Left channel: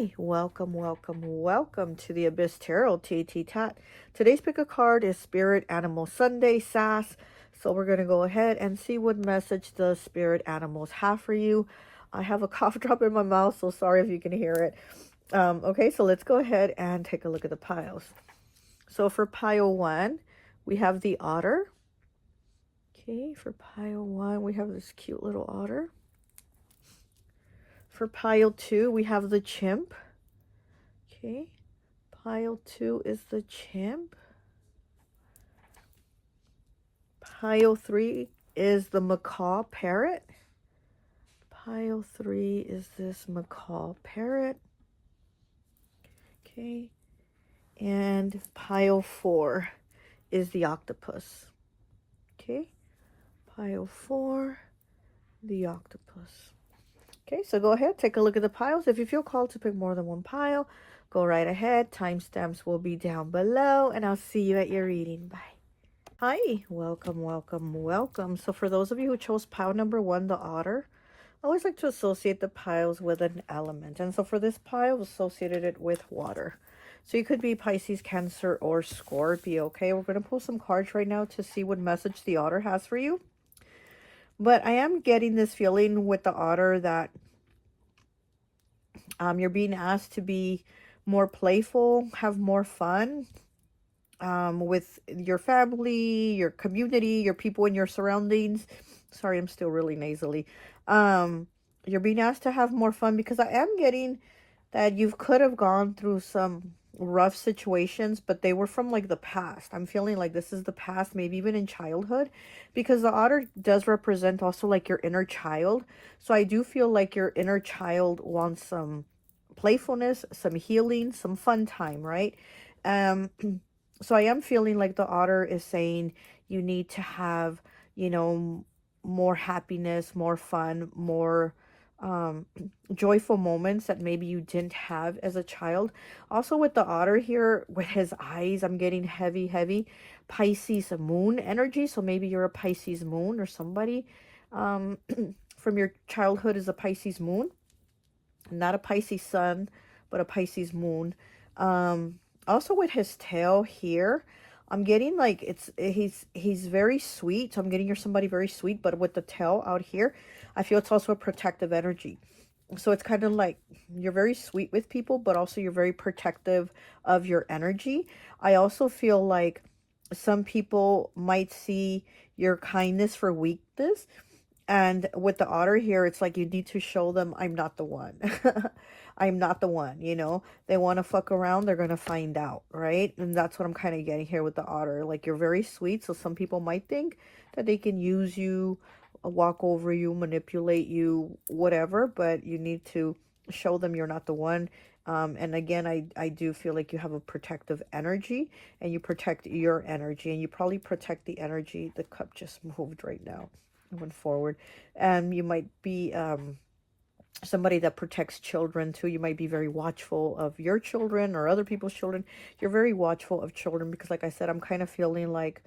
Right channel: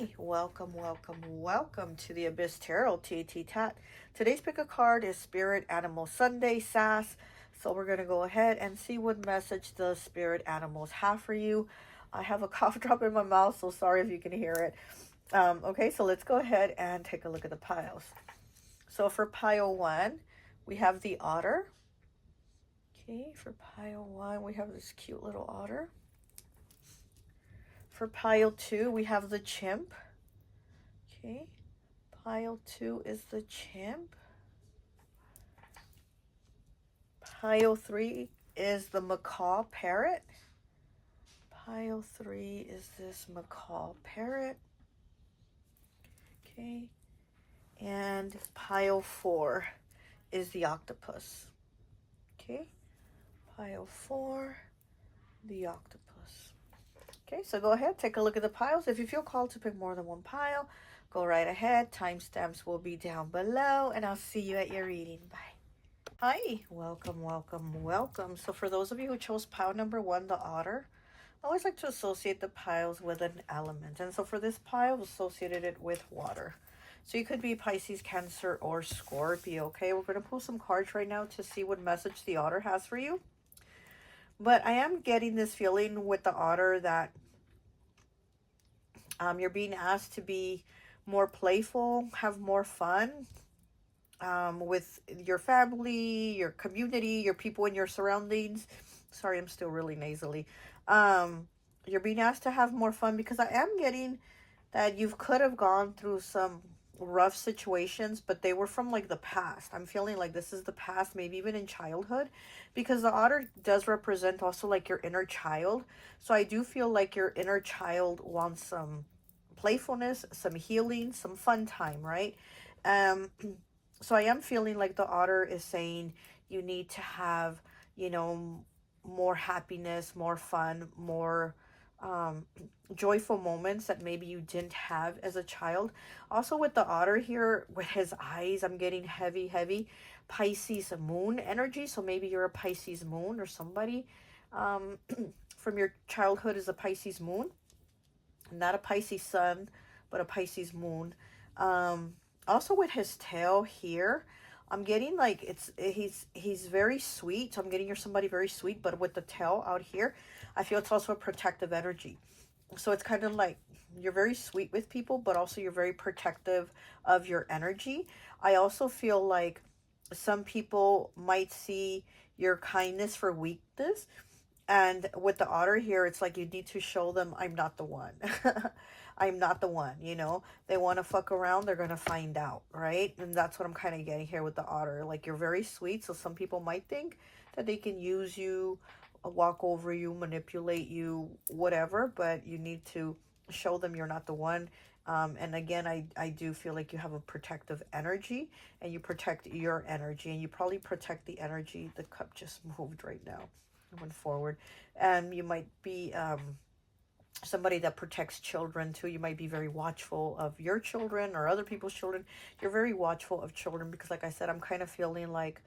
Hi, welcome, welcome, welcome to the Abyss Tarot T.A.T. Today's pick a card is Spirit Animal Sunday S.A.S. So we're going to go ahead and see what message the spirit animals have for you. I have a cough drop in my mouth, so sorry if you can hear it. Okay, so let's go ahead and take a look at the piles. So for pile 1, we have the otter. Okay, for pile 1, we have this cute little otter. For pile 2, we have the chimp. Okay, pile 2 is the chimp. Pile 3 is the macaw parrot. Pile 3 is this macaw parrot. Okay, and pile 4 is the octopus. Okay, pile 4, the octopus. Okay, so go ahead, take a look at the piles. If you feel called to pick more than one pile, go right ahead. Timestamps will be down below, and I'll see you at your reading. Bye. Hi, welcome, welcome, welcome. So for those of you who chose pile number 1, the otter, I always like to associate the piles with an element. And so for this pile, associated it with water. So you could be Pisces, Cancer, or Scorpio. Okay, we're going to pull some cards right now to see what message the otter has for you. But I am getting this feeling with the otter that you're being asked to be more playful, have more fun with your family, your community, your people in your surroundings. Sorry, I'm still really nasally. You're being asked to have more fun because I am getting that you could have gone through some rough situations, but they were from like the past. I'm feeling like this is the past, maybe even in childhood, because the otter does represent also like your inner child. So I do feel like your inner child wants some playfulness, some healing, some fun time, right? So I am feeling like the otter is saying you need to have, you know, more happiness, more fun, more joyful moments that maybe you didn't have as a child. Also with the otter here, with his eyes, I'm getting heavy Pisces moon energy. So maybe you're a Pisces moon, or somebody from your childhood is a Pisces moon. Not a Pisces sun, but a Pisces moon. Also with his tail here, I'm getting like he's very sweet. So I'm getting you're somebody very sweet, but with the tail out here, I feel it's also a protective energy. So it's kind of like you're very sweet with people, but also you're very protective of your energy. I also feel like some people might see your kindness for weakness. And with the otter here, it's like you need to show them I'm not the one. I'm not the one, you know. They want to fuck around, they're going to find out, right? And that's what I'm kind of getting here with the otter. Like, you're very sweet, so some people might think that they can use you, walk over you, manipulate you, whatever, but you need to show them you're not the one. And again, I do feel like you have a protective energy, and you protect your energy, and you probably protect the energy. The cup just moved right now, moving forward. And you might be somebody that protects children too. You might be very watchful of your children or other people's children. You're very watchful of children because, like I said, I'm kind of feeling like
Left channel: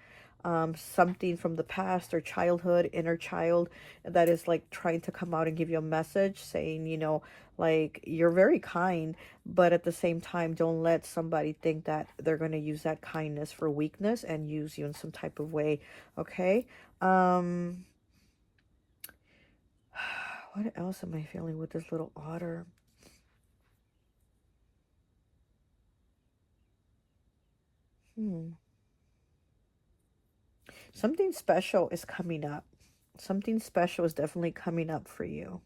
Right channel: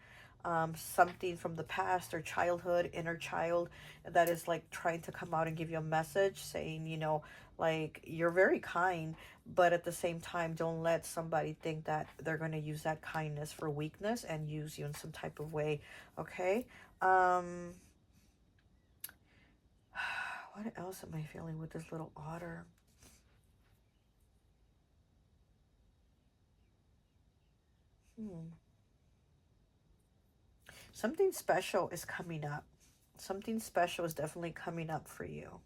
something from the past or childhood, inner child, that is like trying to come out and give you a message saying, you know, like, you're very kind, but at the same time, don't let somebody think that they're going to use that kindness for weakness and use you in some type of way. Okay. What else am I feeling with this little otter? Something special is coming up. Something special is definitely coming up for you.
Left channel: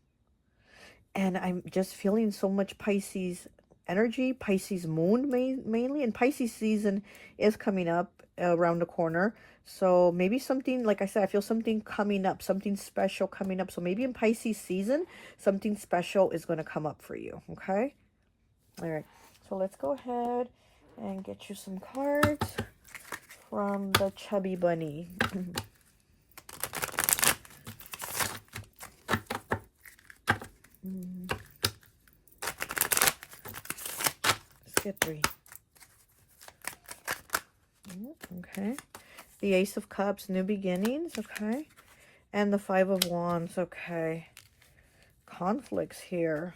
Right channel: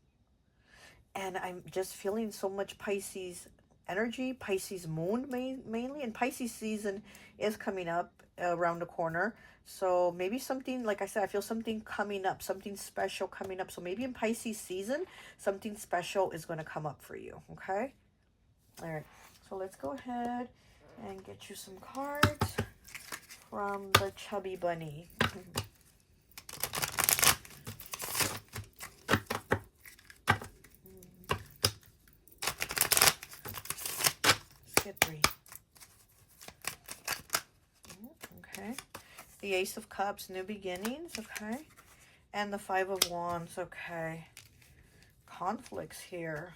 And I'm just feeling so much Pisces energy, Pisces moon mainly. And Pisces season is coming up around the corner. So maybe something, like I said, I feel something coming up, something special coming up. So maybe in Pisces season, something special is going to come up for you. Okay. All right. So let's go ahead and get you some cards from the Chubby Bunny. Let's get 3. Okay. The Ace of Cups, new beginnings. Okay. And the 5 of Wands. Okay. Conflicts here.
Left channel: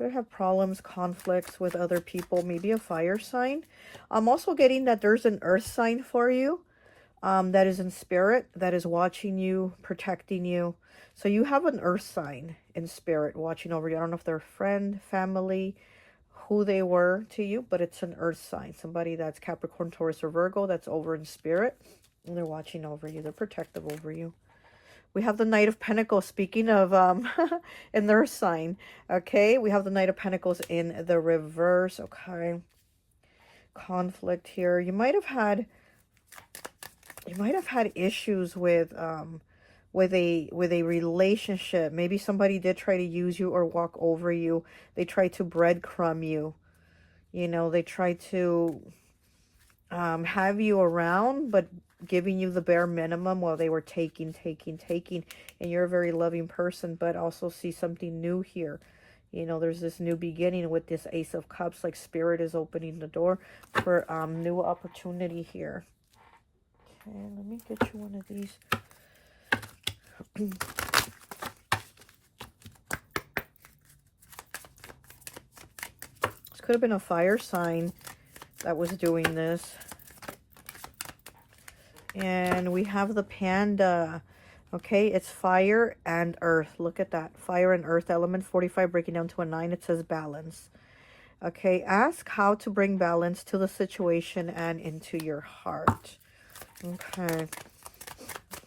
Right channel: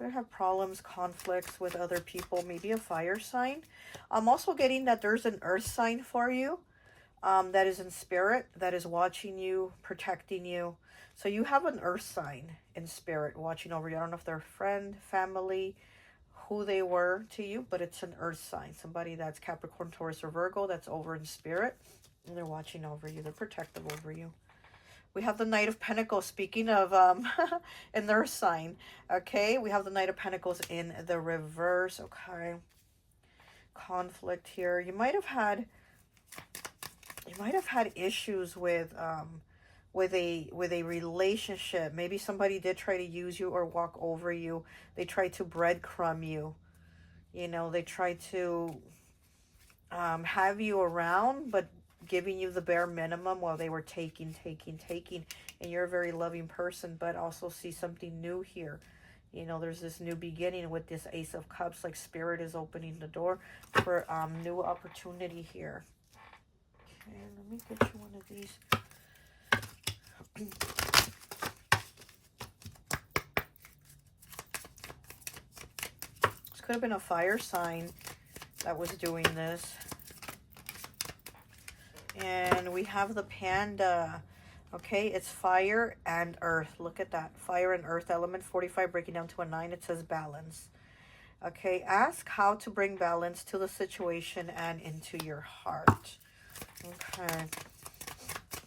Could have problems, conflicts with other people, maybe a fire sign. I'm also getting that there's an earth sign for you that is in spirit, that is watching you, protecting you. So you have an earth sign in spirit watching over you. I don't know if they're a friend, family, who they were to you, but it's an earth sign. Somebody that's Capricorn, Taurus, or Virgo that's over in spirit. And they're watching over you. They're protective over you. We have the Knight of Pentacles, speaking of in their sign. Okay, we have the Knight of Pentacles in the reverse. Okay, conflict here. You might have had issues with a relationship. Maybe somebody did try to use you or walk over you. They tried to breadcrumb you. You know, they tried to have you around, but giving you the bare minimum while they were taking, and you're a very loving person. But also see something new here. You know, there's this new beginning with this Ace of Cups, like Spirit is opening the door for new opportunity here. Okay, let me get you one of these. This could have been a fire sign that was doing this. And we have the panda. Okay, it's fire and earth. Look at that. Fire and earth element. 45 breaking down to a 9. It says balance. Okay, ask how to bring balance to the situation and into your heart. Okay.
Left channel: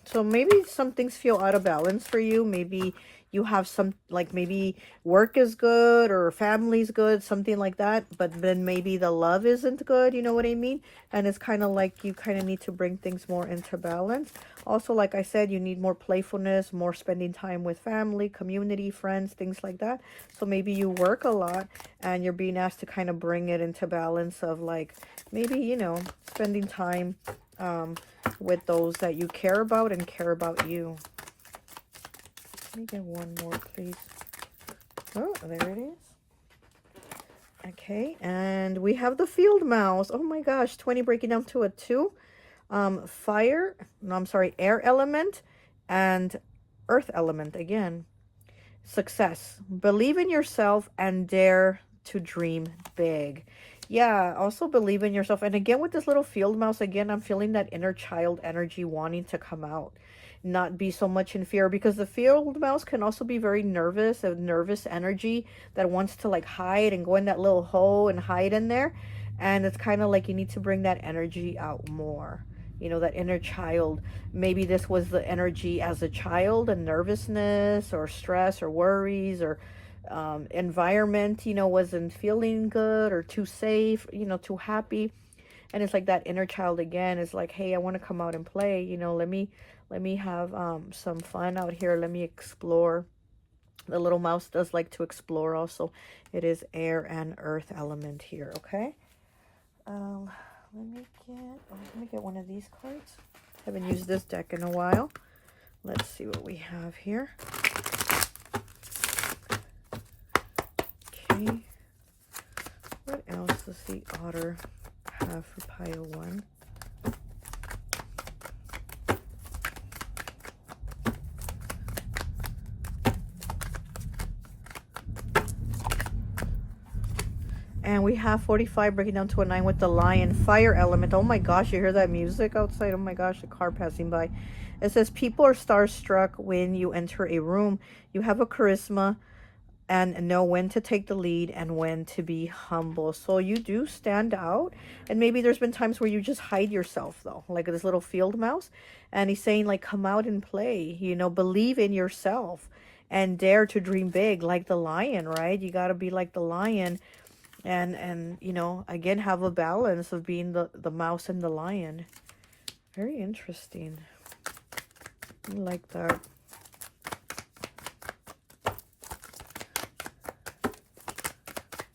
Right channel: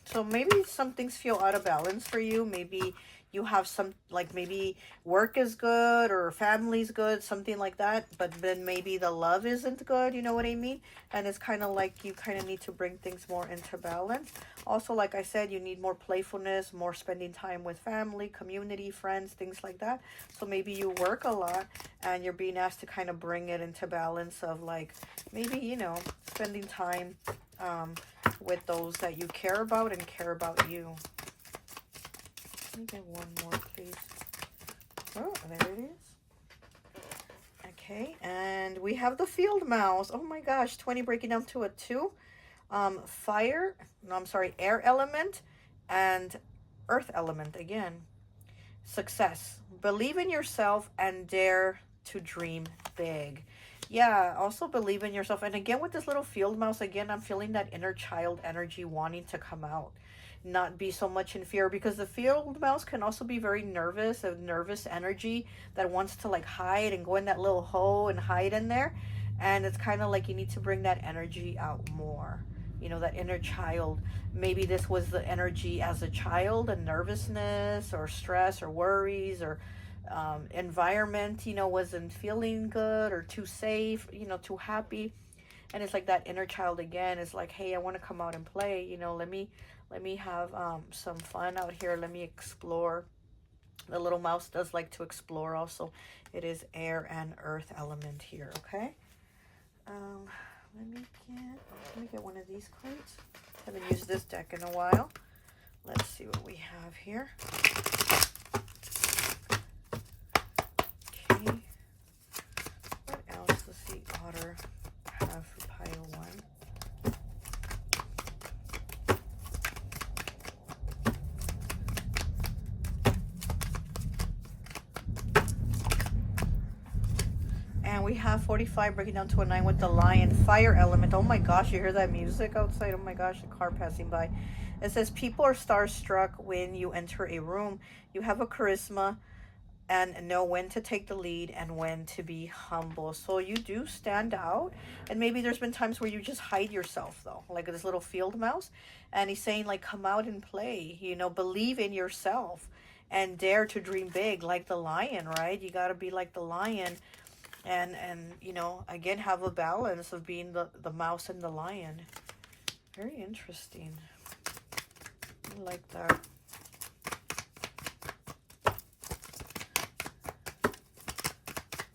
So maybe some things feel out of balance for you. Maybe you have some, like maybe work is good or family's good, something like that. But then maybe the love isn't good, you know what I mean? And it's kind of like you kind of need to bring things more into balance. Also, like I said, you need more playfulness, more spending time with family, community, friends, things like that. So maybe you work a lot and you're being asked to kind of bring it into balance of like maybe, you know, spending time with those that you care about and care about you. Let me get one more, please. Oh, there it is. Okay, and we have the field mouse. Oh my gosh, 20 breaking down to a 2. Air element and earth element again. Success. Believe in yourself and dare to dream big. Yeah, also believe in yourself. And again, with this little field mouse, again, I'm feeling that inner child energy wanting to come out. Not be so much in fear, because the field mouse can also be very nervous, a nervous energy that wants to like hide and go in that little hole and hide in there. And it's kind of like you need to bring that energy out more. You know, that inner child. Maybe this was the energy as a child, and nervousness or stress or worries or environment, you know, wasn't feeling good or too safe, you know, too happy. And it's like that inner child again is like, hey, I want to come out and play, you know, let me have some fun out here. Let me explore. The little mouse does like to explore also. It is air and earth element here, okay? Let me get one of these cards. Haven't used this deck in a while. Let's see what we have here. Okay. What else does the otter have for pile 1? And we have 45 breaking down to a 9 with the lion. Fire element. Oh my gosh, you hear that music outside? Oh my gosh, the car passing by. It says people are starstruck when you enter a room. You have a charisma and know when to take the lead and when to be humble. So you do stand out. And maybe there's been times where you just hide yourself though, like this little field mouse. And he's saying like, come out and play, you know, believe in yourself and dare to dream big like the lion, right? You got to be like the lion. And you know, again, have a balance of being the mouse and the lion. Very interesting. I like that.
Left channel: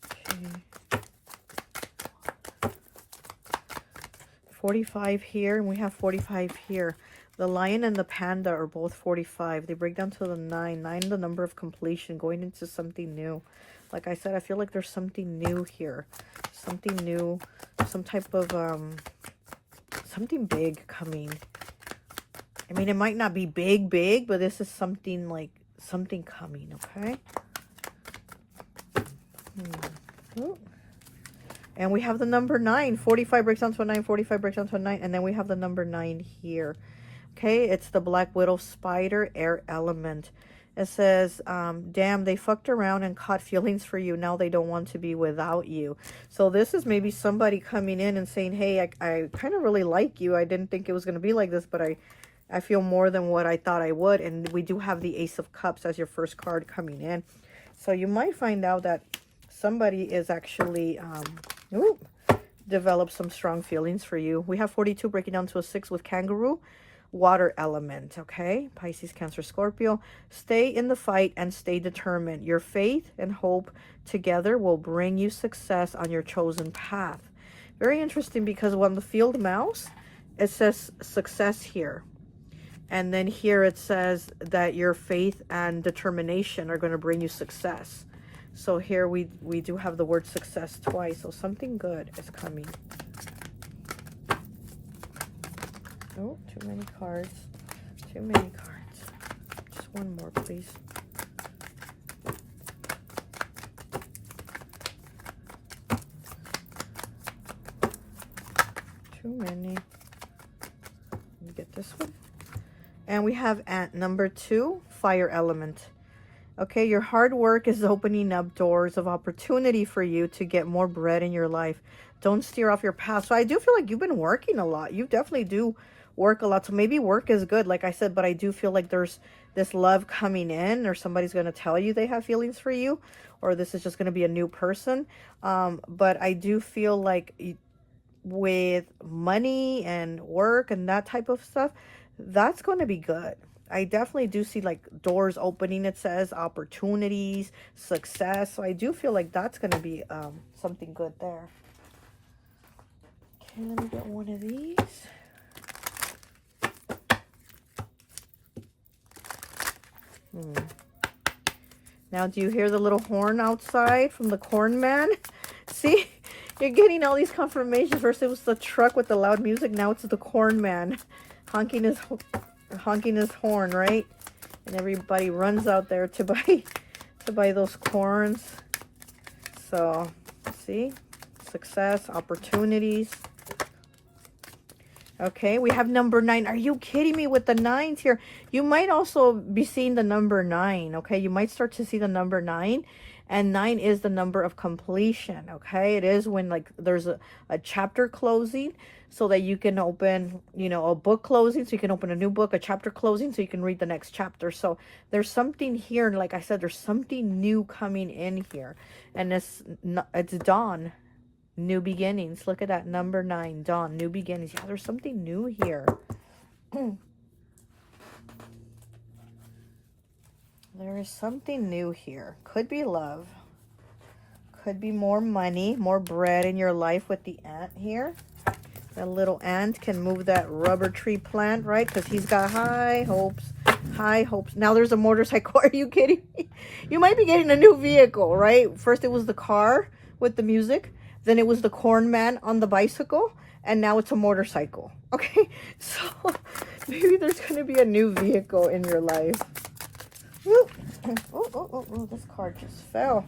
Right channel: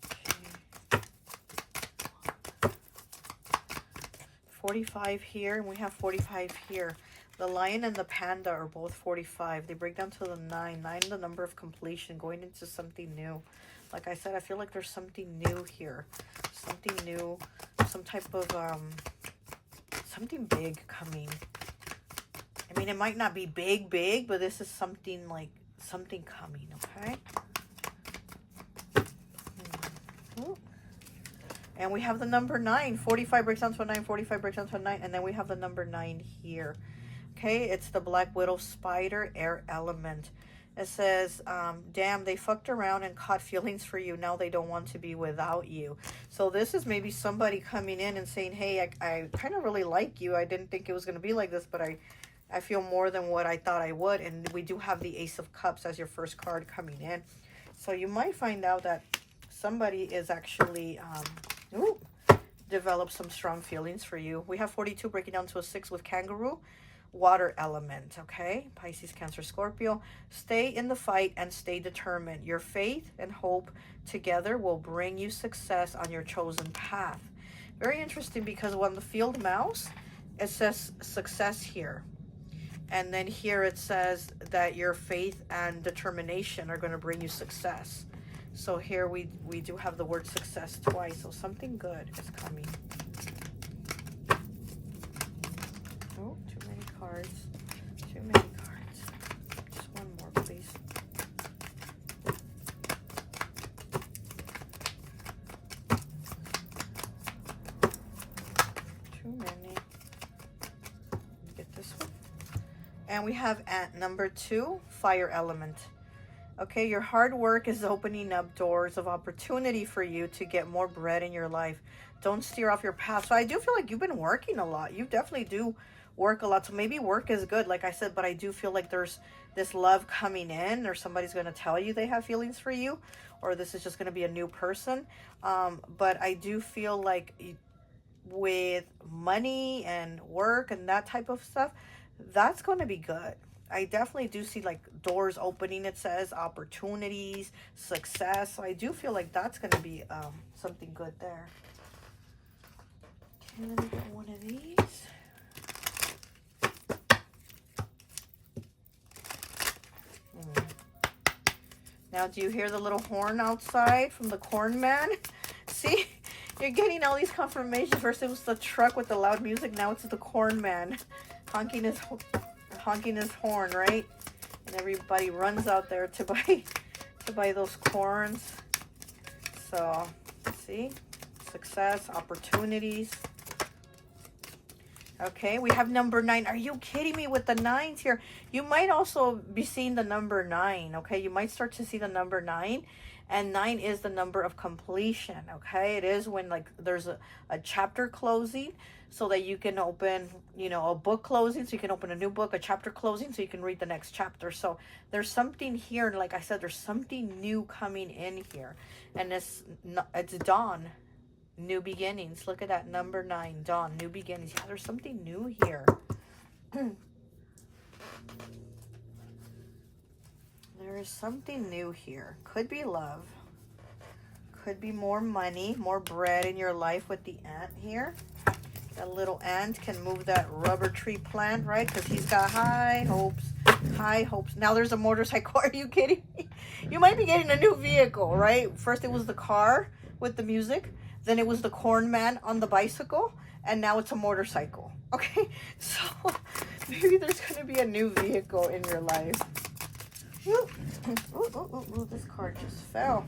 Okay. 45 here, and we have 45 here. The lion and the panda are both 45. They break down to the 9. 9, the number of completion, going into something new. Like I said, I feel like there's something new here. Something new. Some type of, something big coming. I mean, it might not be big, but this is something like, something coming, okay? And we have the number 9. 45 breaks down to a 9, 45 breaks down to a 9, and then we have the number 9 here. Okay, it's the Black Widow Spider, air element. It says, damn, they fucked around and caught feelings for you. Now they don't want to be without you. So this is maybe somebody coming in and saying, hey, I kind of really like you. I didn't think it was going to be like this, but I feel more than what I thought I would. And we do have the Ace of Cups as your first card coming in. So you might find out that somebody is actually develop some strong feelings for you. We have 42 breaking down to a 6 with kangaroo, water element. Okay, Pisces, Cancer, Scorpio. Stay in the fight and stay determined. Your faith and hope together will bring you success on your chosen path. Very interesting, because on the field mouse, it says success here. And then here it says that your faith and determination are going to bring you success. So here we do have the word success twice. So something good is coming. Oh, too many cards. Too many cards. Just one more, please. Too many. Let me get this one. And we have at number 2, fire element. Okay, your hard work is opening up doors of opportunity for you to get more bread in your life. Don't steer off your path. So I do feel like you've been working a lot. You definitely do work a lot. So maybe work is good, like I said, but I do feel like there's this love coming in, or somebody's going to tell you they have feelings for you, or this is just going to be a new person. But I do feel like with money and work and that type of stuff, that's going to be good. I definitely do see like doors opening. It says opportunities, success. So I do feel like that's going to be something good there. Can I get one of these? Now, do you hear the little horn outside from the corn man? See, you're getting all these confirmations. First it was the truck with the loud music. Now it's the corn man honking his horn, right? And everybody runs out there to buy those corns. So, see, success, opportunities. Okay, we have number 9. Are you kidding me with the 9s here? You might also be seeing the number 9, okay? You might start to see the number 9. And 9 is the number of completion, okay? It is when, like, there's a chapter closing, so that you can open, you know, a book closing, so you can open a new book, a chapter closing, so you can read the next chapter. So there's something here, and like I said, there's something new coming in here. And it's dawn. New beginnings. Look at that, number 9, dawn, new beginnings. Yeah, there's something new here. There is something new here. Could be love. Could be more money, more bread in your life with the ant here. A little ant can move that rubber tree plant, right? Because he's got high hopes. High hopes. Now there's a motorcycle. Are you kidding me? You might be getting a new vehicle, right? First it was the car with the music. Then it was the corn man on the bicycle, and now it's a motorcycle. Okay, so maybe there's going to be a new vehicle in your life. Oh, this card just fell.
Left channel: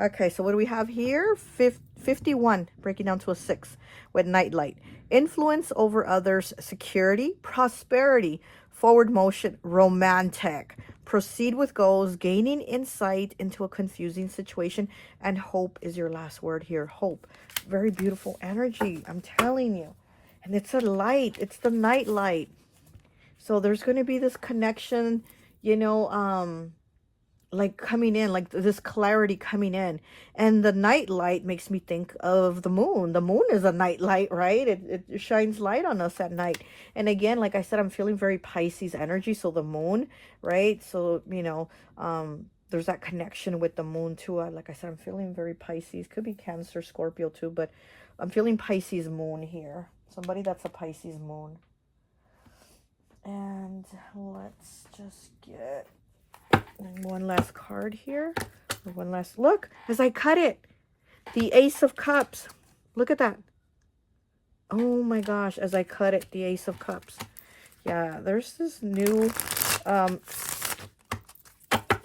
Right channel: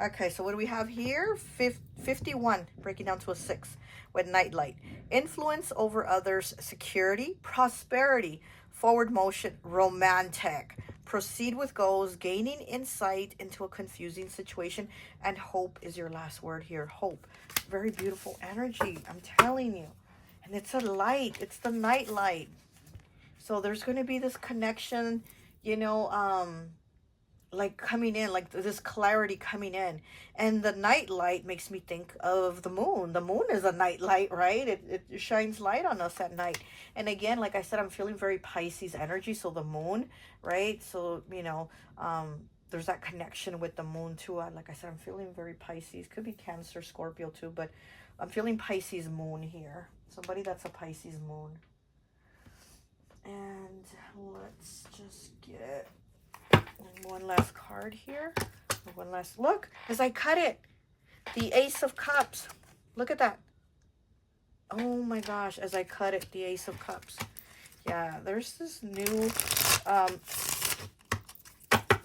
Okay, so what do we have here? 51, breaking down to a 6 with nightlight. Influence over others, security, prosperity, forward motion, romantic. Proceed with goals, gaining insight into a confusing situation, and hope is your last word here. Hope. Very beautiful energy, I'm telling you. And it's a light. It's the night light. So there's going to be this connection, you know, like coming in, like this clarity coming in. And the night light makes me think of the moon. The moon is a night light, right? It shines light on us at night. And again, like I said, I'm feeling very Pisces energy. So the moon, right? So, you know, there's that connection with the moon too. Like I said, I'm feeling very Pisces. Could be Cancer, Scorpio too, but I'm feeling Pisces moon here. Somebody that's a Pisces moon. And let's just get one last card here. One last look as I cut it. The Ace of Cups. Look at that. Oh my gosh, as I cut it, the Ace of Cups. Yeah, there's this new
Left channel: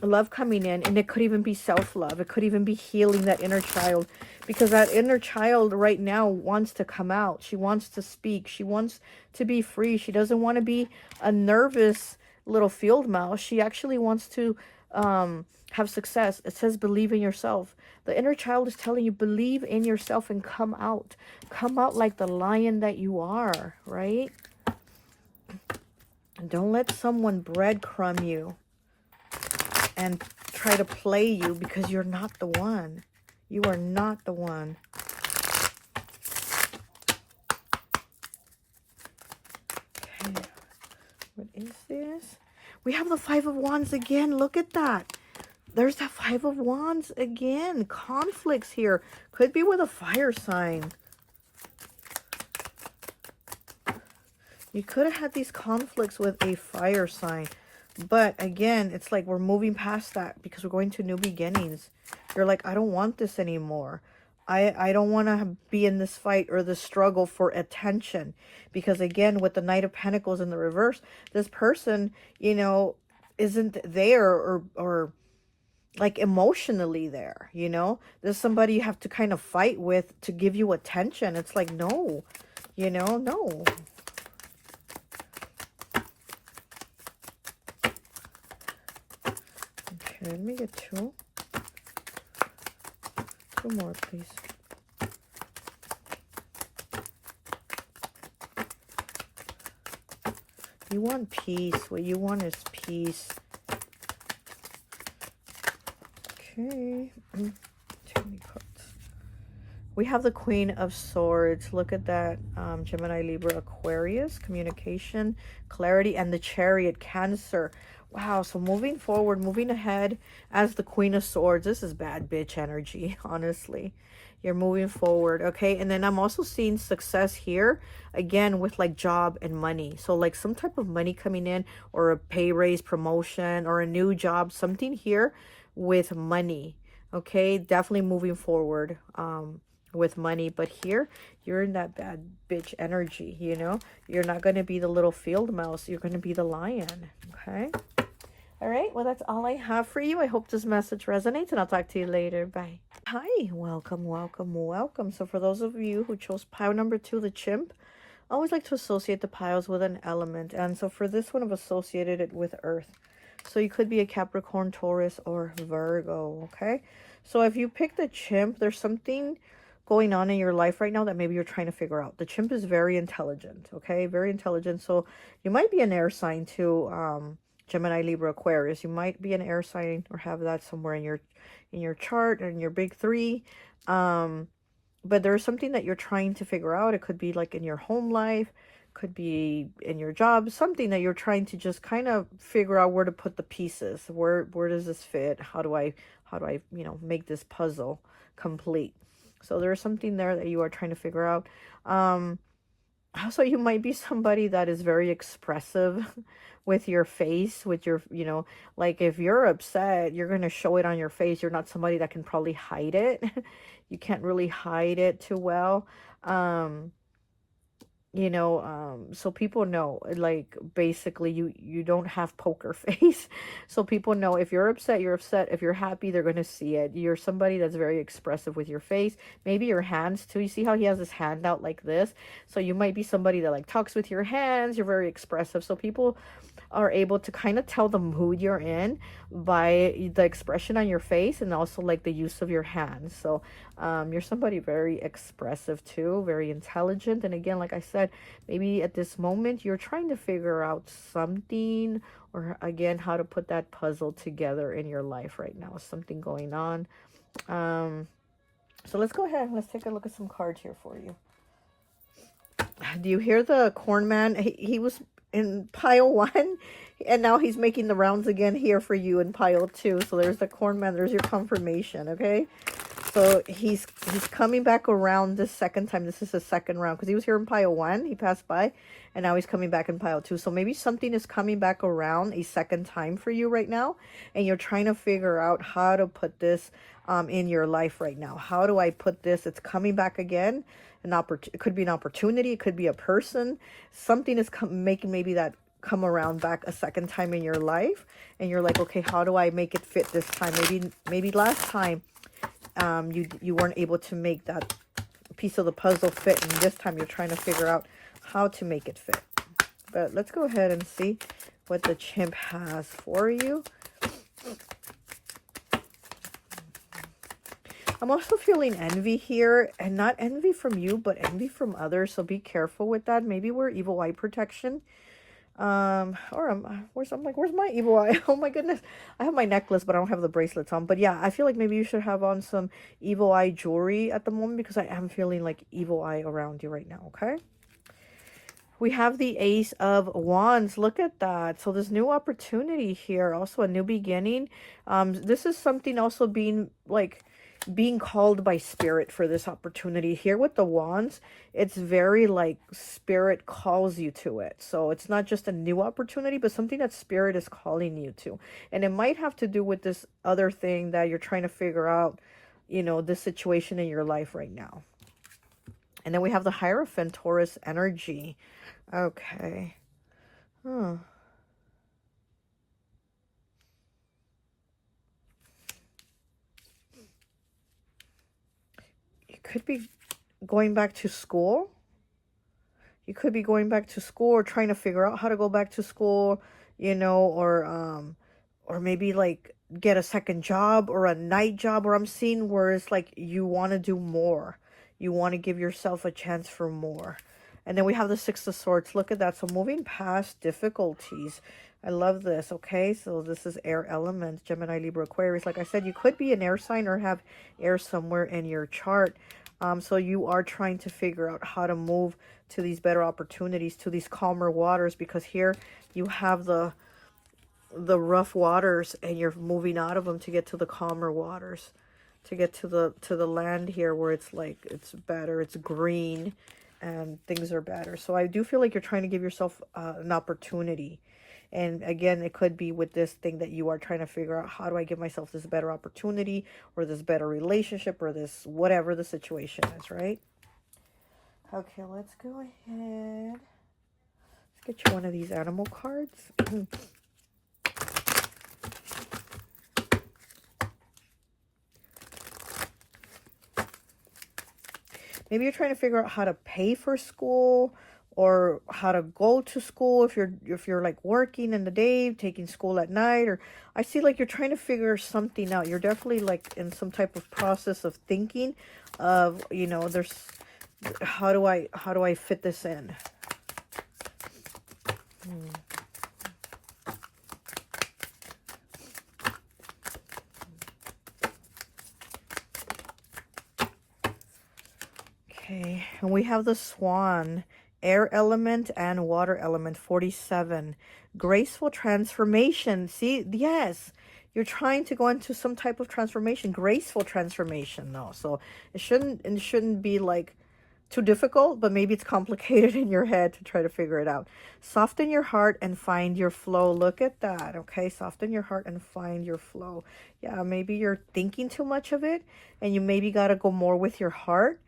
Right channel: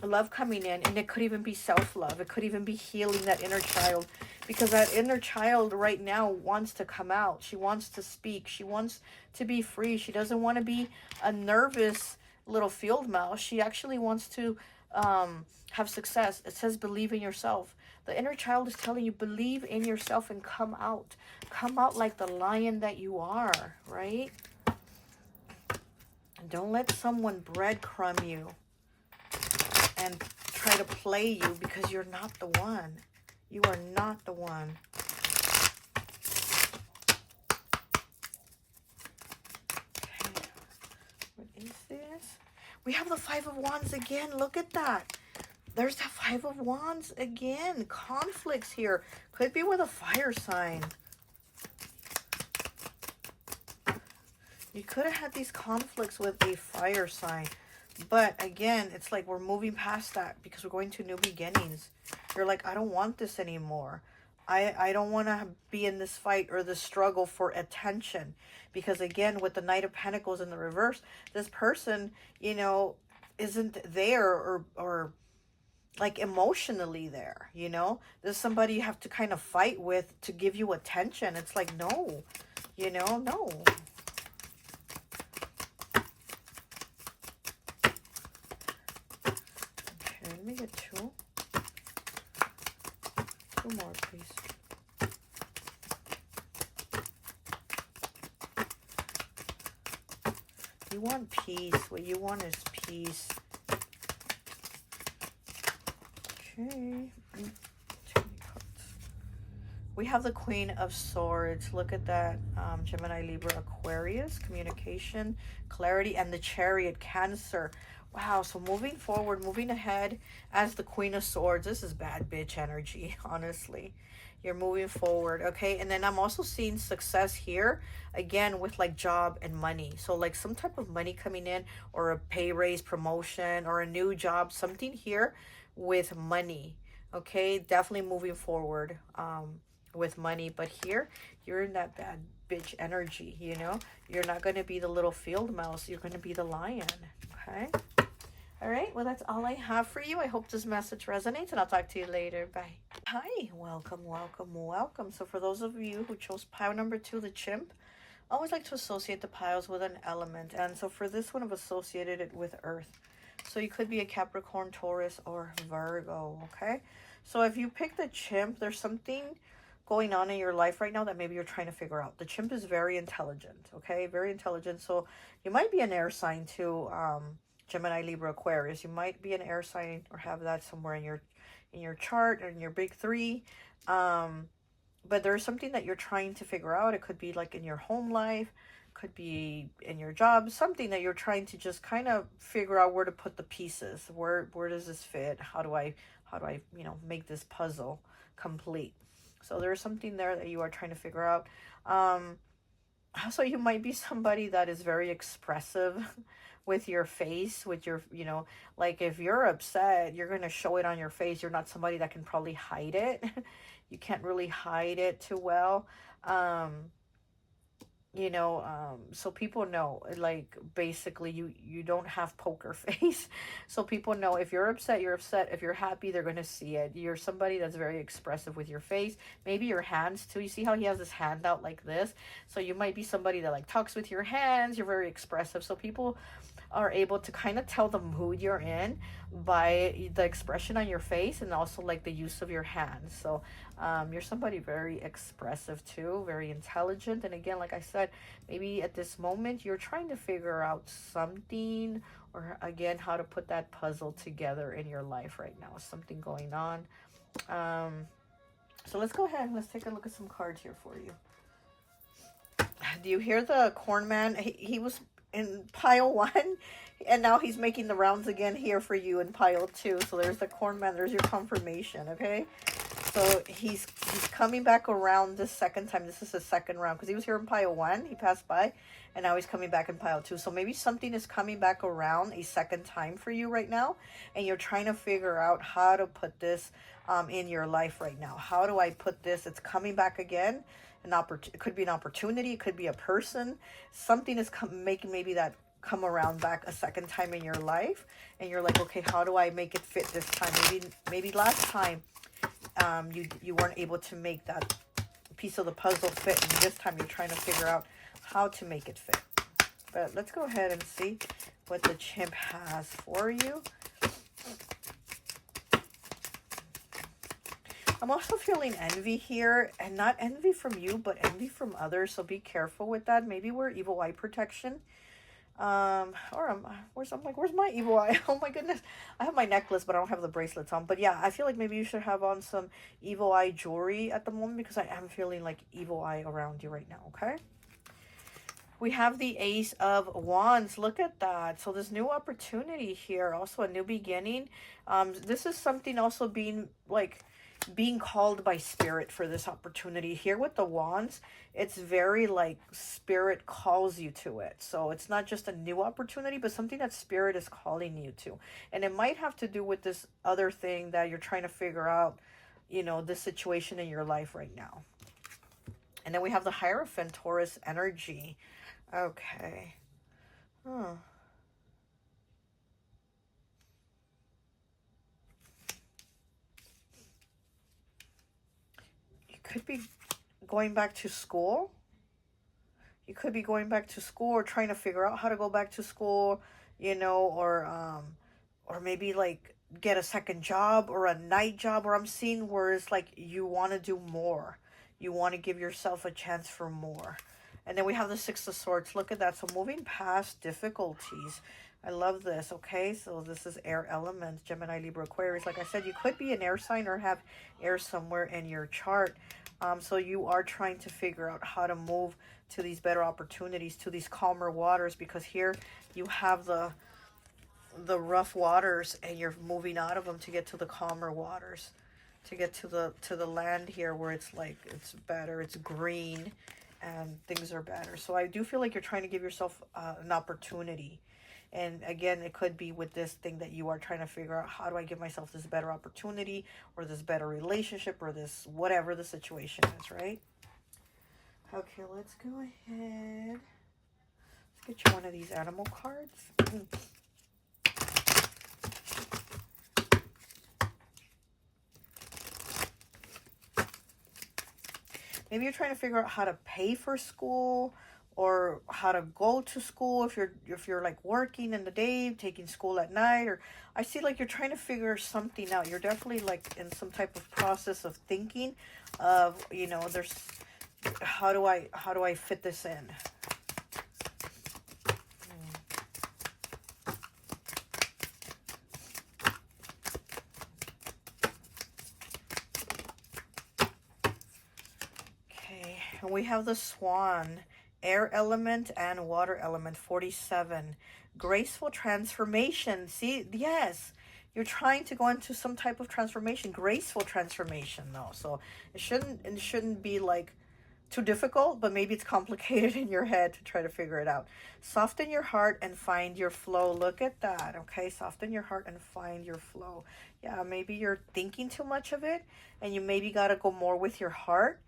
love coming in, and it could even be self-love. It could even be healing that inner child. because that inner child right now wants to come out. She wants to speak. She wants to be free. She doesn't want to be a nervous little field mouse. She actually wants to have success. It says believe in yourself. The inner child is telling you believe in yourself and come out. Come out like the lion that you are, right? Don't let someone breadcrumb you and try to play you, because you're not the one. You are not the one. Okay. What is this? We have the Five of Wands again. Look at that. There's the Five of Wands again. Conflicts here. Could be with a fire sign. You could have had these conflicts with a fire sign. But again, it's like we're moving past that because we're going to new beginnings. You're like, I don't want this anymore. I don't want to be in this fight or this struggle for attention. Because again, with the Knight of Pentacles in the reverse, this person, you know, isn't there or like emotionally there, you know. There's somebody you have to kind of fight with to give you attention. It's like, no, you know, no. Okay, let me get two. Two more, please. You want peace. What you want is peace. Okay. Too many cards. We have the Queen of Swords. Look at that. Gemini, Libra, Aquarius. Communication, clarity, and the Chariot, Cancer. Wow, so moving forward, moving ahead as the Queen of Swords. This is bad bitch energy, honestly. You're moving forward, okay? And then I'm also seeing success here, again, with like job and money. So like some type of money coming in, or a pay raise, promotion, or a new job, something here with money, okay? Definitely moving forward with money. But here, you're in that bad bitch energy, you know? You're not going to be the little field mouse. You're going to be the lion, okay? All right, well, that's all I have for you. I hope this message resonates, and I'll talk to you later. Bye. Hi, welcome, welcome, welcome. So for those of you who chose pile number 2, the chimp, I always like to associate the piles with an element. And so for this one, I've associated it with earth. So you could be a Capricorn, Taurus, or Virgo, okay? So if you pick the chimp, there's something going on in your life right now that maybe you're trying to figure out. The chimp is very intelligent, okay? Very intelligent. So you might be an air sign too, Gemini, Libra, Aquarius. You might be an air sign or have that somewhere in your chart or in your big three. But there's something that you're trying to figure out. It could be like in your home life, could be in your job, something that you're trying to just kind of figure out where to put the pieces. Where does this fit? How do I, you know, make this puzzle complete? So there's something there that you are trying to figure out. Also, you might be somebody that is very expressive with your face, with your, you know, like if you're upset, you're going to show it on your face. You're not somebody that can probably hide it. You can't really hide it too well. You know, so people know, like, basically you don't have poker face. So people know if you're upset, you're upset. If you're happy, they're going to see it. You're somebody that's very expressive with your face, maybe your hands too. You see how he has his hand out like this? So you might be somebody that like talks with your hands. You're very expressive. So people are able to kind of tell the mood you're in by the expression on your face, and also like the use of your hands. So you're somebody very expressive too, very intelligent. And again, like I said, maybe at this moment you're trying to figure out something, or again, how to put that puzzle together in your life right now. Something going on. So let's go ahead, let's take a look at some cards here for you. Do you hear the corn man? He was in pile 1, and now he's making the rounds again here for you in pile 2. So there's the corn man, there's your confirmation, okay? So he's coming back around this second time. This is the second round, because he was here in pile 1, he passed by, and now he's coming back in pile 2. So maybe something is coming back around a second time for you right now, and you're trying to figure out how to put this in your life right now. How do I put this? It's coming back again. It could be an opportunity, it could be a person. Something is making maybe that come around back a second time in your life, and you're like, okay, how do I make it fit this time? Maybe last time you weren't able to make that piece of the puzzle fit, and this time you're trying to figure out how to make it fit. But let's go ahead and see what the chimp has for you. I'm also feeling envy here, and not envy from you, but envy from others. So be careful with that. Maybe wear evil eye protection. Where's my evil eye? Oh my goodness. I have my necklace, but I don't have the bracelets on. But yeah, I feel like maybe you should have on some evil eye jewelry at the moment, because I am feeling like evil eye around you right now, okay? We have the Ace of Wands. Look at that. So this new opportunity here, also a new beginning. This is something also being called by Spirit for this opportunity here with the Wands. It's very like Spirit calls you to it. So it's not just a new opportunity, but something that Spirit is calling you to. And it might have to do with this other thing that you're trying to figure out, you know, this situation in your life right now. And then we have the Hierophant, Taurus energy. Okay. You could be going back to school. You could be going back to school or trying to figure out how to go back to school, you know, or maybe like get a second job or a night job, or I'm seeing where it's like you want to do more. You want to give yourself a chance for more. And then we have the Six of Swords. Look at that. So moving past difficulties. I love this. Okay, so this is air elements, Gemini, Libra, Aquarius. Like I said, you could be an air sign or have air somewhere in your chart. So you are trying to figure out how to move to these better opportunities, to these calmer waters, because here you have the rough waters and you're moving out of them to get to the calmer waters, to get to the land here where it's like it's better, it's green, and things are better. So I do feel like you're trying to give yourself an opportunity. And again, it could be with this thing that you are trying to figure out, how do I give myself this better opportunity, or this better relationship, or this whatever the situation is, right? Okay, let's go ahead. Let's get you one of these animal cards. Maybe you're trying to figure out how to pay for school, or how to go to school if you're like working in the day, taking school at night, or I see like you're trying to figure something out. You're definitely like in some type of process of thinking of, you know, there's how do I fit this in? Okay, and we have the Swan, air element and water element, 47. Graceful transformation. See, yes, you're trying to go into some type of transformation, graceful transformation, though. So it shouldn't be like too difficult, but maybe it's complicated in your head to try to figure it out. Soften your heart and find your flow. Look at that. Okay, soften your heart and find your flow. Yeah, maybe you're thinking too much of it, and you maybe got to go more with your heart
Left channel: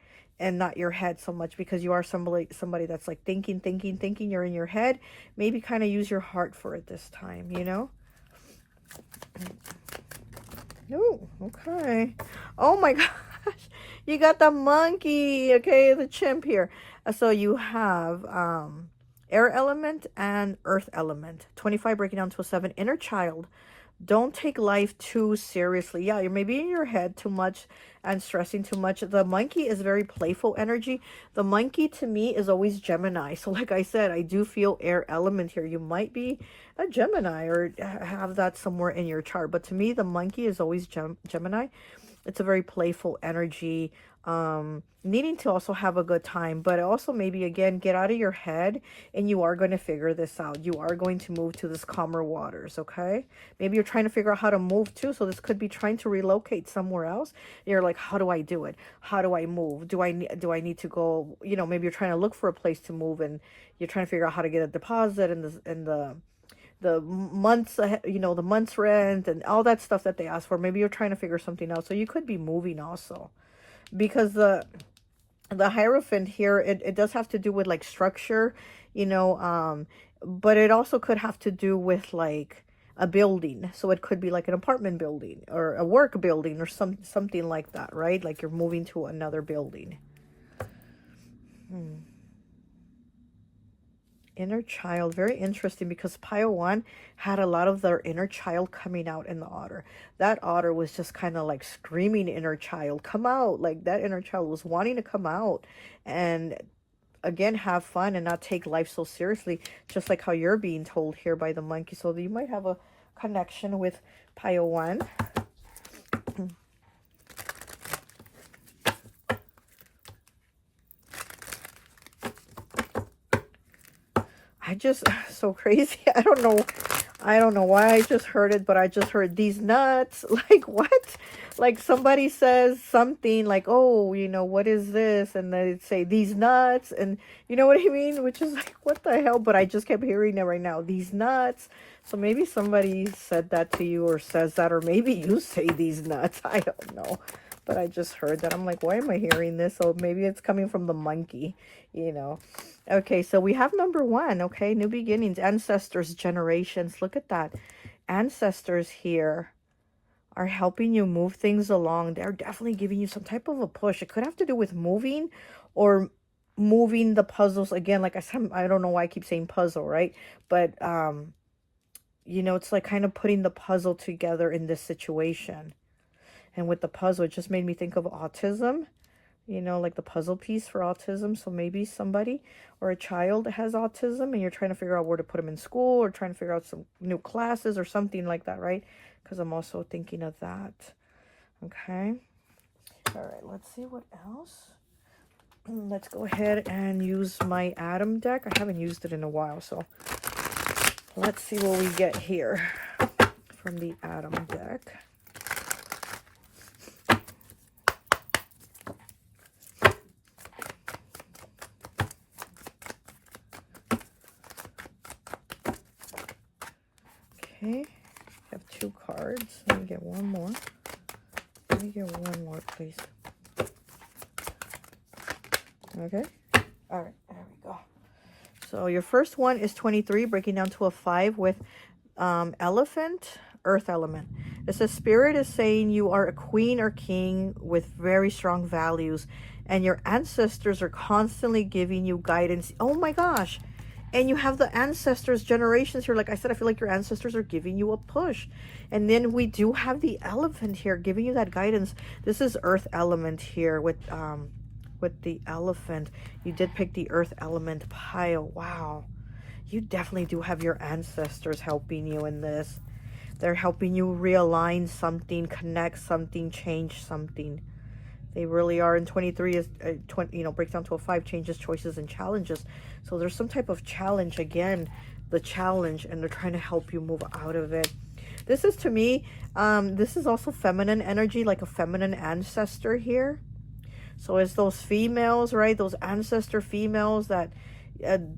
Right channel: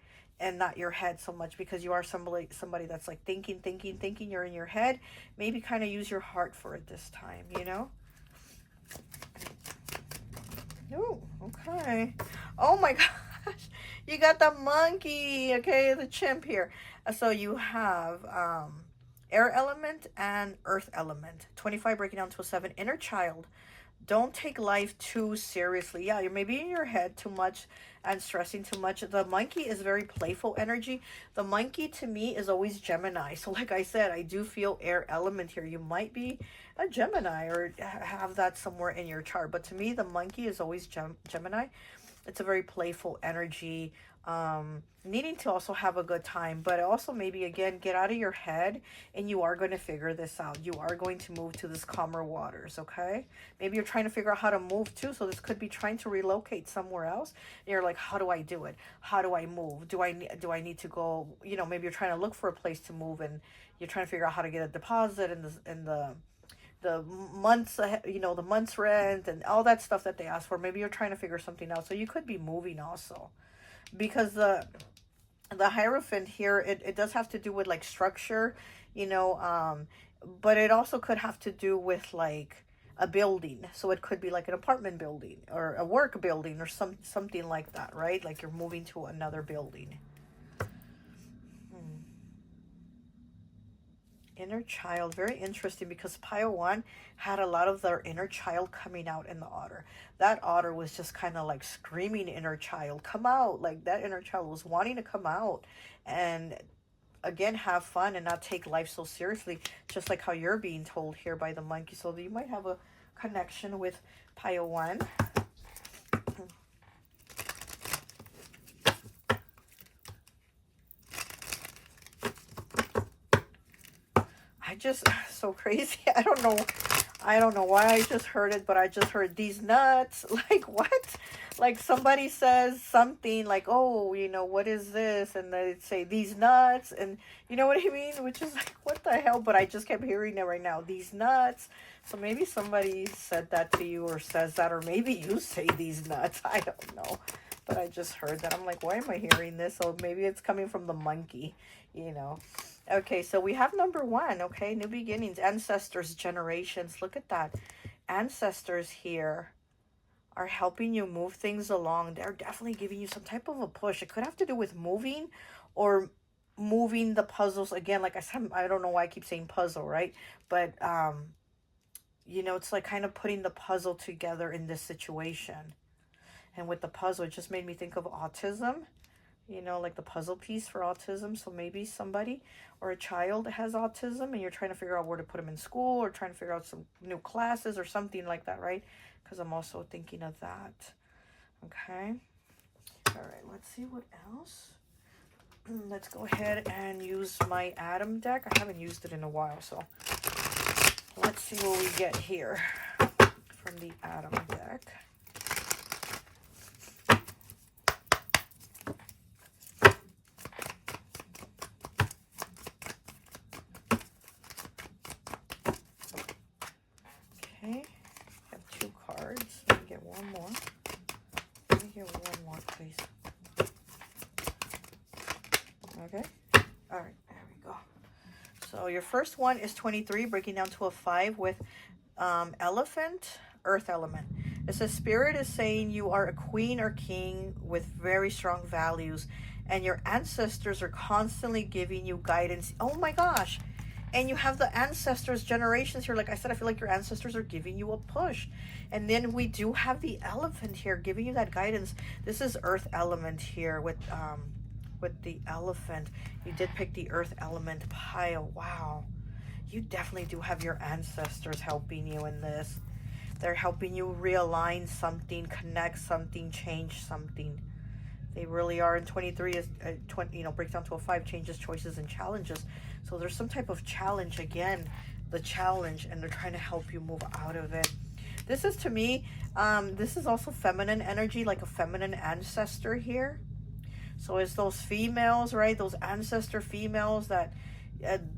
and not your head so much, because you are somebody that's like thinking, you're in your head. Maybe kind of use your heart for it this time, you know? Oh, okay. Oh my gosh. You got the monkey, okay, the chimp here. So you have air element and earth element. 25 breaking down to a 7. Inner child. Don't take life too seriously. Yeah, you're maybe in your head too much and stressing too much. The monkey is very playful energy. The monkey to me is always Gemini. So like I said, I do feel air element here. You might be a Gemini or have that somewhere in your chart. But to me, the monkey is always Gemini. It's a very playful energy. Needing to also have a good time, but also maybe again get out of your head, and you are going to figure this out. You are going to move to this calmer waters. Okay, maybe you're trying to figure out how to move too. So this could be trying to relocate somewhere else. You're like, how do I do it? How do I move? Do I need to go, you know, maybe you're trying to look for a place to move, and you're trying to figure out how to get a deposit and the months, you know, the month's rent and all that stuff that they ask for. Maybe you're trying to figure something out. So you could be moving also, because the Hierophant here, it does have to do with like structure, you know, but it also could have to do with like a building. So it could be like an apartment building or a work building or something like that, right? Like you're moving to another building. Inner child, very interesting, because pile 1 had a lot of their inner child coming out in the otter. That otter was just kind of like screaming, inner child, come out. Like that inner child was wanting to come out and again have fun and not take life so seriously, just like how you're being told here by the monkey. So you might have a connection with pile 1. I just, so crazy. I don't know why I just heard it, but I just heard these nuts. Like, what? Like somebody says something like, oh, you know, what is this? And they say these nuts, and you know what I mean? Which is like, what the hell? But I just kept hearing it right now, these nuts. So maybe somebody said that to you or says that, or maybe you say these nuts. I don't know. But I just heard that. I'm like, why am I hearing this? So maybe it's coming from the monkey, you know. Okay, so we have number 1, okay, new beginnings, ancestors, generations. Look at that. Ancestors here are helping you move things along. They're definitely giving you some type of a push. It could have to do with moving or moving the puzzles. Again, like I said, I don't know why I keep saying puzzle, right? But, you know, it's like kind of putting the puzzle together in this situation. And with the puzzle, it just made me think of autism, you know, like the puzzle piece for autism. So maybe somebody or a child has autism and you're trying to figure out where to put them in school or trying to figure out some new classes or something like that, right? Because I'm also thinking of that. Okay. All right, let's see what else. Let's go ahead and use my Adam deck. I haven't used it in a while, so let's see what we get here from the Adam deck. Okay, I have 2 cards. Let me get one more. Let me get one more, please. Okay. All right, there we go. So your first one is 23, breaking down to a 5 with elephant, earth element. It says, Spirit is saying you are a queen or king with very strong values, and your ancestors are constantly giving you guidance. Oh my gosh. And you have the ancestors, generations here. Like I said, I feel like your ancestors are giving you a push. And then we do have the elephant here giving you that guidance. This is earth element here with the elephant. You did pick the earth element pile. Wow. You definitely do have your ancestors helping you in this. They're helping you realign something, connect something, change something. They really are. And 23 is, you know, breaks down to a 5, changes, choices, and challenges. So there's some type of challenge, again, the challenge, and they're trying to help you move out of it. This is, to me, this is also feminine energy, like a feminine ancestor here. So it's those females, right? Those ancestor females that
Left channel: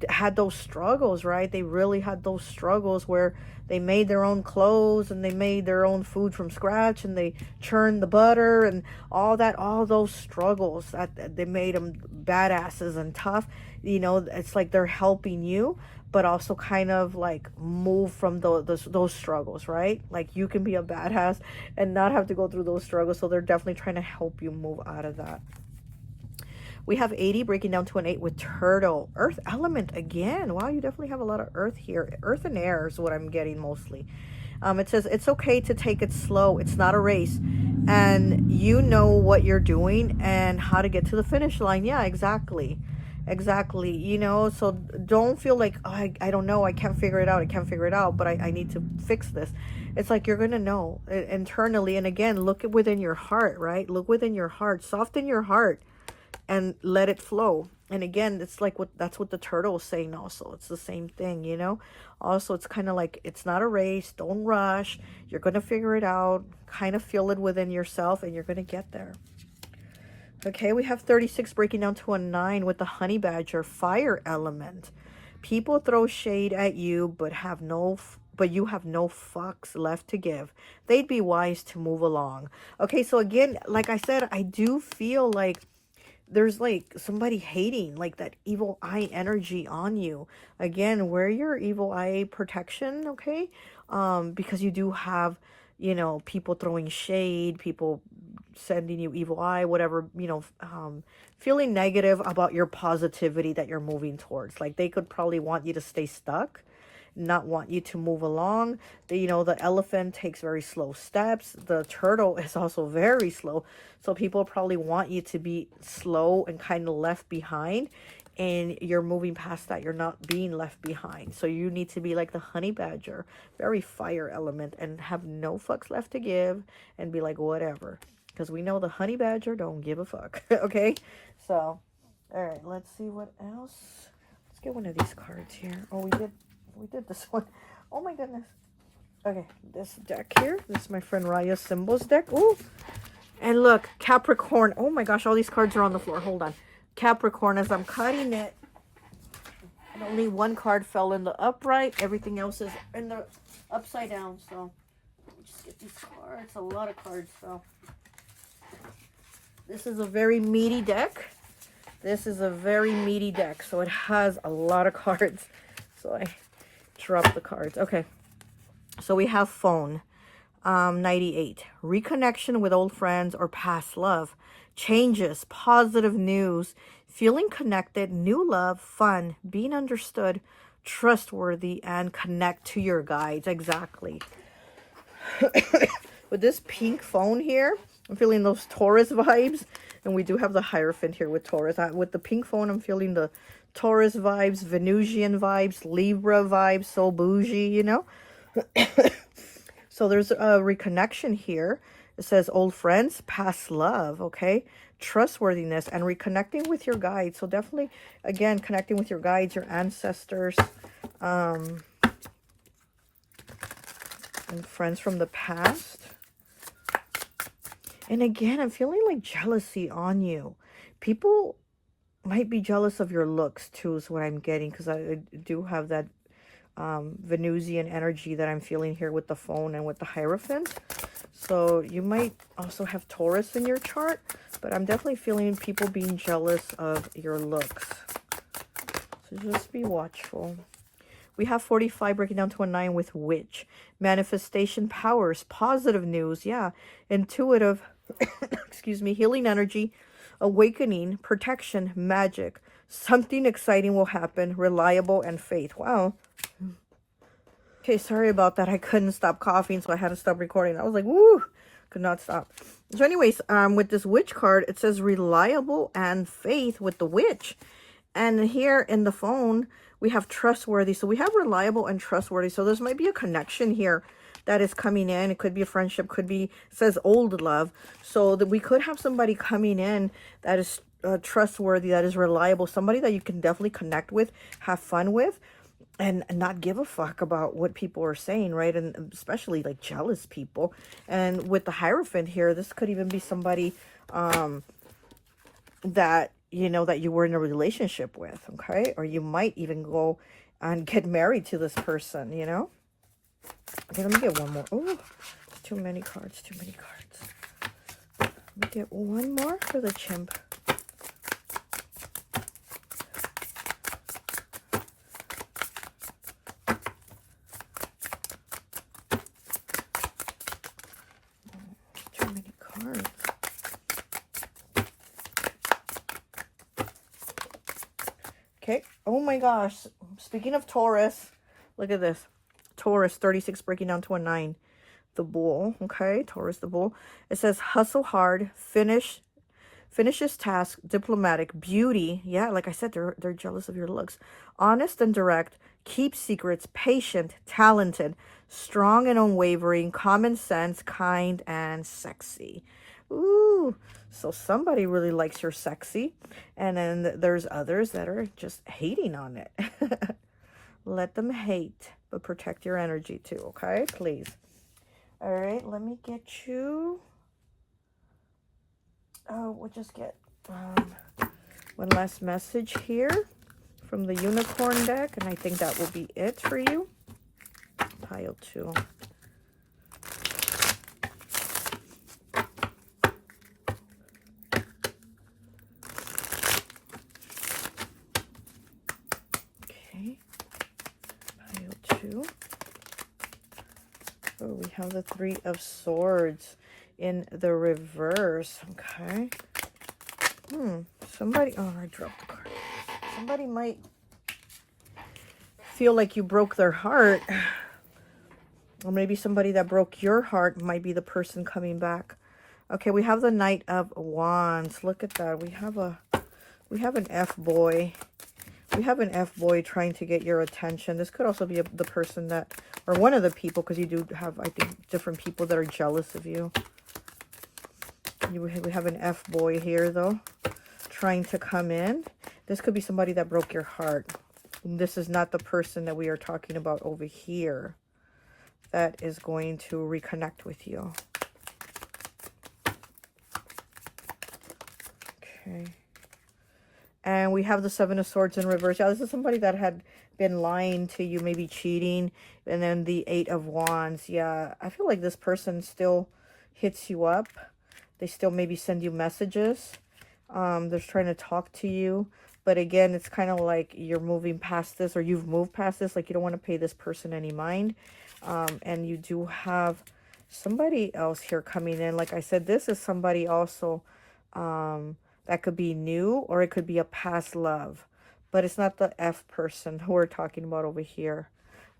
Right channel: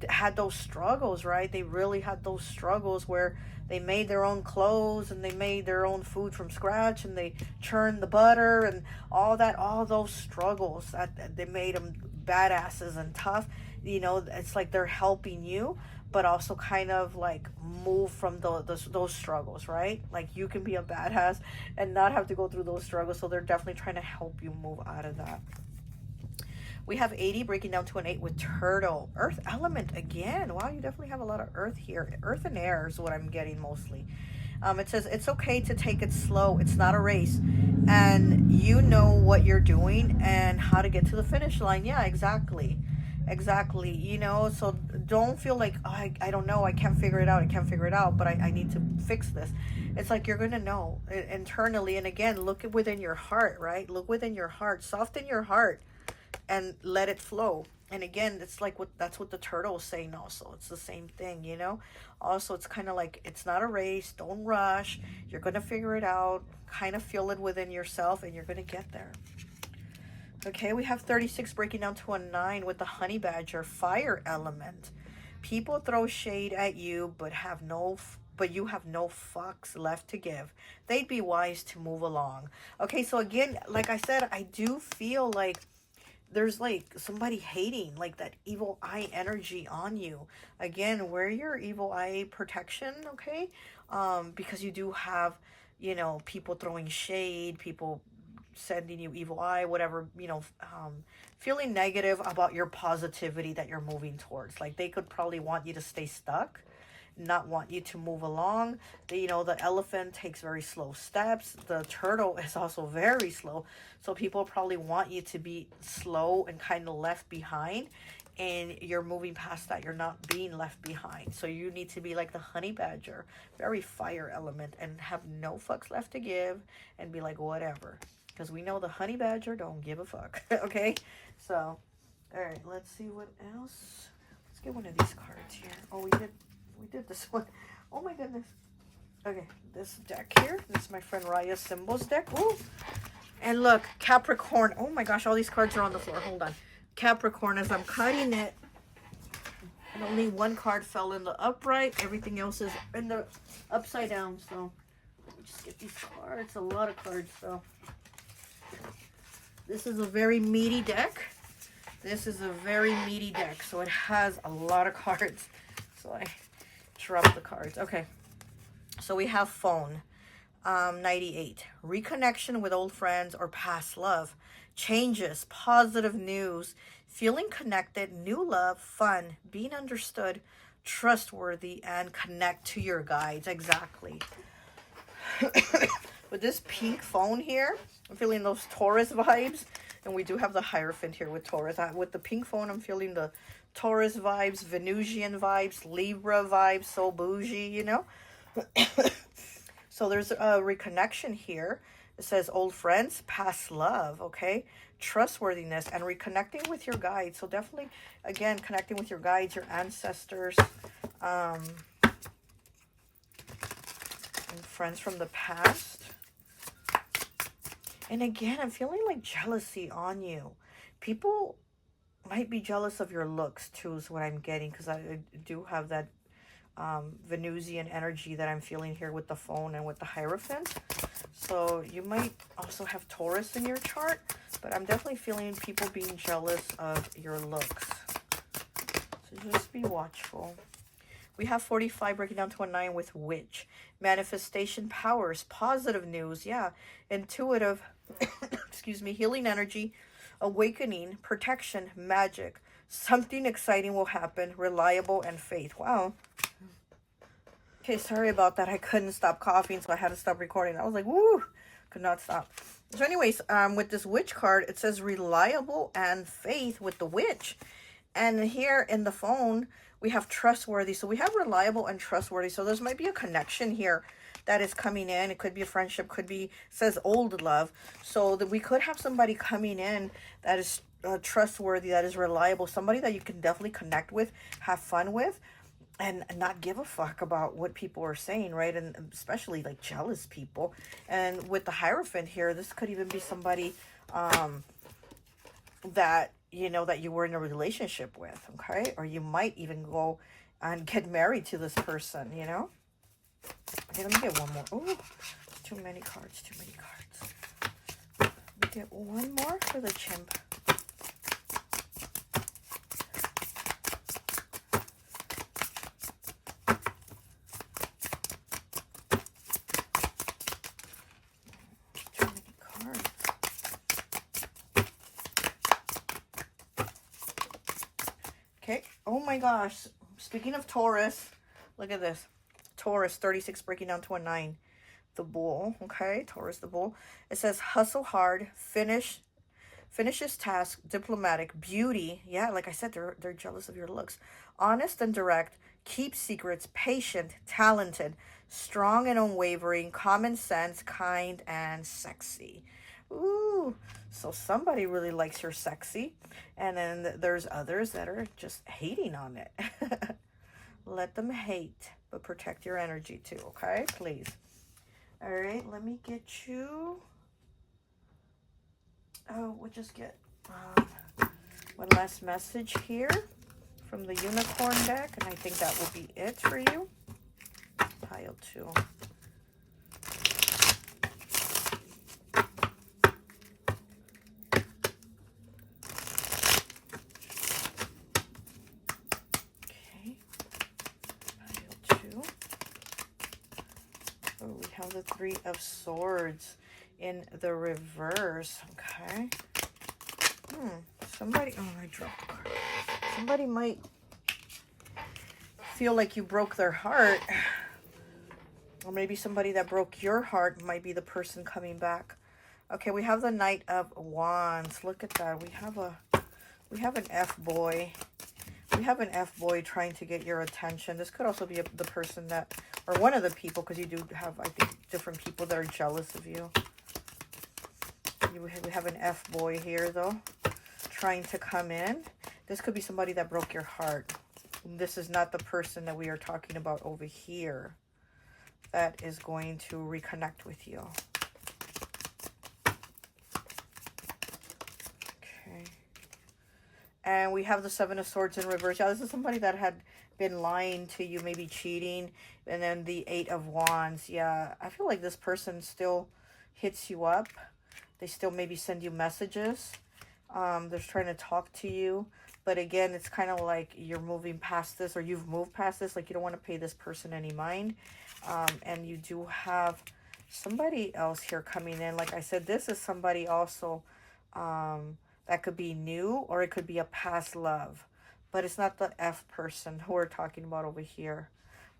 had those struggles, right? They really had those struggles where they made their own clothes and they made their own food from scratch and they churned the butter and all that, all those struggles that they made them badasses and tough. You know, it's like they're helping you, but also kind of like move from those struggles, right? Like you can be a badass and not have to go through those struggles. So they're definitely trying to help you move out of that. We have 80 breaking down to an 8 with turtle. Earth element again. Wow, you definitely have a lot of earth here. Earth and air is what I'm getting mostly. It says it's okay to take it slow. It's not a race. And you know what you're doing and how to get to the finish line. Yeah, exactly. Exactly. You know, so don't feel like, oh, I don't know. I can't figure it out. I can't figure it out, but I need to fix this. It's like you're going to know internally. And again, look within your heart, right? Look within your heart. Soften your heart. And let it flow. And again, it's like that's what the turtle is saying also. It's the same thing, you know. Also, it's kind of like, it's not a race. Don't rush. You're going to figure it out. Kind of feel it within yourself and you're going to get there. Okay, we have 36 breaking down to a 9 with the honey badger, fire element. People throw shade at you, but you have no fucks left to give. They'd be wise to move along. Okay, so again, like I said, I do feel like there's like somebody hating, like that evil eye energy on you. Again, wear your evil eye protection, okay? because you do have, you know, people throwing shade, people sending you evil eye, whatever, you know, feeling negative about your positivity that you're moving towards. Like they could probably want you to stay stuck, not want you to move along. You know, the elephant takes very slow steps. The turtle is also very slow. So people probably want you to be slow and kind of left behind. And you're moving past that. You're not being left behind. So you need to be like the honey badger, very fire element, and have no fucks left to give and be like, whatever. Because we know the honey badger don't give a fuck. Okay? So, all right, let's see what else. Let's get one of these cards here. Oh, we did this one. Oh my goodness. Okay, this deck here. This is my friend Raya's Symbols deck. Oh, and look, Capricorn. Oh my gosh, all these cards are on the floor. Hold on. Capricorn, as I'm cutting it, and only one card fell in the upright. Everything else is in the upside down. So, let me just get these cards. A lot of cards, so. This is a very meaty deck. This is a very meaty deck, so it has a lot of cards. So I dropped the cards. Okay, so we have phone, 98. Reconnection with old friends or past love. Changes, positive news, feeling connected, new love, fun, being understood, trustworthy, and connect to your guides. Exactly. With this pink phone here, I'm feeling those Taurus vibes. And we do have the Hierophant here with Taurus. With the pink phone, I'm feeling the Taurus vibes, Venusian vibes, Libra vibes, so bougie, you know. So there's a reconnection here. It says old friends, past love, okay? Trustworthiness and reconnecting with your guides. So definitely, again, connecting with your guides, your ancestors, and friends from the past. And again, I'm feeling like jealousy on you. People might be jealous of your looks too, is what I'm getting, because I do have that Venusian energy that I'm feeling here with the phone and with the Hierophant. So you might also have Taurus in your chart, but I'm definitely feeling people being jealous of your looks. So just be watchful. We have 45 breaking down to a 9 with Witch. Manifestation powers, positive news, yeah. Intuitive, excuse me, healing energy, awakening, protection, magic. Something exciting will happen, reliable, and faith. Wow. Okay, sorry about that. I couldn't stop coughing, so I had to stop recording. I was like, woo, could not stop. So anyways, with this Witch card, it says reliable and faith with the Witch. And here in the phone, we have trustworthy. So we have reliable and trustworthy. So there's might be a connection here that is coming in. It could be a friendship, could be, says old love. So that we could have somebody coming in that is trustworthy, that is reliable, somebody that you can definitely connect with, have fun with, and not give a fuck about what people are saying, right? And especially like jealous people. And with the Hierophant here, this could even be somebody that, you know, that you were in a relationship with, okay? Or you might even go and get married to this person, you know? Okay, let me get one more. Oh, too many cards, too many cards. Let me get one more for the chimp. Too many cards. Okay, oh my gosh. Speaking of Taurus, look at this. Taurus, 36 breaking down to a 9. The bull, okay? Taurus, the bull. It says hustle hard, finishes task, diplomatic, beauty. Yeah, like I said, they're jealous of your looks. Honest and direct, keep secrets, patient, talented, strong and unwavering, common sense, kind, and sexy. Ooh, so somebody really likes your sexy. And then there's others that are just hating on it. Let them hate, but protect your energy too, okay? Please. All right, let me get you. Oh, we'll just get one last message here from the unicorn deck, and I think that will be it for you. Pile 2. Okay, pile 2. have the Three of Swords in the reverse. Okay. Somebody, oh, I dropped the card. Somebody might feel like you broke their heart. Or maybe somebody that broke your heart might be the person coming back. Okay, we have the Knight of Wands. Look at that. We have an F-boy. We have an F-boy trying to get your attention. This could also be the person that, or one of the people, because you do have, I think, different people that are jealous of you. We have an F-boy here, though, trying to come in. This could be somebody that broke your heart. This is not the person that we are talking about over here that is going to reconnect with you. Okay. And we have the Seven of Swords in reverse. Yeah, this is somebody that had been lying to you, maybe cheating. And then the Eight of Wands. Yeah, I feel like this person still hits you up. They still maybe send you messages. They're trying to talk to you. But again, it's kind of like you're moving past this, or you've moved past this. Like you don't want to pay this person any mind. And you do have somebody else here coming in. Like I said, this is somebody also that could be new, or it could be a past love. But it's not the F person who we're talking about over here.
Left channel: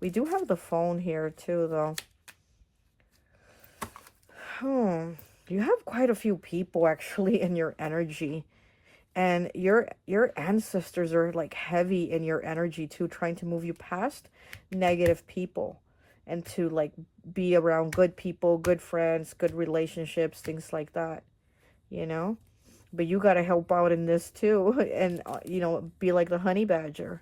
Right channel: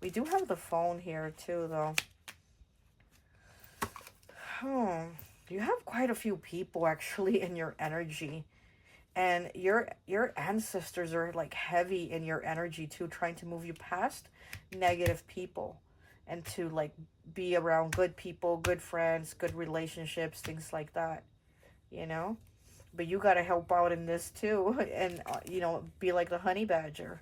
We do have the phone here too, though. You have quite a few people actually in your energy. And your ancestors are like heavy in your energy too, trying to move you past negative people and to like be around good people, good friends, good relationships, things like that, you know. But you got to help out in this too, and you know, be like the honey badger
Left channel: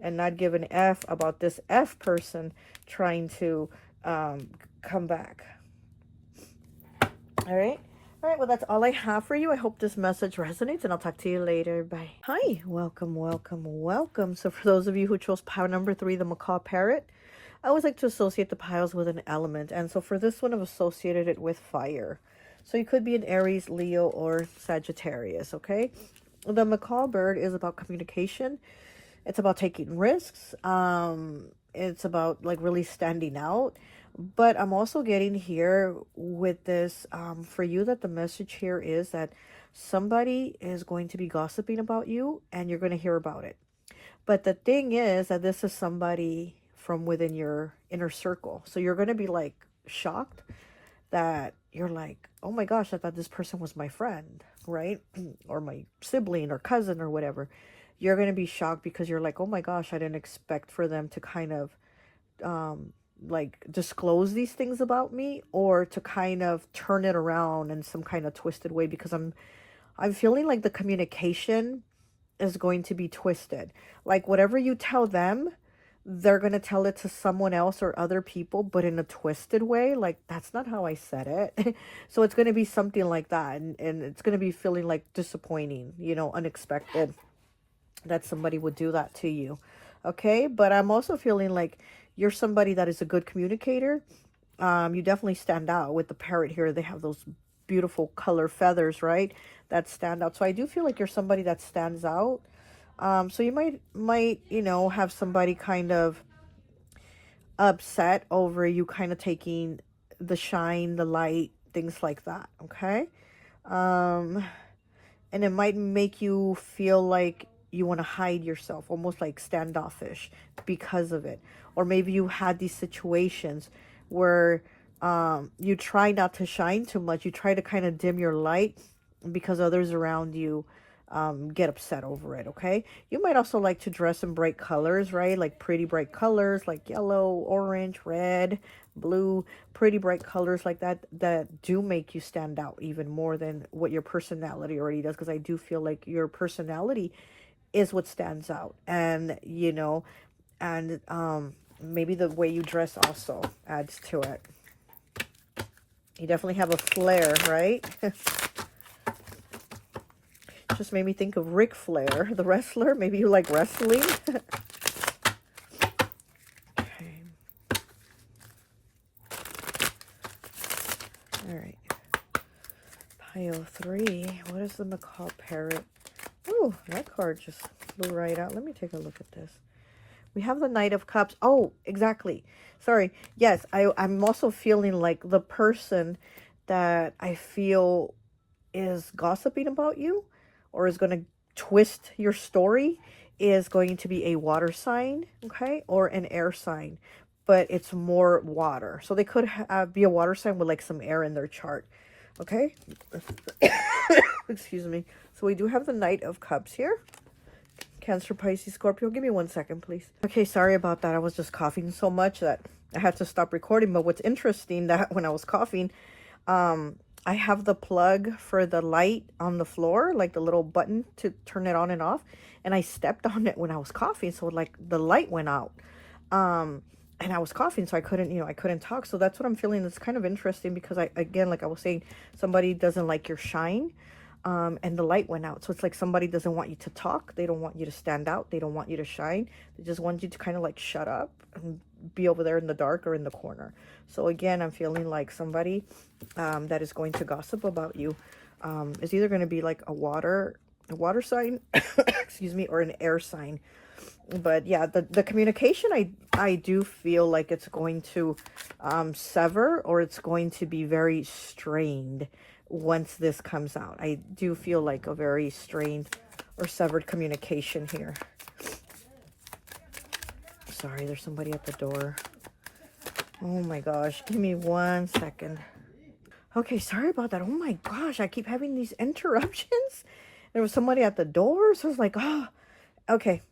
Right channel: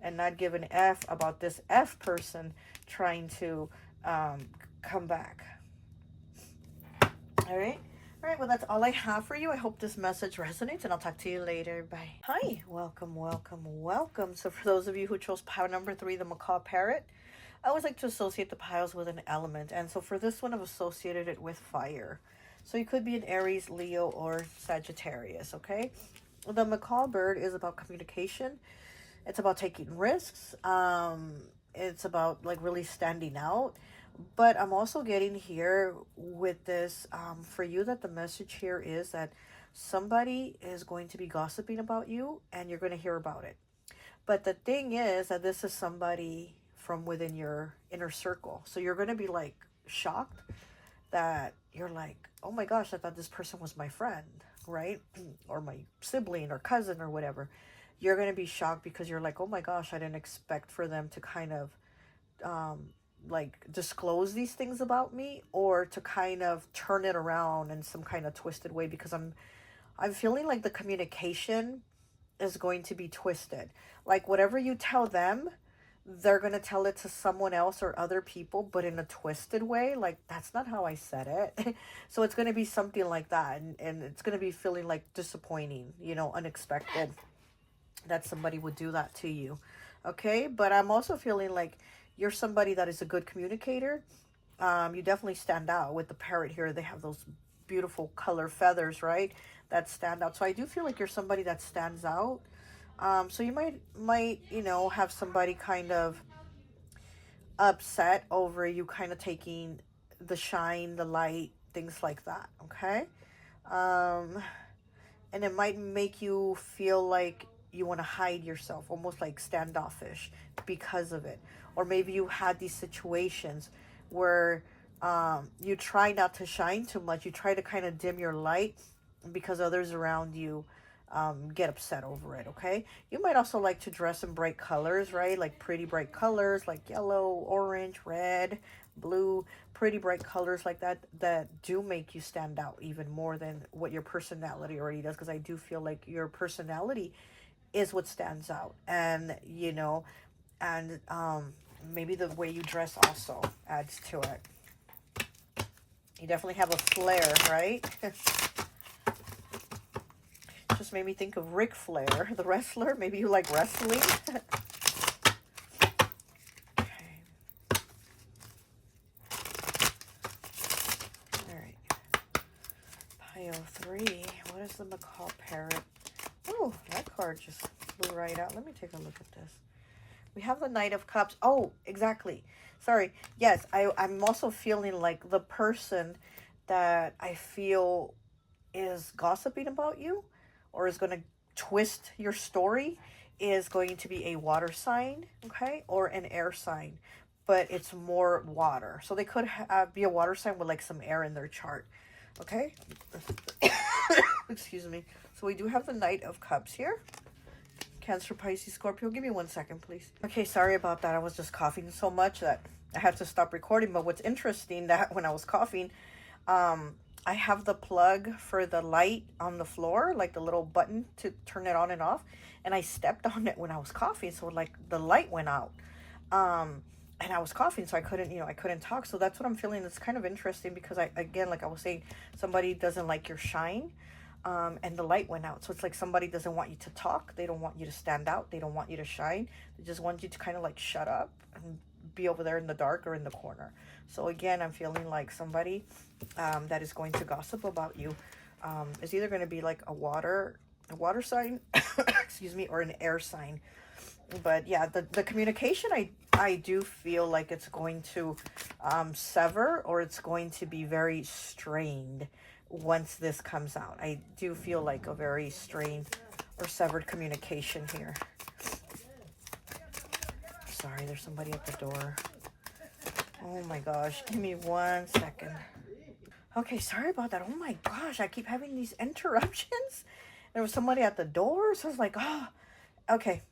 and not give an F about this F person trying to come back. All right. All right, well, that's all I have for you. I hope this message resonates, and I'll talk to you later. Bye. Hi, welcome, welcome, welcome. So for those of you who chose pile number 3, the macaw parrot, I always like to associate the piles with an element. And so for this one, I've associated it with fire. So you could be an Aries, Leo, or Sagittarius, okay? The macaw bird is about communication. It's about taking risks. It's about like really standing out. But I'm also getting here with this for you that the message here is that somebody is going to be gossiping about you and you're going to hear about it. But the thing is that this is somebody from within your inner circle. So you're going to be like shocked that you're like, oh my gosh, I thought this person was my friend, right? Or my sibling or cousin or whatever. You're going to be shocked because you're like, oh my gosh, I didn't expect for them to kind of like disclose these things about me, or to kind of turn it around in some kind of twisted way, because I'm feeling like the communication is going to be twisted. Like whatever you tell them, they're going to tell it to someone else or other people, but in a twisted way. Like, that's not how I said it. So it's going to be something like that. And it's going to be feeling like disappointing, you know, unexpected that somebody would do that to you. Okay. But I'm also feeling like you're somebody that is a good communicator. You definitely stand out with the parrot here. They have those beautiful color feathers, right? That stand out. So I do feel like you're somebody that stands out. So you might, you know, have somebody kind of upset over you kind of taking the shine, the light, things like that. Okay. And it might make you feel like you want to hide yourself, almost like standoffish because of it. Or maybe you had these situations where you try not to shine too much. You try to kind of dim your light because others around you get upset over it. Okay. You might also like to dress in bright colors, right? Like pretty bright colors, like yellow, orange, red, blue, pretty bright colors like that, that do make you stand out even more than what your personality already does. Because I do feel like your personality is what stands out. And, you know, and maybe the way you dress also adds to it. You definitely have a flair, right? Just made me think of Ric Flair, the wrestler. Maybe you like wrestling. Okay. All right. Pile 3. What is the macaw parrot? Oh, that card just flew right out. Let me take a look at this. We have the Knight of Cups. Oh, exactly. Sorry. Yes, I'm also feeling like the person that I feel is gossiping about you or is going to twist your story is going to be a water sign, okay, or an air sign, but it's more water. So they could be a water sign with like some air in their chart, okay? Excuse me. So we do have the Knight of Cups here. Cancer, Pisces, Scorpio. Give me 1 second, please. Okay, sorry about that. I was just coughing so much that I had to stop recording. But what's interesting that when I was coughing, I have the plug for the light on the floor, like the little button to turn it on and off. And I stepped on it when I was coughing. So like the light went out. And I was coughing, so I couldn't, I couldn't talk. So that's what I'm feeling. It's kind of interesting because again, like I was saying, somebody doesn't like your shine. And the light went out. So it's like somebody doesn't want you to talk. They don't want you to stand out. They don't want you to shine. They just want you to kind of like shut up and be over there in the dark or in the corner. So again, I'm feeling like somebody that is going to gossip about you is either going to be like a water sign, excuse me, or an air sign. But yeah, the communication, I do feel like it's going to sever, or it's going to be very strained once this comes out. I do feel like a very strained or severed communication here. Sorry, there's somebody at the door. Oh my gosh, give me 1 second. Okay, sorry about that. Oh my gosh, I keep having these interruptions. There was somebody at the door, so I was like, oh, okay.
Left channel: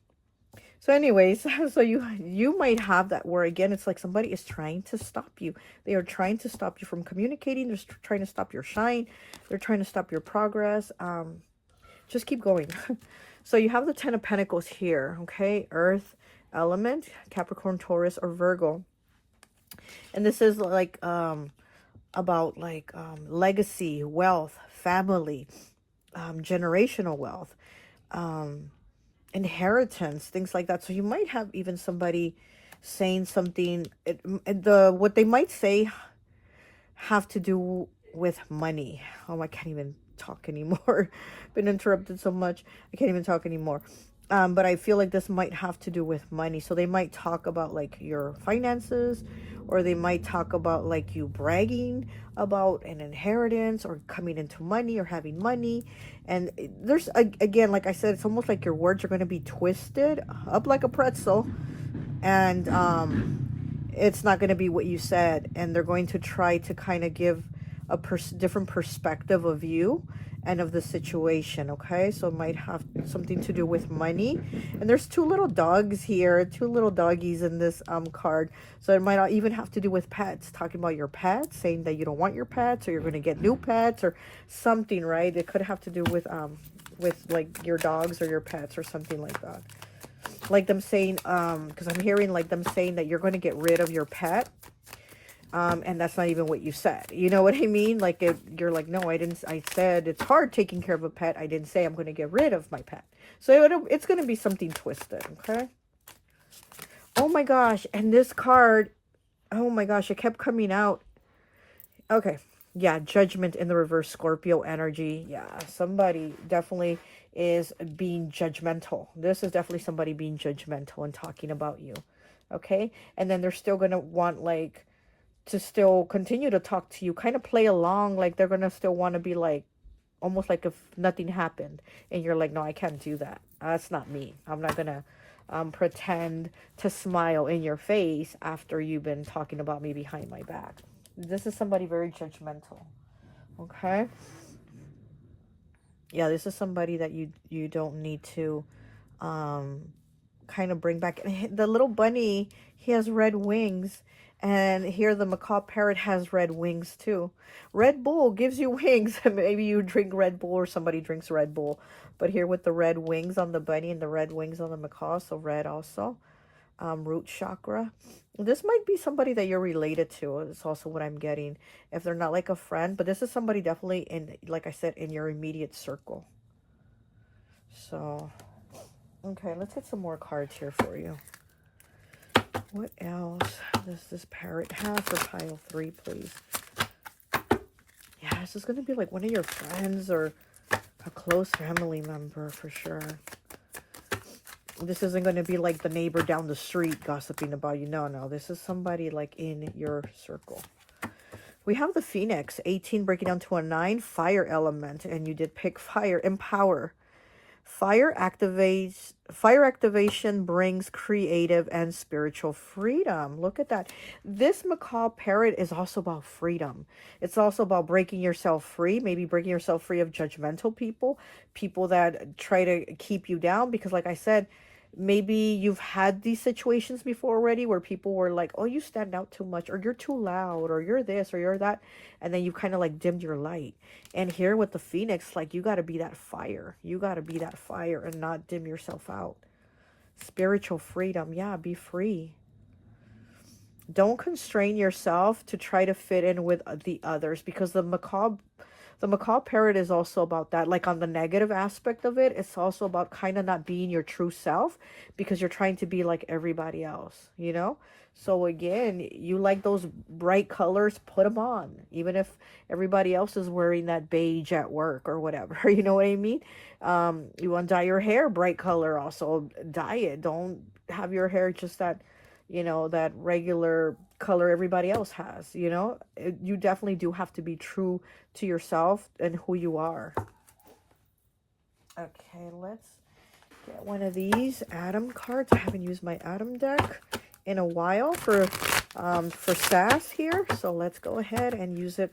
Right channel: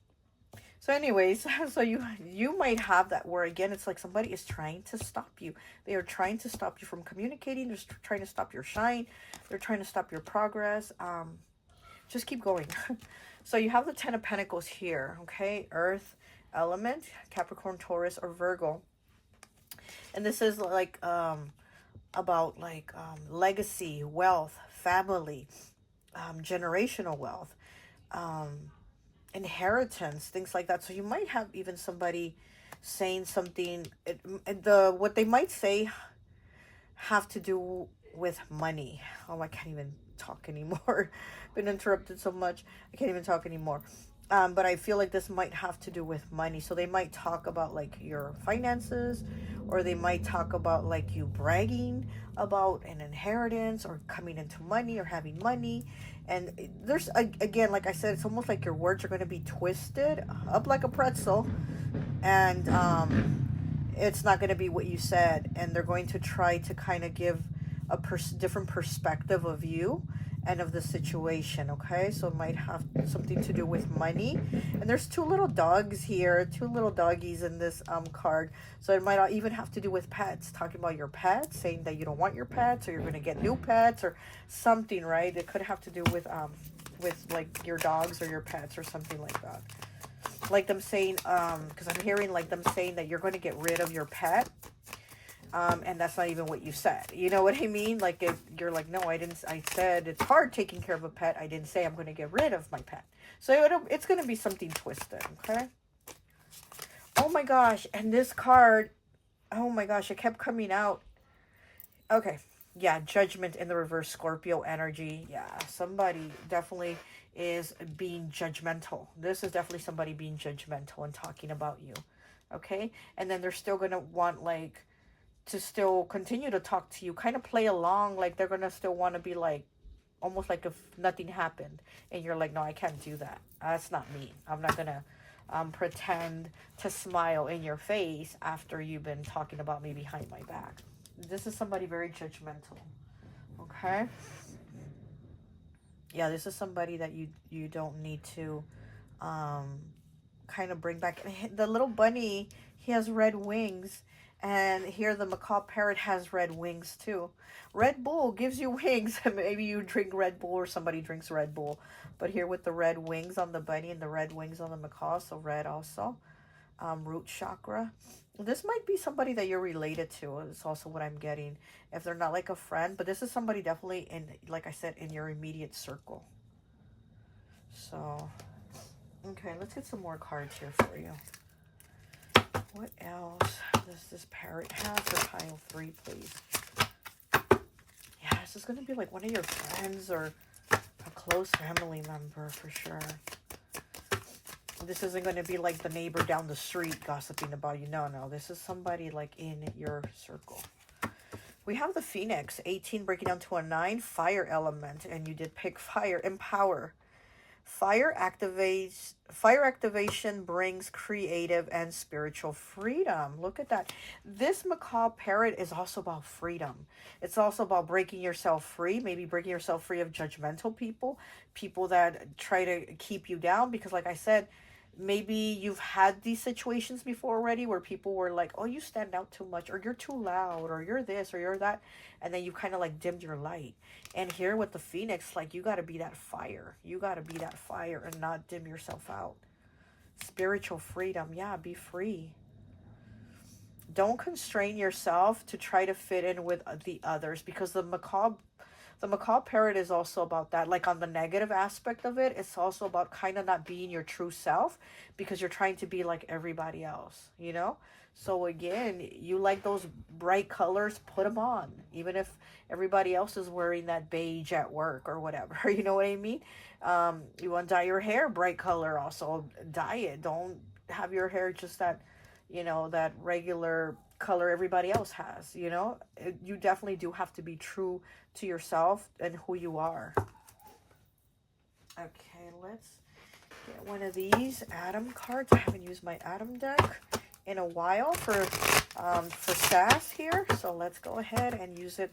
So anyways, so you might have that where, again, it's like somebody is trying to stop you. They are trying to stop you from communicating. They're trying to stop your shine. They're trying to stop your progress. Just keep going. So you have the 10 of Pentacles here, okay? Earth element, Capricorn, Taurus, or Virgo. And this is like about like legacy, wealth, family, generational wealth, inheritance, things like that. So you might have even somebody saying something, what they might say have to do with money. Oh, I can't even talk anymore. Been interrupted so much, I can't even talk anymore. But I feel like this might have to do with money. So they might talk about like your finances, or they might talk about like you bragging about an inheritance or coming into money or having money. And there's, again, like I said, it's almost like your words are going to be twisted up like a pretzel. And it's not going to be what you said. And they're going to try to kind of give a different perspective of you and of the situation, okay? So it might have something to do with money. And there's 2 little dogs here, 2 little doggies in this card. So it might not even have to do with pets, talking about your pets, saying that you don't want your pets, or you're going to get new pets or something, right? It could have to do with like your dogs or your pets or something like that. Like them saying, because I'm hearing like them saying that you're going to get rid of your pet. And that's not even what you said. You know what I mean? Like, you're like, no, I didn't. I said it's hard taking care of a pet. I didn't say I'm going to get rid of my pet. So it's going to be something twisted, okay? Oh my gosh. And this card, oh my gosh, it kept coming out. Okay. Yeah, Judgment in the reverse, Scorpio energy. Yeah, somebody definitely is being judgmental. This is definitely somebody being judgmental and talking about you, okay? And then they're still going to want, like, to still continue to talk to you, kind of play along, like they're gonna still want to be like, almost like if nothing happened, and you're like, no, I can't do that. That's not me. I'm not gonna pretend to smile in your face after you've been talking about me behind my back. This is somebody very judgmental, okay? Yeah, this is somebody that you don't need to kind of bring back. The little bunny, he has red wings. And here the macaw parrot has red wings too. Red Bull gives you wings. Maybe you drink Red Bull or somebody drinks Red Bull. But here with the red wings on the bunny and the red wings on the macaw, so red also. Root chakra. This might be somebody that you're related to. It's also what I'm getting. If they're not like a friend. But this is somebody definitely in, like I said, in your immediate circle. So, okay, let's hit some more cards here for you. What else does this parrot have for pile 3, please? Yeah, this is going to be like one of your friends or a close family member for sure. This isn't going to be like the neighbor down the street gossiping about you. No, no. This is somebody like in your circle. We have the Phoenix, 18 breaking down to a 9, fire element. And you did pick fire, empower. Fire activation brings creative and spiritual freedom. Look at that. This macaw parrot is also about freedom. It's also about breaking yourself free, maybe breaking yourself free of judgmental people, people that try to keep you down. Because like I said, maybe you've had these situations before already where people were like, oh, you stand out too much, or you're too loud, or you're this, or you're that. And then you kind of like dimmed your light. And here with the Phoenix, like you got to be that fire. You got to be that fire and not dim yourself out. Spiritual freedom. Yeah, be free. Don't constrain yourself to try to fit in with the others, because the macaw parrot is also about that. Like on the negative aspect of it, it's also about kind of not being your true self because you're trying to be like everybody else, you know? So again, you like those bright colors, put them on. Even if everybody else is wearing that beige at work or whatever, you know what I mean? You want to dye your hair bright color, also dye it. Don't have your hair just that, you know, that regular color everybody else has, you know? You definitely do have to be true to yourself and who you are. Okay, let's get one of these Adam cards. I haven't used my Adam deck in a while for S.A.S here, so let's go ahead and use it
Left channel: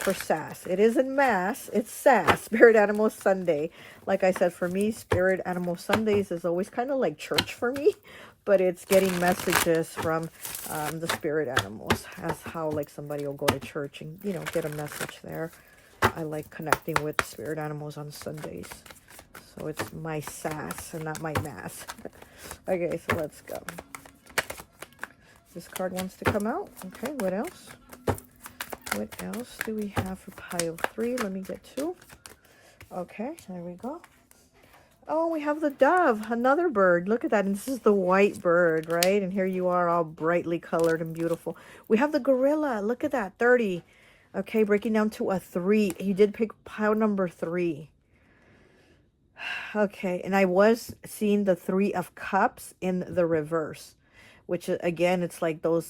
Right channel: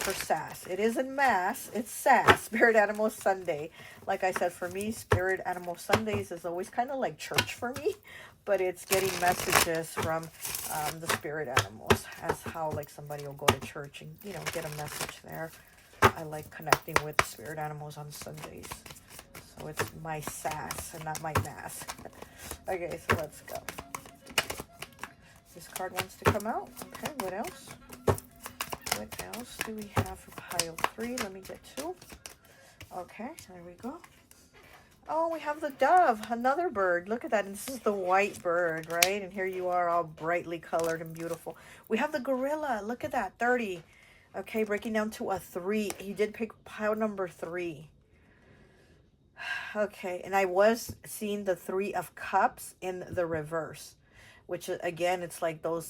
for S.A.S. It isn't Mass, it's S.A.S, Spirit Animal Sunday. Like I said, for me, Spirit Animal Sundays is always kind of like church for me, but it's getting messages from the spirit animals. That's how like somebody will go to church and, you know, get a message there. I like connecting with spirit animals on Sundays. So it's my S.A.S and not my Mass. Okay, so let's go. This card wants to come out. Okay, what else? What else do we have for pile 3? Let me get 2. Okay, there we go. Oh, we have the dove, another bird. Look at that. And this is the white bird, right? And here you are all brightly colored and beautiful. We have the gorilla. Look at that, 30. Okay, breaking down to a 3. You did pick pile number 3. Okay, and I was seeing the 3 of cups in the reverse, which again, it's like those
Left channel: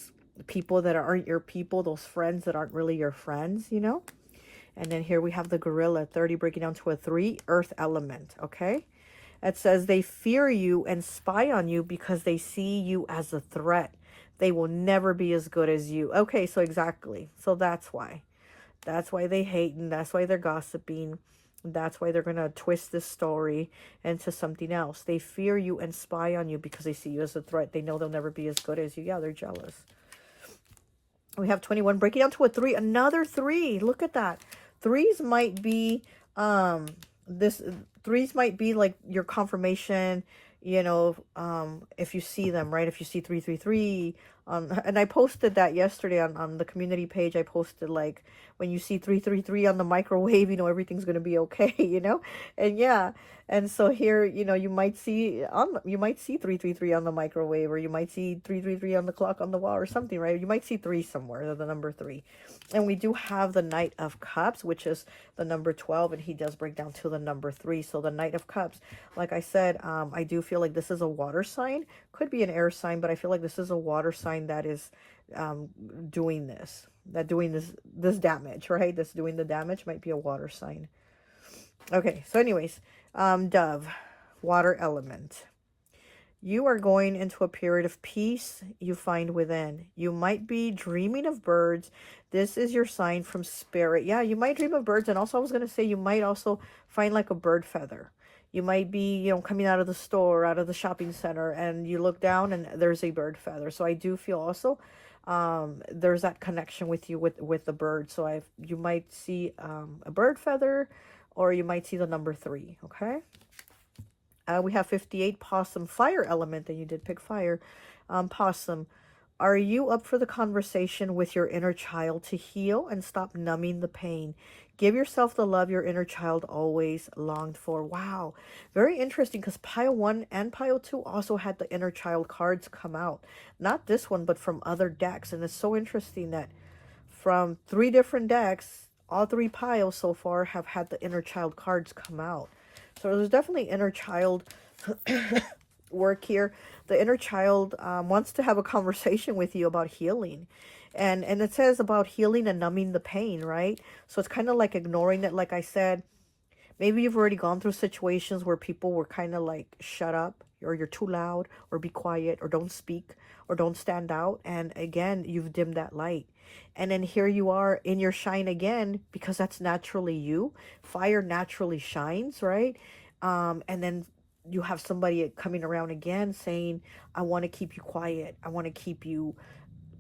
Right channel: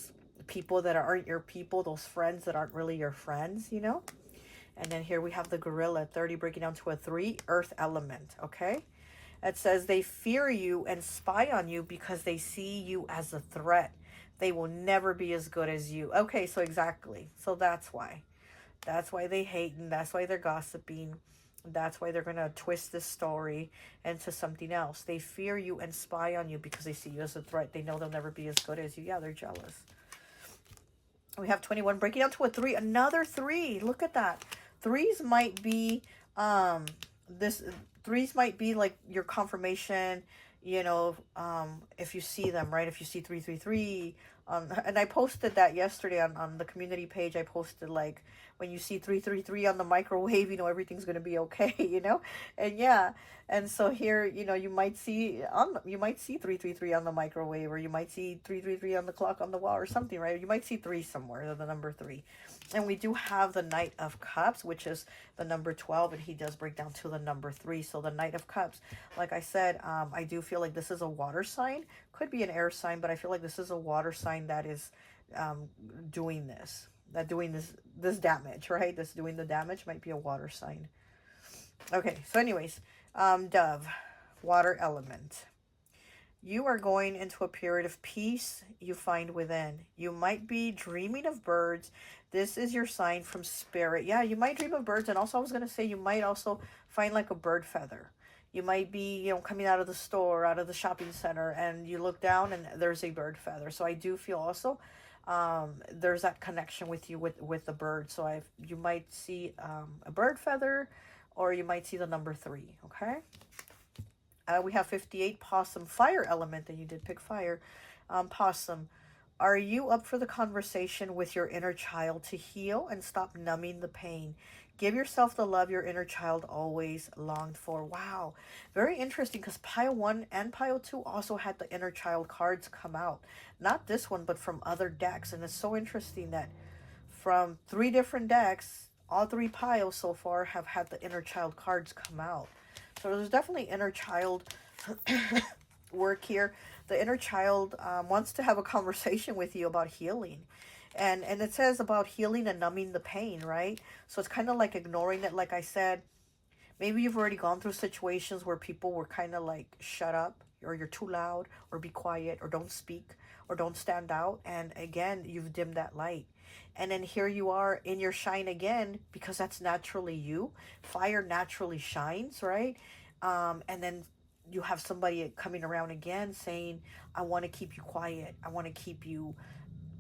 people that aren't your people, those friends that aren't really your friends, you know? And then here we have the gorilla, 30, breaking down to a 3, earth element, okay? It says they fear you and spy on you because they see you as a threat. They will never be as good as you. Okay, so exactly. So that's why. That's why they hate, and that's why they're gossiping. That's why they're going to twist this story into something else. They fear you and spy on you because they see you as a threat. They know they'll never be as good as you. Yeah, they're jealous. We have 21 breaking down to a 3. Another 3. Look at that. 3s might be threes might be like your confirmation, you know, if you see them, right? If you see 333, and I posted that yesterday on the community page. I posted like, when you see 333 on the microwave, you know, everything's going to be okay, you know? And yeah, and so here, you know, you might see 333 on the microwave, or you might see 333 on the clock on the wall or something, right? You might see 3 somewhere, the number 3. And we do have the Knight of Cups, which is the number 12, and he does break down to the number 3. So the Knight of Cups, like I said, I do feel like this is a water sign. Could be an air sign, but I feel like this is a water sign that is doing this damage, right? This doing the damage might be a water sign. Okay, so anyways, dove, water element. You are going into a period of peace you find within. You might be dreaming of birds. This is your sign from spirit. Yeah, you might dream of birds. And also I was going to say, you might also find like a bird feather. You might be, you know, coming out of the store, out of the shopping center, and you look down and there's a bird feather. So I do feel also there's that connection with you with the bird. So you might see a bird feather, or you might see the number 3. Okay. We have 58, possum, fire element, and you did pick fire. Possum, are you up for the conversation with your inner child to heal and stop numbing the pain? Give yourself the love your inner child always longed for. Wow, very interesting, because pile 1 and pile 2 also had the inner child cards come out. Not this one, but from other decks. And it's so interesting that from 3 different decks, all 3 piles so far have had the inner child cards come out. So there's definitely inner child work here. The inner child wants to have a conversation with you about healing. And it says about healing and numbing the pain, right? So it's kind of like ignoring it. Like I said, maybe you've already gone through situations where people were kind of like, shut up, or you're too loud, or be quiet, or don't speak, or don't stand out. And again, you've dimmed that light. And then here you are in your shine again, because that's naturally you. Fire naturally shines, right? And then you have somebody coming around again saying, I want to keep you quiet. I want to keep you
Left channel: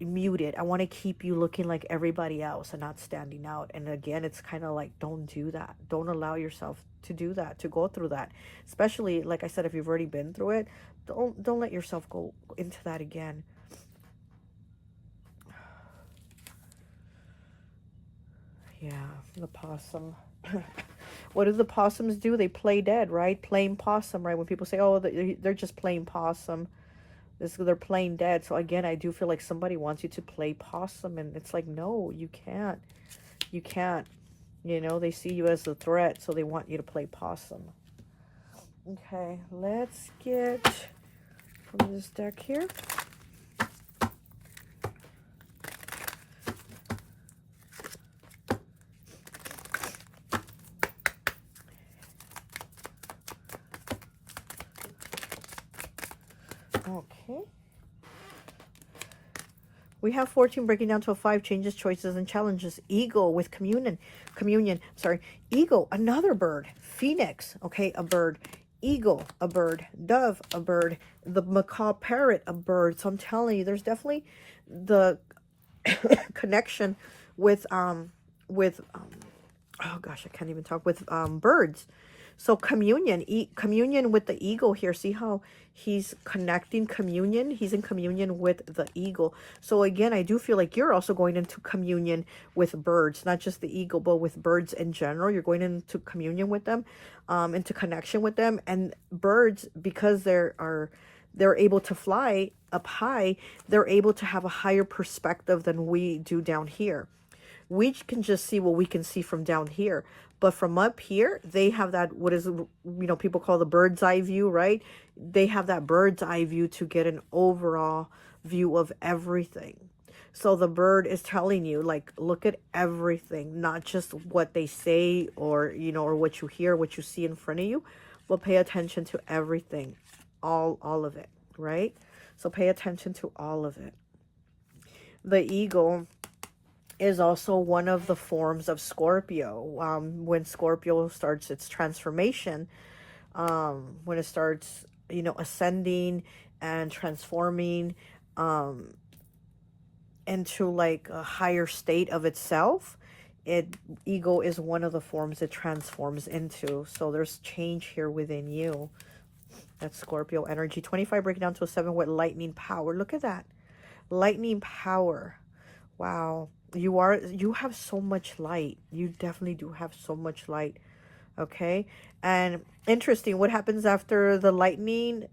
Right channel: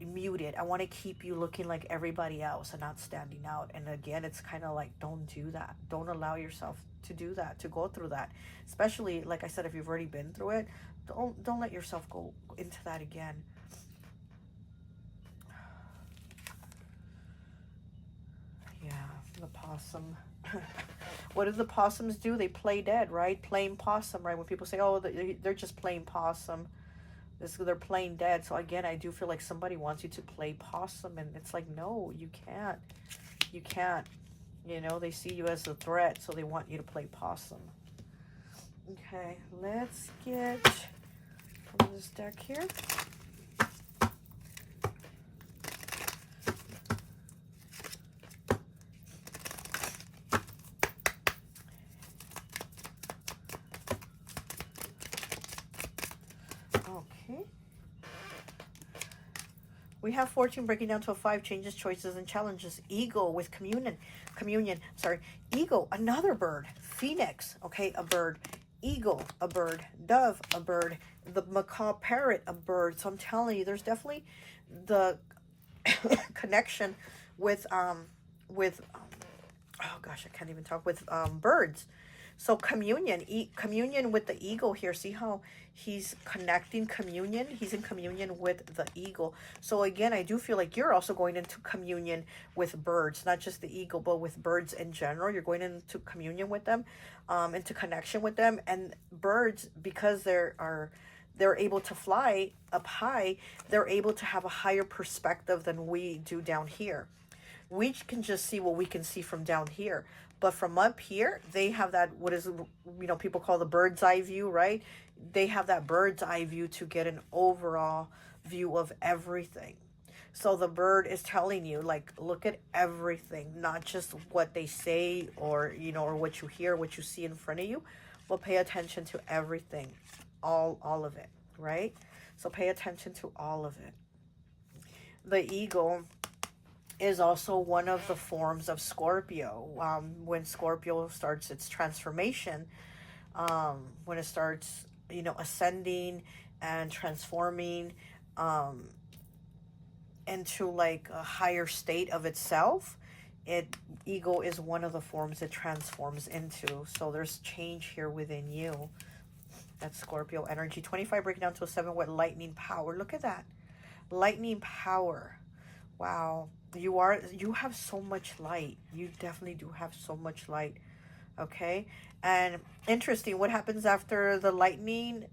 muted. I want to keep you looking like everybody else and not standing out. And again, it's kind of like, don't do that. Don't allow yourself to do that, to go through that. Especially, like I said, if you've already been through it, don't let yourself go into that again. Yeah, the possum. What do the possums do? They play dead, right? Playing possum, right? When people say, oh, they're just playing possum, they're playing dead. So again, I do feel like somebody wants you to play possum, and it's like, no, you can't. You can't. You know, they see you as a threat, so they want you to play possum. Okay, let's get from this deck here. Okay. We have 14 breaking down to a 5, changes, choices, and challenges. Ego with communion, sorry. Ego, another bird. Phoenix, okay, a bird. Eagle, a bird. Dove, a bird. The macaw parrot, a bird. So I'm telling you, there's definitely the connection with oh gosh, I can't even talk, with birds. So communion with the eagle here. See how he's connecting communion? He's in communion with the eagle. So again, I do feel like you're also going into communion with birds, not just the eagle, but with birds in general. You're going into communion with them, into connection with them. And birds, because they're able to fly up high, they're able to have a higher perspective than we do down here. We can just see what we can see from down here. But from up here, they have that, what is, you know, people call the bird's eye view, right? They have that bird's eye view to get an overall view of everything. So the bird is telling you, like, look at everything, not just what they say or, you know, or what you hear, what you see in front of you, but pay attention to everything, all of it, right? So pay attention to all of it. The eagle is also one of the forms of Scorpio. When Scorpio starts its transformation, when it starts, you know, ascending and transforming into like a higher state of itself, ego is one of the forms it transforms into. So there's change here within you. That's Scorpio energy. 25 breaking down to a 7 with lightning power. Look at that. Lightning power. Wow. You have so much light. You definitely do have so much light. Okay. And interesting, what happens after the lightning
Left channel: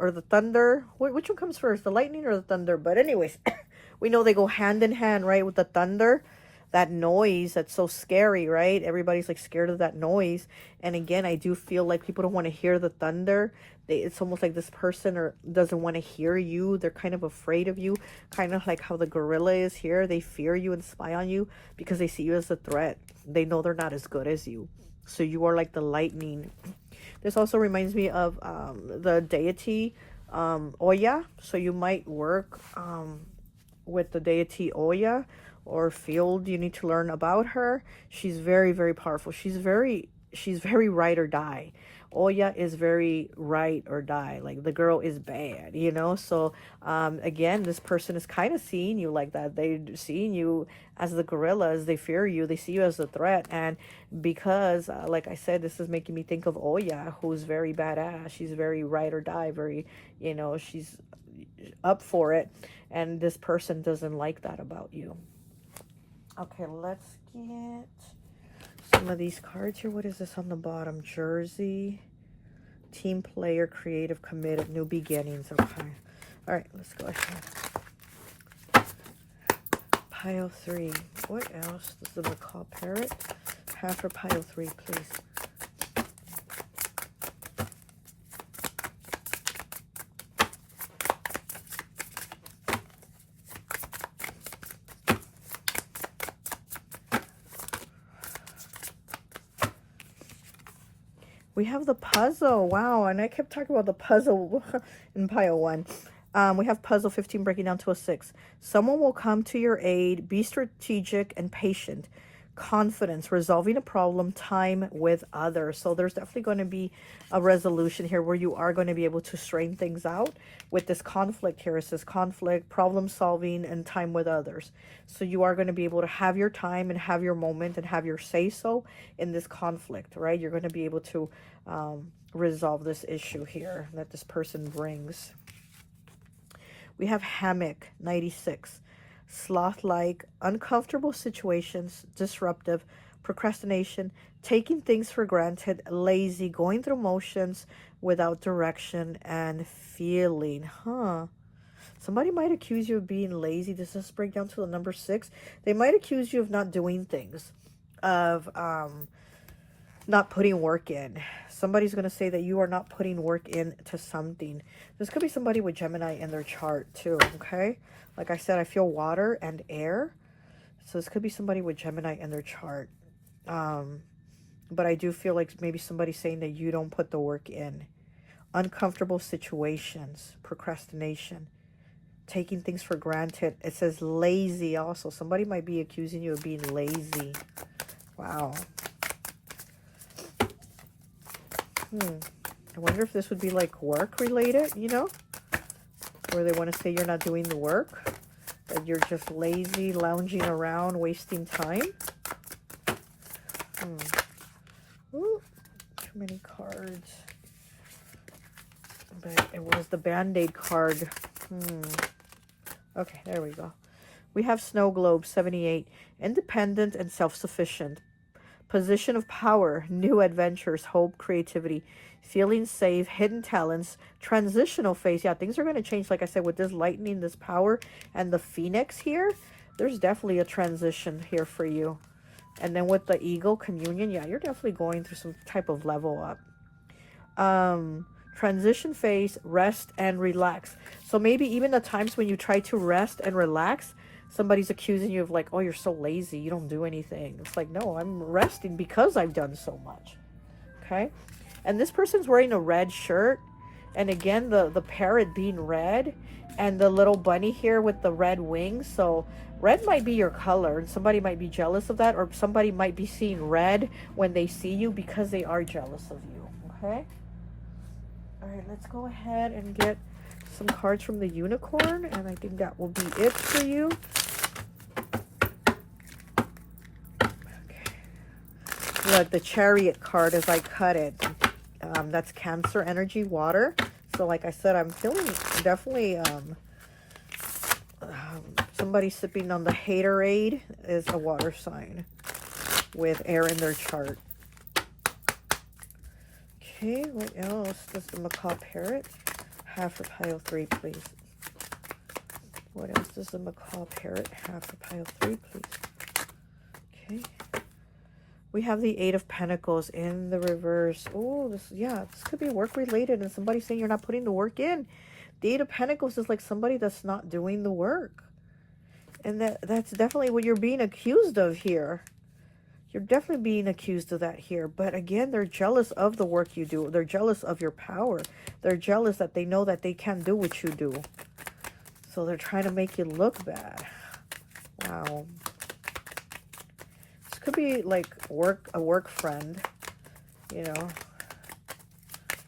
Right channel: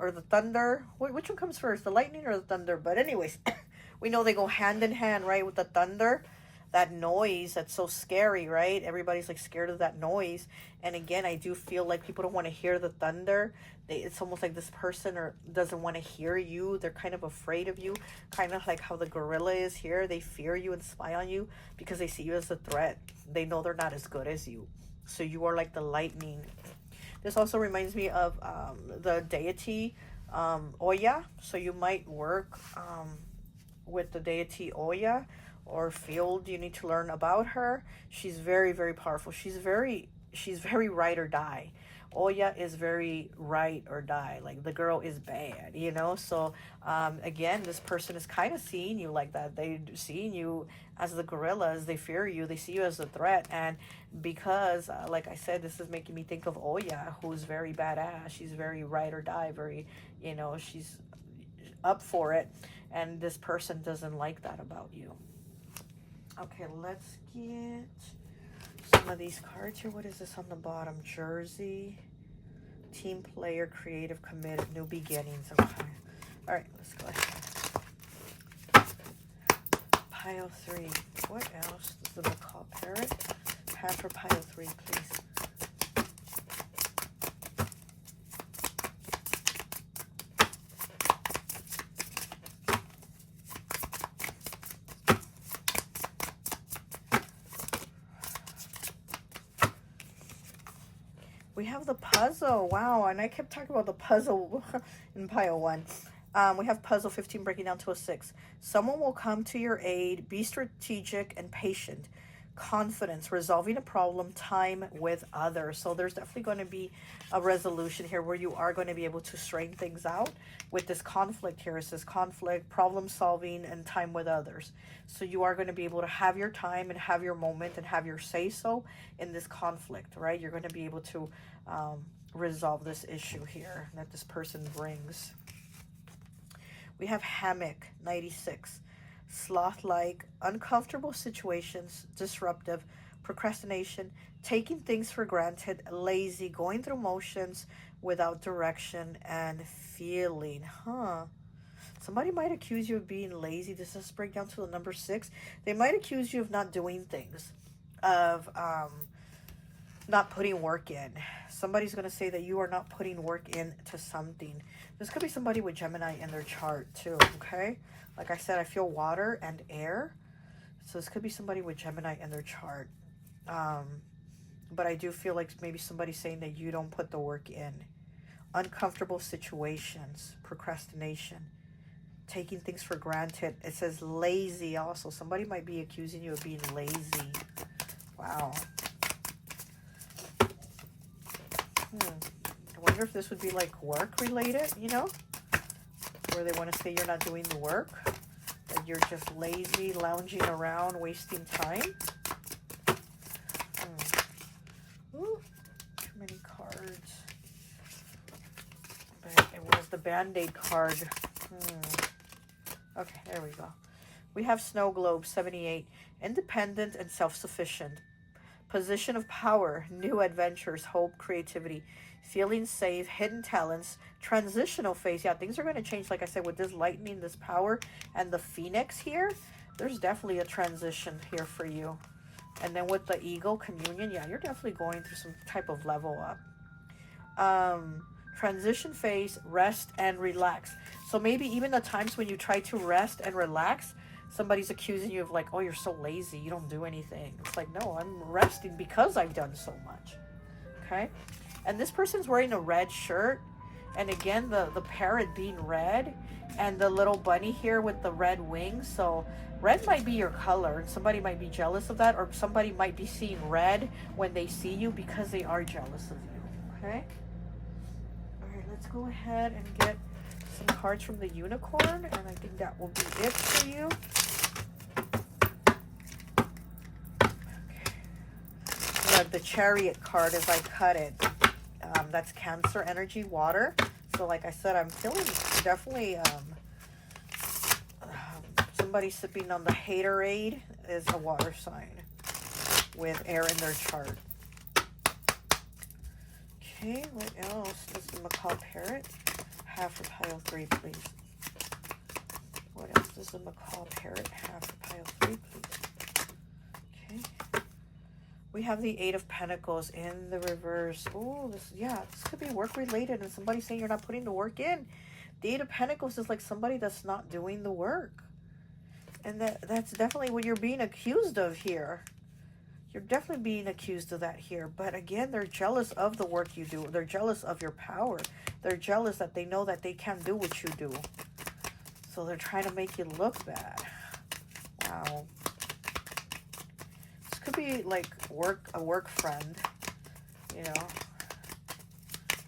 or the thunder? Which one comes first, the lightning or the thunder? But anyways, we know they go hand in hand, right? With the thunder, that noise that's so scary, right? Everybody's like scared of that noise. And again, I do feel like people don't want to hear the thunder. It's almost like this person doesn't want to hear you. They're kind of afraid of you, kind of like how the gorilla is here. They fear you and spy on you because they see you as a threat. They know they're not as good as you. So you are like the lightning. This also reminds me of the deity Oya. So you might work with the deity Oya, or field. You need to learn about her. She's very, very powerful. She's very ride or die. Oya is very ride or die. Like, the girl is bad, you know? So again, this person is kind of seeing you like that. They're seeing you as the gorillas. They fear you. They see you as a threat. And because like I said, this is making me think of Oya, who's very badass. She's very ride or die, very, you know, she's up for it. And this person doesn't like that about you. Okay, let's get some of these cards here. What is this on the bottom? Jersey, team player, creative, committed, new beginnings. Okay. All right, let's go ahead. Pile 3. What else? This is the macaw parrot. Half for pile 3, please. We have the puzzle. Wow. And I kept talking about the puzzle in pile 1. We have puzzle 15 breaking down to a 6. Someone will come to your aid. Be strategic and patient. Confidence, resolving a problem, time with others. So there's definitely going to be a resolution here where you are going to be able to straighten things out with this conflict here. It says conflict, problem solving, and time with others. So you are going to be able to have your time and have your moment and have your say-so in this conflict, right? You're going to be able to resolve this issue here that this person brings. We have hammock, 96. Sloth-like, uncomfortable situations, disruptive, procrastination, taking things for granted, lazy, going through motions without direction and feeling. Somebody might accuse you of being lazy. This does break down to the number 6. They might accuse you of not doing things, of not putting work in. Somebody's going to say that you are not putting work into something. This could be somebody with Gemini in their chart too, okay? Like I said, I feel water and air. So this could be somebody with Gemini in their chart. But I do feel like maybe somebody's saying that you don't put the work in. Uncomfortable situations, procrastination, taking things for granted. It says lazy also. Somebody might be accusing you of being lazy. Wow. I wonder if this would be like work related, you know? Where they want to say you're not doing the work, that you're just lazy, lounging around, wasting time. Ooh, too many cards. But it was the Band-Aid card. Okay, there we go. We have Snow Globe, 78. Independent and self-sufficient. Position of power, new adventures, hope, creativity, feeling safe, hidden talents, transitional phase. Yeah, things are going to change. Like I said, with this lightning, this power, and the phoenix here, there's definitely a transition here for you. And then with the eagle, communion, yeah, you're definitely going through some type of level up. Transition phase, rest and relax. So maybe even the times when you try to rest and relax, somebody's accusing you of like, oh, you're so lazy, you don't do anything. It's like, no, I'm resting because I've done so much. Okay. And this person's wearing a red shirt. And again, the parrot being red and the little bunny here with the red wings. So red might be your color. And somebody might be jealous of that. Or somebody might be seeing red when they see you because they are jealous of you. Okay. All right, let's go ahead and get some cards from the unicorn. And I think that will be it for you. The chariot card as I cut it, that's Cancer energy, water. So like I said, I'm feeling definitely somebody sipping on the haterade is a water sign with air in their chart. Okay, what else does the macaw parrot have for pile 3, please? What else does the macaw parrot have for pile 3, please? Okay. We have the 8 of Pentacles in the reverse. Oh, this could be work related and somebody saying you're not putting the work in. The 8 of Pentacles is like somebody that's not doing the work. And that's definitely what you're being accused of here. You're definitely being accused of that here. But again, they're jealous of the work you do. They're jealous of your power. They're jealous that they know that they can't do what you do. So they're trying to make you look bad. Wow. Could be like a work friend, you know.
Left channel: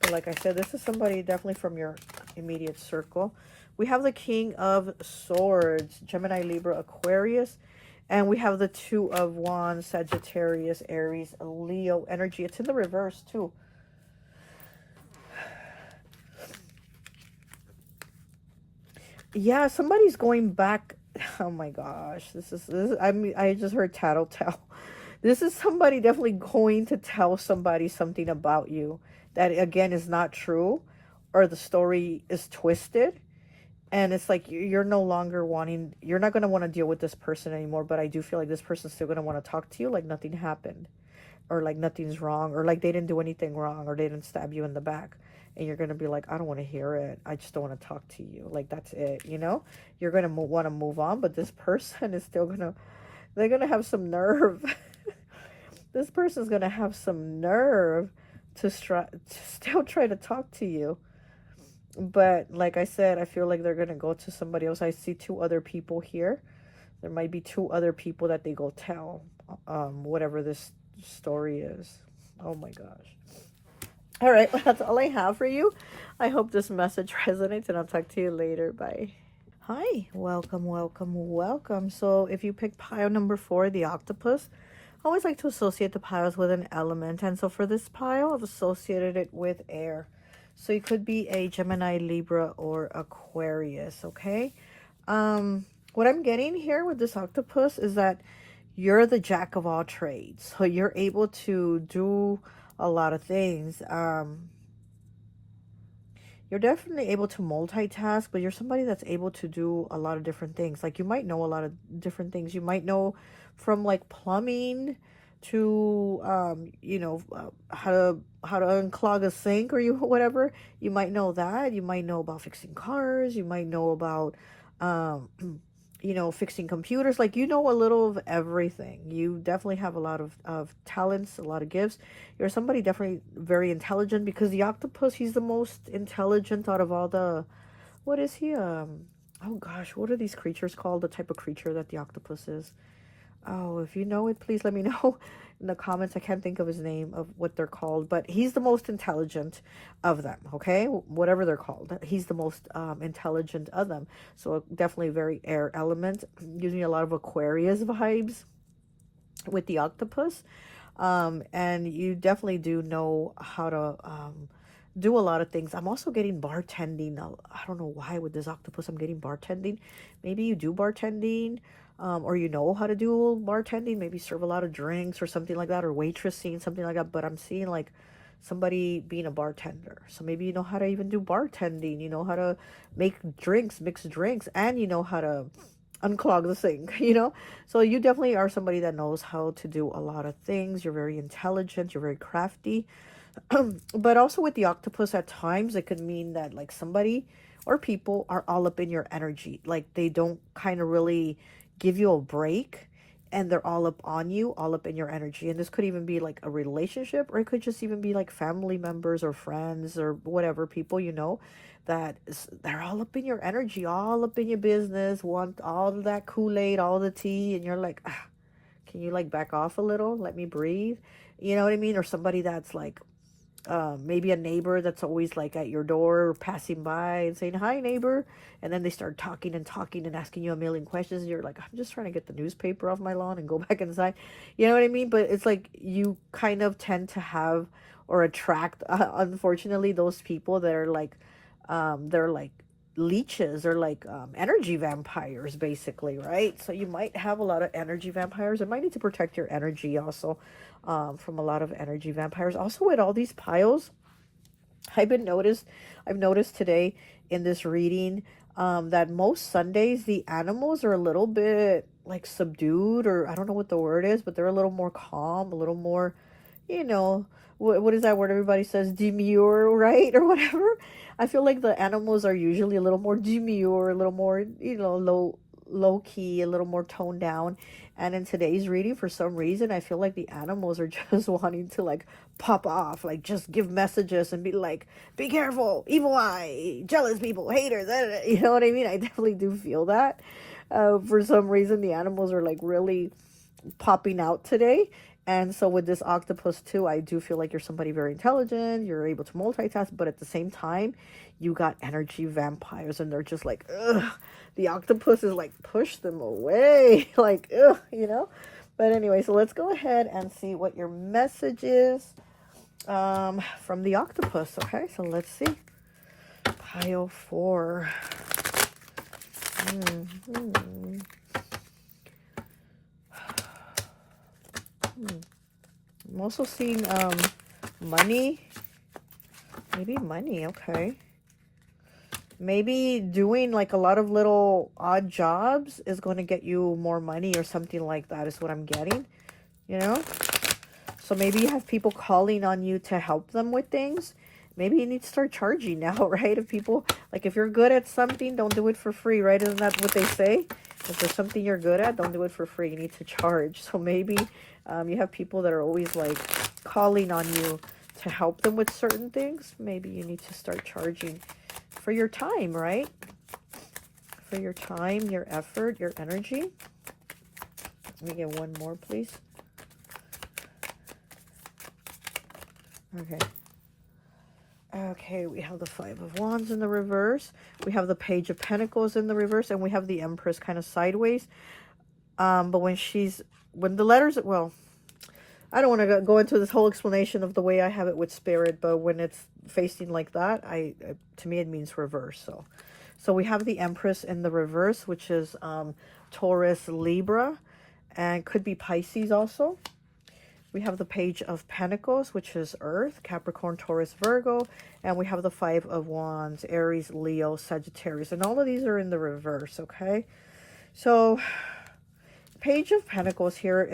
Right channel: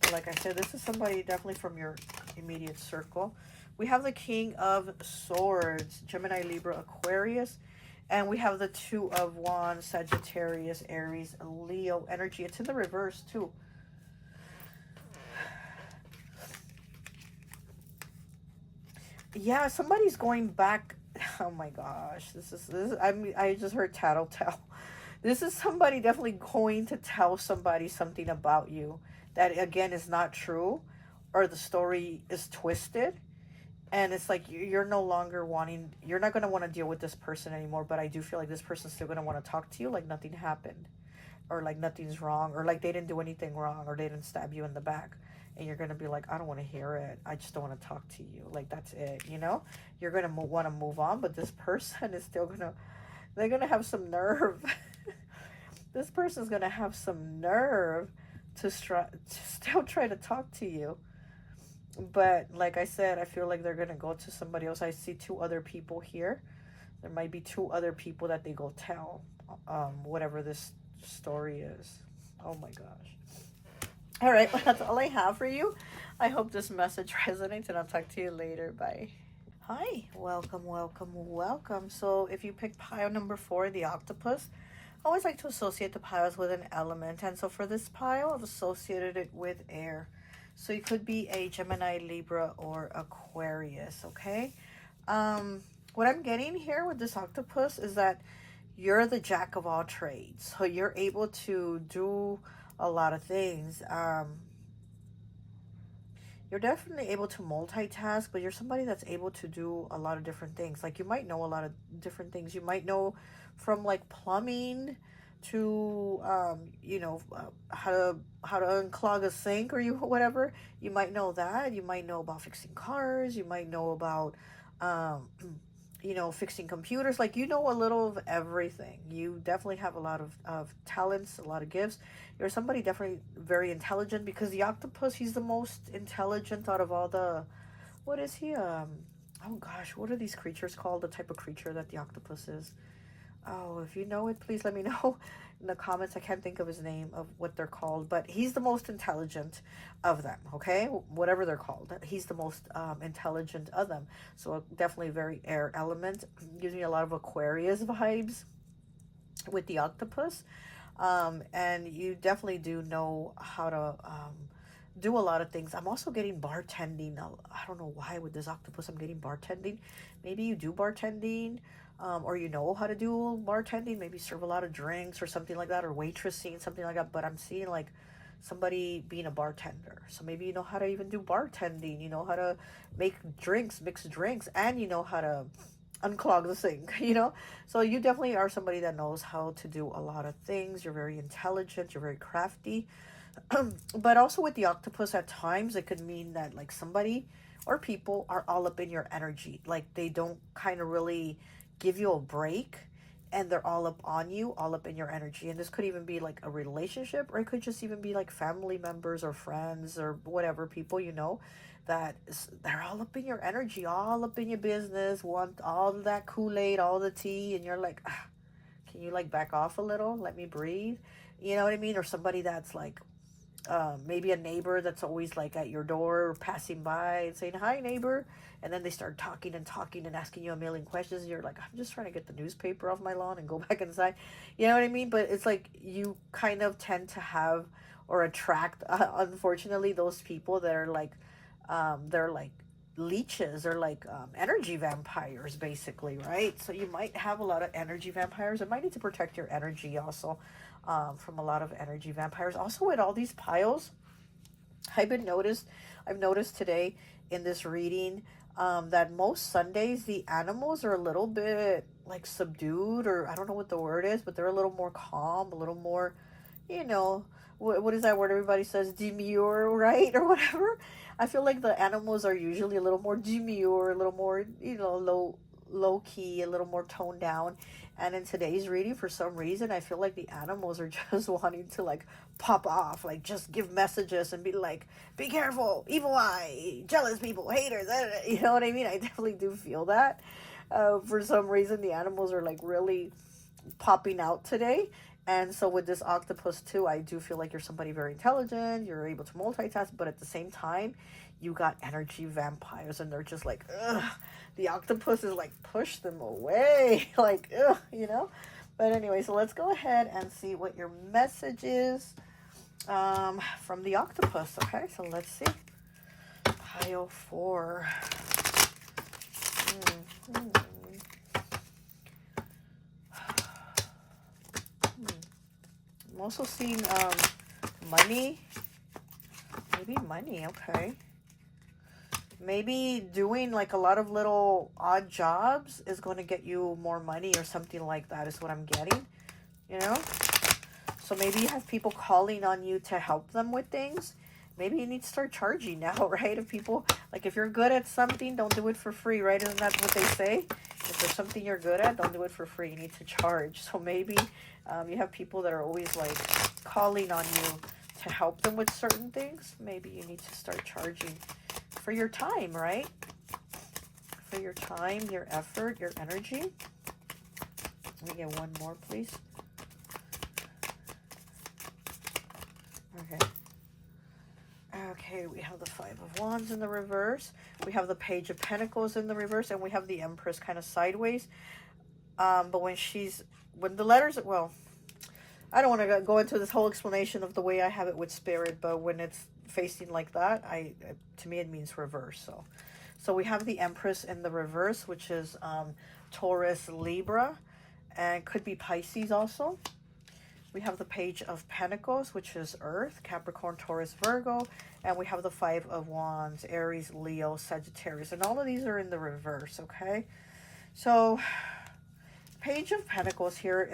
But like I said, this is somebody definitely from your immediate circle. We have the King of Swords, Gemini, Libra, Aquarius, and we have the 2 of Wands, Sagittarius, Aries, Leo energy. It's in the reverse too. Yeah, somebody's going back. Oh my gosh, this is I just heard tattletale. This is somebody definitely going to tell somebody something about you that again is not true, or the story is twisted, and it's like you're no longer wanting, you're not going to want to deal with this person anymore. But I do feel like this person's still going to want to talk to you like nothing happened, or like nothing's wrong, or like they didn't do anything wrong, or they didn't stab you in the back. And you're going to be like, I don't want to hear it. I just don't want to talk to you. Like, that's it, you know? You're going to want to move on, but this person is still going to, they're going to have some nerve. This person's going to have some nerve to still try to talk to you. But like I said, I feel like they're going to go to somebody else. I see 2 other people here. There might be 2 other people that they go tell, whatever this story is. Oh my gosh. All right, well, that's all I have for you. I hope this message resonates, and I'll talk to you later. Bye. Hi, welcome, welcome, welcome. So if you pick pile number 4, the octopus, I always like to associate the piles with an element. And so for this pile, I've associated it with air. So it could be a Gemini, Libra, or Aquarius, okay? What I'm getting here with this octopus is that you're the jack of all trades. So you're able to do a lot of things. You're definitely able to multitask, but you're somebody that's able to do a lot of different things. Like, you might know a lot of different things. You might know from like plumbing to you know, how to unclog a sink, or whatever. You might know that. You might know about fixing cars. You might know about you know, fixing computers. Like, you know a little of everything. You definitely have a lot of talents, a lot of gifts. You're somebody definitely very intelligent, because the octopus, he's the most intelligent out of all the, what is he? Oh gosh, what are these creatures called? The type of creature that the octopus is. Oh, if you know it, please let me know in the comments. I can't think of his name, of what they're called, but he's the most intelligent of them, okay? Whatever they're called, he's the most intelligent of them. So definitely very air element. Gives me a lot of Aquarius vibes with the octopus. And you definitely do know how to do a lot of things. I'm also getting bartending. I don't know why with this octopus I'm getting bartending. Maybe you do bartending, or you know how to do bartending, maybe serve a lot of drinks or something like that, or waitressing, something like that. But I'm seeing like somebody being a bartender. So maybe you know how to even do bartending, you know how to make drinks, mix drinks, and you know how to unclog the sink, you know? So you definitely are somebody that knows how to do a lot of things. You're very intelligent, you're very crafty. But also with the octopus, at times it could mean that like somebody or people are all up in your energy. Like, they don't kind of really give you a break, and they're all up on you, all up in your energy. And this could even be like a relationship, or it could just even be like family members or friends or whatever, people you know, that they're all up in your energy, all up in your business, want all that Kool-Aid, all the tea, and you're like, can you like back off a little, let me breathe, you know what I mean? Or somebody that's like maybe a neighbor that's always like at your door, passing by and saying, hi neighbor, and then they start talking and talking and asking you a million questions, and you're like, I'm just trying to get the newspaper off my lawn and go back inside, you know what I mean? But it's like you kind of tend to have or attract, unfortunately, those people that are like they're like leeches, or like energy vampires, basically, right? So you might have a lot of energy vampires. I might need to protect your energy also from a lot of energy vampires. Also, with all these piles, I've noticed today in this reading that most Sundays the animals are a little bit like subdued, or I don't know what the word is, but they're a little more calm, a little more, you know, what is that word everybody says, demure, right? Or whatever. I feel like the animals are usually a little more demure, a little more, you know, low key, a little more toned down. And in today's reading, for some reason, I feel like the animals are just wanting to like pop off, like just give messages and be like, be careful, evil eye, jealous people, haters, you know what I mean? I definitely do feel that. For some reason, the animals are like really popping out today. And so with this octopus too, I do feel like you're somebody very intelligent, you're able to multitask, but at the same time, you got energy vampires, and they're just like, ugh. The octopus is like, push them away, like, ugh, you know? But anyway, so let's go ahead and see what your message is from the octopus, okay? So let's see. Pile 4. I'm also seeing money. Maybe money, okay. Maybe doing like a lot of little odd jobs is going to get you more money, or something like that is what I'm getting, you know? So maybe you have people calling on you to help them with things. Maybe you need to start charging now, right? If people, like, if you're good at something, don't do it for free, right? Isn't that what they say? If there's something you're good at, don't do it for free. You need to charge. So maybe you have people that are always like calling on you to help them with certain things. Maybe you need to start charging for your time, right? For your time, your effort, your energy. Let me get one more, please. Okay. Okay, we have the Five of Wands in the reverse. We have the Page of Pentacles in the reverse, and we have the Empress kind of sideways. But when the letters, well, I don't want to go into this whole explanation of the way I have it with Spirit, but when it's facing like that, to me it means reverse. So we have the Empress in the reverse, which is Taurus, Libra, and could be Pisces also. We have the Page of Pentacles, which is Earth, Capricorn, Taurus, Virgo, and we have the Five of Wands, Aries, Leo, Sagittarius, and all of these are in the reverse, okay? So, Page of Pentacles here,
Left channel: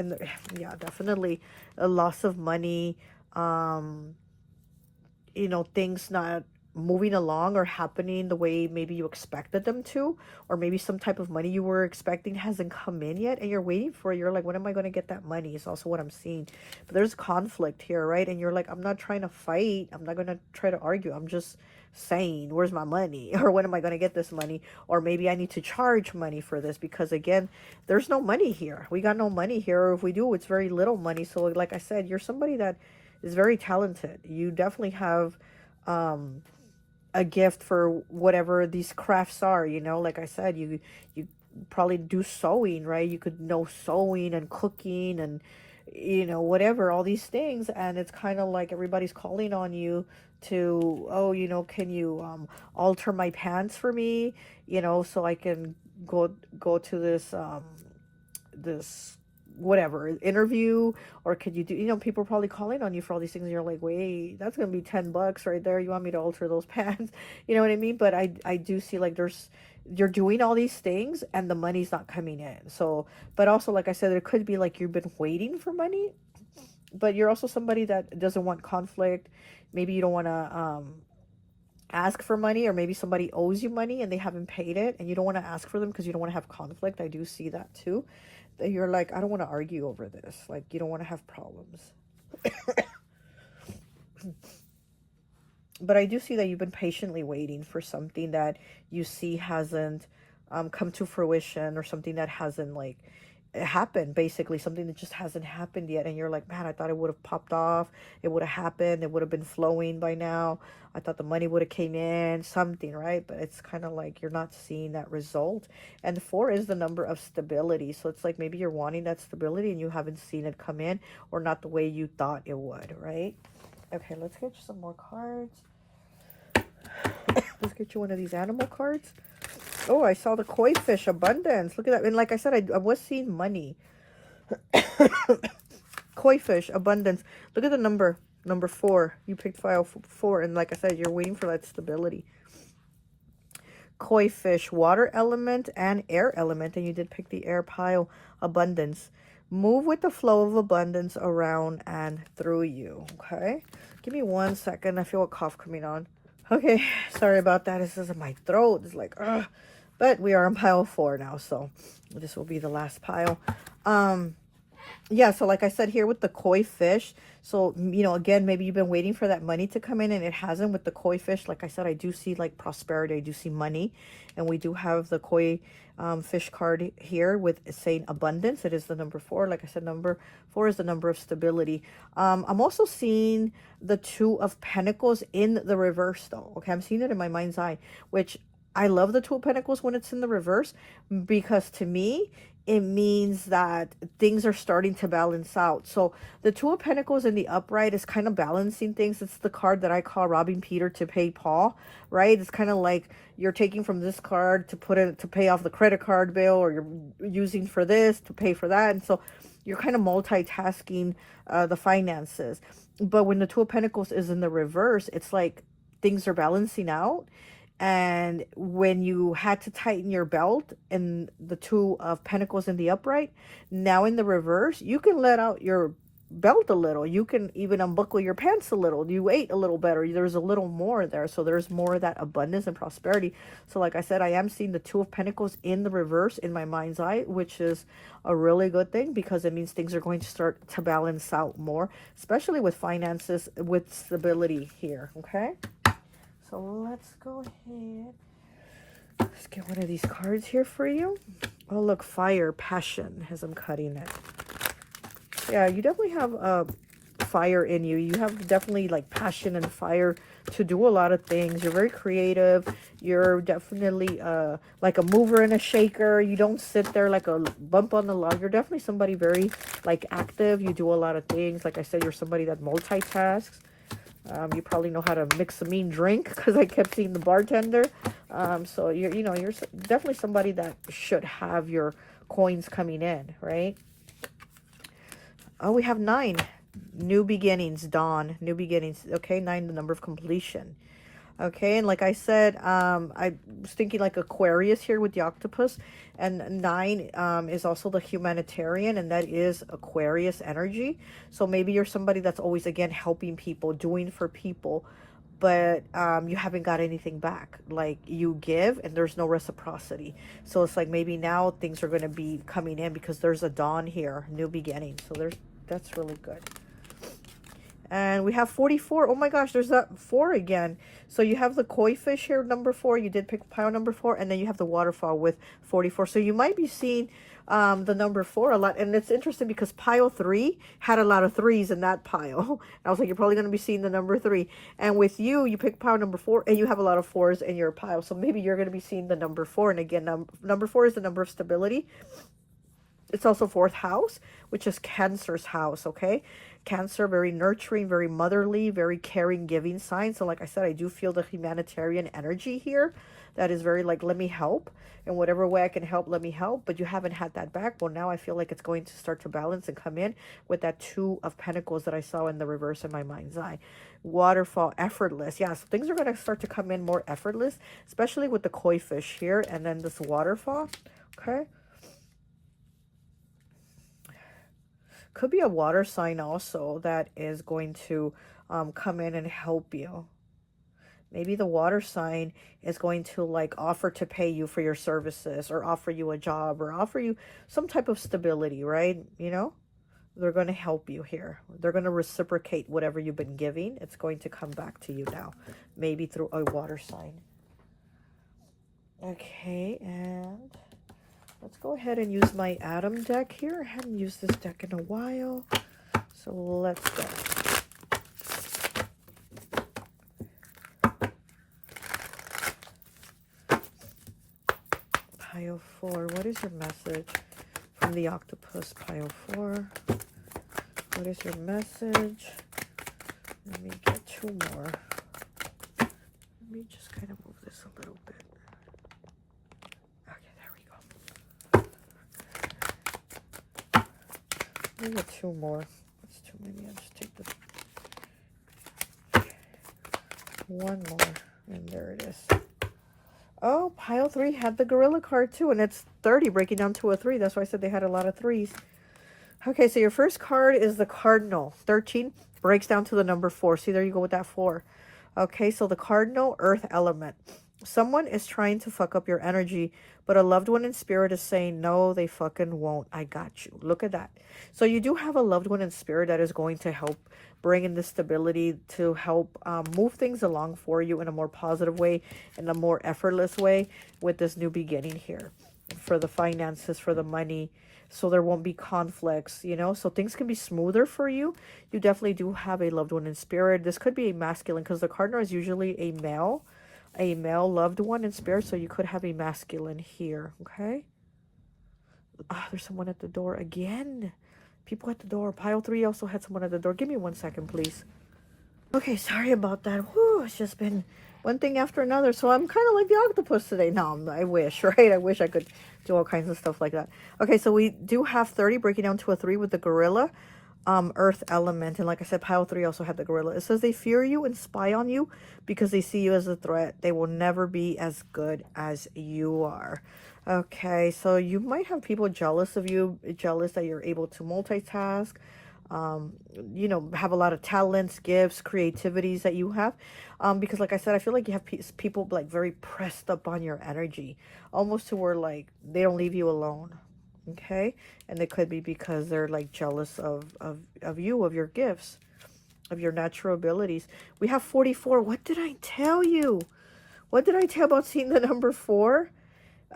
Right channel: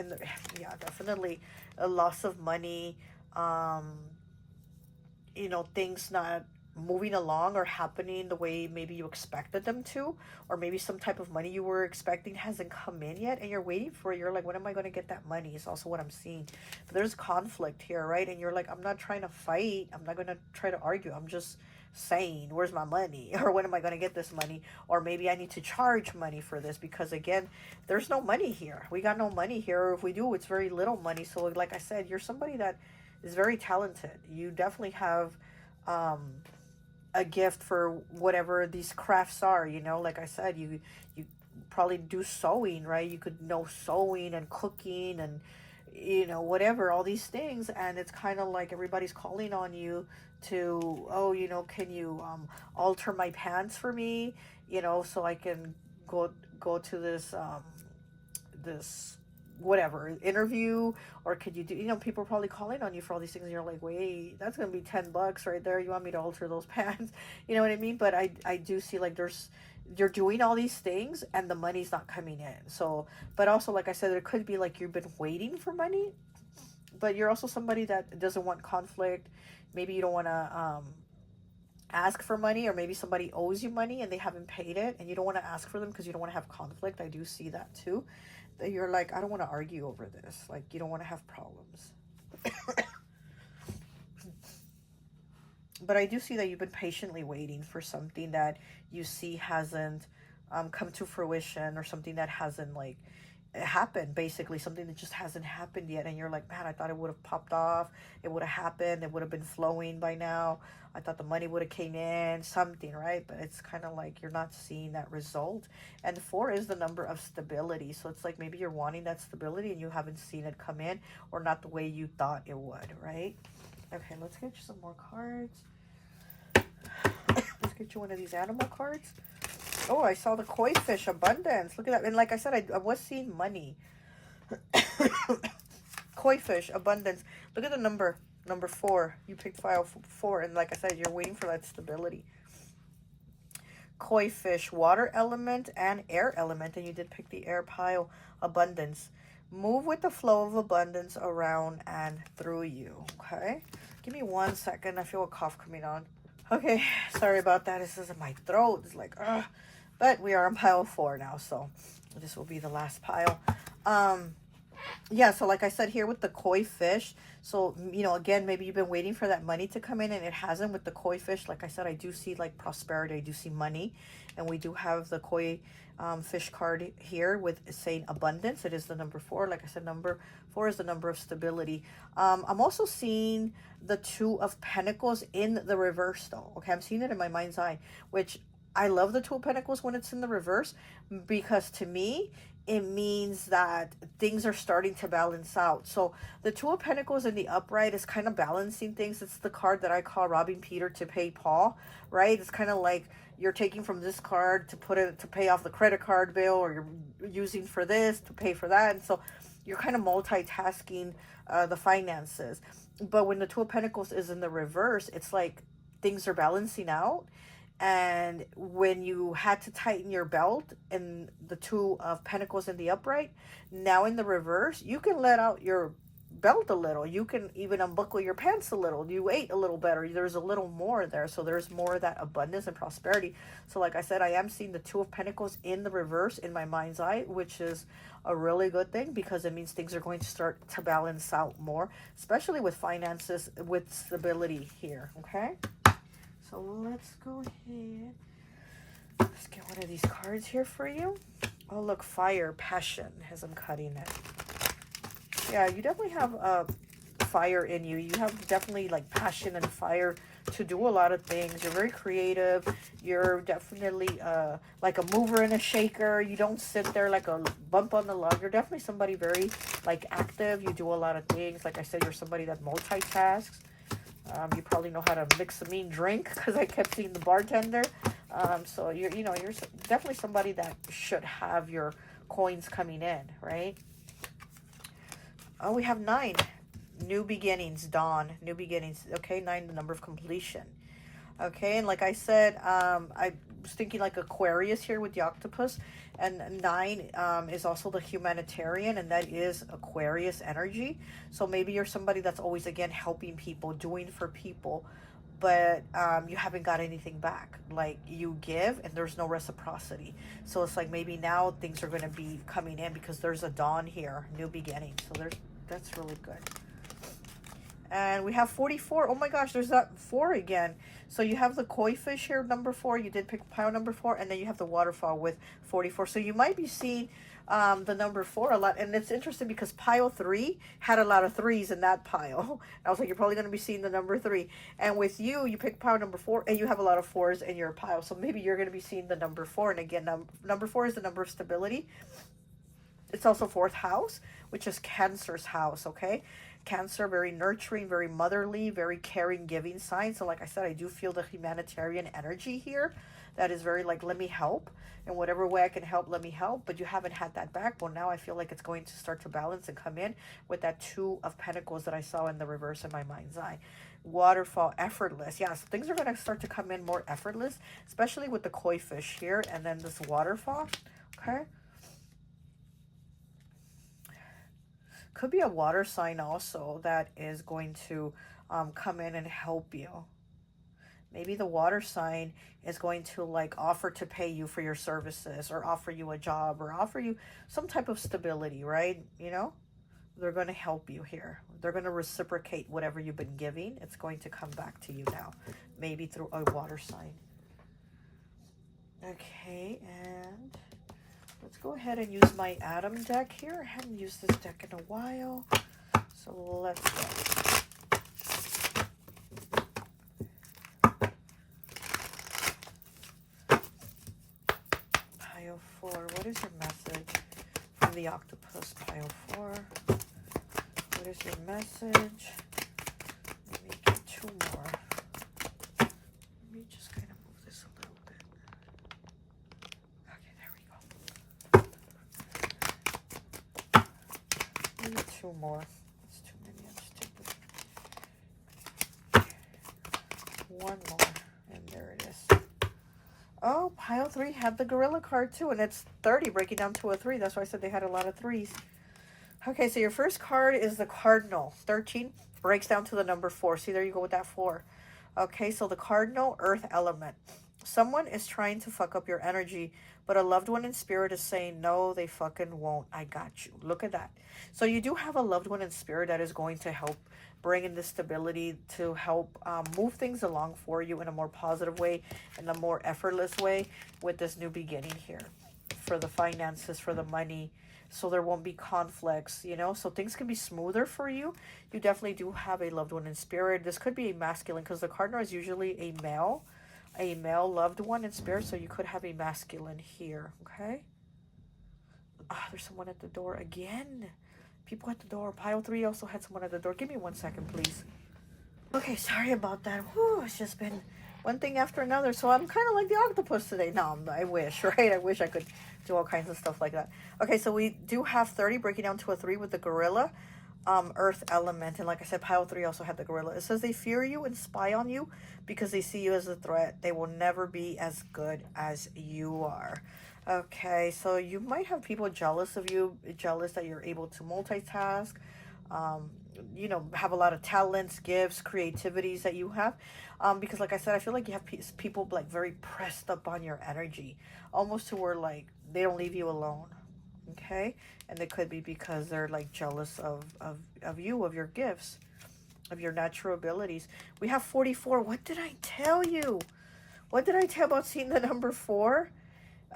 yeah, definitely a loss of money, you know, things not moving along or happening the way maybe you expected them to, or maybe some type of money you were expecting hasn't come in yet and you're waiting for it. You're like, when am I going to get that money? Is also what I'm seeing. But there's conflict here, right? And you're like, I'm not trying to fight, I'm not going to try to argue, I'm just saying, where's my money? Or when am I going to get this money? Or maybe I need to charge money for this, because again, there's no money here. We got no money here, or if we do, it's very little money. So like I said, you're somebody that is very talented. You definitely have a gift for whatever these crafts are, you know. Like I said, you probably do sewing, right? You could know sewing and cooking and, you know, whatever, all these things. And it's kind of like everybody's calling on you to, oh, you know, can you alter my pants for me, you know, so I can go to this this whatever interview, or could you do, you know, people are probably calling on you for all these things, and you're like, wait, that's gonna be $10 right there, you want me to alter those pants? You know what I mean? But I do see like you're doing all these things and the money's not coming in. So, but also, like I said, it could be like you've been waiting for money, but you're also somebody that doesn't want conflict. Maybe you don't want to ask for money, or maybe somebody owes you money and they haven't paid it, and you don't want to ask for them because you don't want to have conflict. I do see that too, that you're like, I don't want to argue over this. Like, you don't want to have problems. But I do see that you've been patiently waiting for something that you see hasn't come to fruition, or something that hasn't like happened, basically something that just hasn't happened yet. And you're like, man, I thought it would have popped off, it would have happened, it would have been flowing by now, I thought the money would have came in, something, right? But it's kind of like you're not seeing that result. And 4 is the number of stability, so it's like maybe you're wanting that stability and you haven't seen it come in, or not the way you thought it would, right? Okay, let's get you some more cards. Let's get you one of these animal cards. Oh, I saw the koi fish abundance. Look at that. And like I said, I was seeing money. Koi fish abundance. Look at the number 4. You picked file 4, and like I said, you're waiting for that stability. Koi fish, water element and air element, and you did pick the air pile. Abundance. Move with the flow of abundance around and through you. Okay, give me 1 second. I feel a cough coming on. Okay, sorry about that. This is in my throat. It's like, ugh. But we are on pile 4 now, so this will be the last pile. Yeah, so like I said here with the koi fish, so, you know, again, maybe you've been waiting for that money to come in and it hasn't. With the koi fish, like I said, I do see like prosperity, I do see money, and we do have the koi fish card here with saying abundance. It is the number 4. Like I said, number 4 is the number of stability. I'm also seeing the 2 of Pentacles in the reverse though. Okay, I'm seeing it in my mind's eye, which I love the 2 of Pentacles when it's in the reverse, because to me, it means that things are starting to balance out. So the 2 of Pentacles in the upright is kind of balancing things. It's the card that I call robbing Peter to pay Paul, right? It's kind of like you're taking from this card to put it to pay off the credit card bill, or you're using for this to pay for that. And so you're kind of multitasking the finances. But when the 2 of Pentacles is in the reverse, it's like things are balancing out. And when you had to tighten your belt in the 2 of Pentacles in the upright, now in the reverse, you can let out your belt a little. You can even unbuckle your pants a little. You ate a little better. There's a little more there. So there's more of that abundance and prosperity. So like I said, I am seeing the Two of Pentacles in the reverse in my mind's eye, which is a really good thing because it means things are going to start to balance out more, especially with finances, with stability here. Okay. So let's go ahead. Let's get one of these cards here for you. Oh, look, fire, passion, as I'm cutting it. Yeah, you definitely have fire in you. You have definitely like passion and fire to do a lot of things. You're very creative. You're definitely like a mover and a shaker. You don't sit there like a bump on the log. You're definitely somebody very like active. You do a lot of things. Like I said, you're somebody that multitasks. You probably know how to mix a mean drink because I kept seeing the bartender. So you're definitely somebody that should have your coins coming in, right? Oh, we have 9. New beginnings, dawn, new beginnings. Okay, 9, the number of completion. Okay, and like I said, I was thinking like Aquarius here with the octopus. And 9 is also the humanitarian, and that is Aquarius energy. So maybe you're somebody that's always, again, helping people, doing for people, but you haven't got anything back. Like you give and there's no reciprocity. So it's like maybe now things are going to be coming in because there's a dawn here, new beginning. So that's really good. And we have 44. Oh my gosh, there's that 4 again. So you have the koi fish here, number 4. You did pick pile number 4. And then you have the waterfall with 44. So you might be seeing the number 4 a lot. And it's interesting because pile 3 had a lot of 3s in that pile. And I was like, you're probably going to be seeing the number 3. And with you, you pick pile number 4 and you have a lot of 4s in your pile. So maybe you're going to be seeing the number 4. And again, number 4 is the number of stability. It's also 4th house, which is Cancer's house, okay? Cancer, very nurturing, very motherly, very caring, giving sign. So like I said, I do feel the humanitarian energy here. That is very like, let me help. In whatever way I can help, let me help. But you haven't had that back. Well, now I feel like it's going to start to balance and come in with that 2 of Pentacles that I saw in the reverse in my mind's eye. Waterfall, effortless. Yes, things are going to start to come in more effortless, especially with the koi fish here. And then this waterfall, okay? Could be a water sign also that is going to come in and help you. Maybe the water sign is going to like offer to pay you for your services or offer you a job or offer you some type of stability, right? You know, they're going to help you here. They're going to reciprocate whatever you've been giving. It's going to come back to you now, maybe through a water sign. Okay, and let's go ahead and use my Adam deck here. I haven't used this deck in a while. So let's go. Pile 4. What is your message from the octopus? Pile 4. What is your message? Let me get 2 more. Let me just kind of move this a little bit. I got 2 more. That's too many. I'll just take this. 1 more. And there it is. Oh, pile 3 had the gorilla card too. And it's 30 breaking down to a 3. That's why I said they had a lot of 3s. Okay, so your first card is the cardinal. 13 breaks down to the number 4. See, there you go with that 4. Okay, so the cardinal, earth element. Someone is trying to fuck up your energy, but a loved one in spirit is saying, no, they fucking won't. I got you. Look at that. So you do have a loved one in spirit that is going to help bring in this stability, to help move things along for you in a more positive way, in a more effortless way with this new beginning here. For the finances, for the money, so there won't be conflicts, you know, so things can be smoother for you. You definitely do have a loved one in spirit. This could be a masculine because the cardinal is usually a male loved one in spirit, so you could have a masculine here. Okay. There's someone at the door again. People at the door. Pile 3 also had someone at the door. Give me 1 second, please. Okay, sorry about that. Whew, it's just been one thing after another. So I'm kind of like the octopus today. No, I wish, right? I wish I could do all kinds of stuff like that. Okay, so we do have 30 breaking down to a 3 with the gorilla. Earth element. And like I said, pile 3 also had the gorilla. It says they fear you and spy on you because they see you as a threat. They will never be as good as you are. Okay, so you might have people jealous of you, jealous that you're able to multitask. you know, have a lot of talents, gifts, creativities that you have. Because like I said, I feel like you have people like very pressed up on your energy, almost to where like they don't leave you alone. Okay. And it could be because they're like jealous of you, of your gifts, of your natural abilities. We have 44. What did I tell you? What did I tell about seeing the number 4?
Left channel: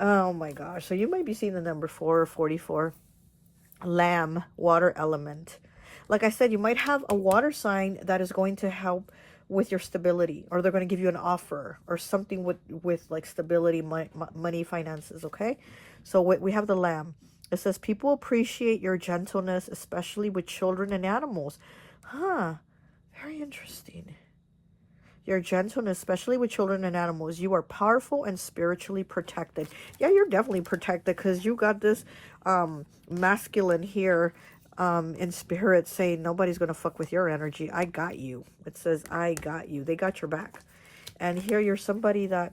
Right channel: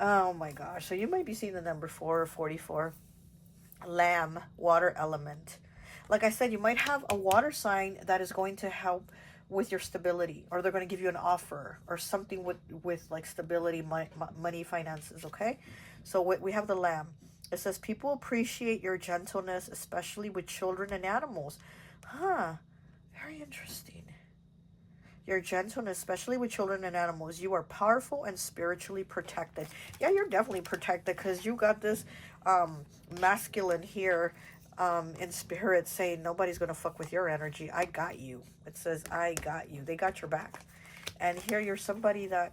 Oh my gosh. So you might be seeing the number 4 or 44. Lamb, water element. Like I said, you might have a water sign that is going to help with your stability, or they're going to give you an offer or something with like stability, money, finances. Okay. So we have the lamb. It says people appreciate your gentleness, especially with children and animals. Huh. Very interesting. Your gentleness, especially with children and animals. You are powerful and spiritually protected. Yeah, you're definitely protected because you got this masculine here in spirit saying nobody's going to fuck with your energy. I got you. It says, I got you. They got your back. And here you're somebody that,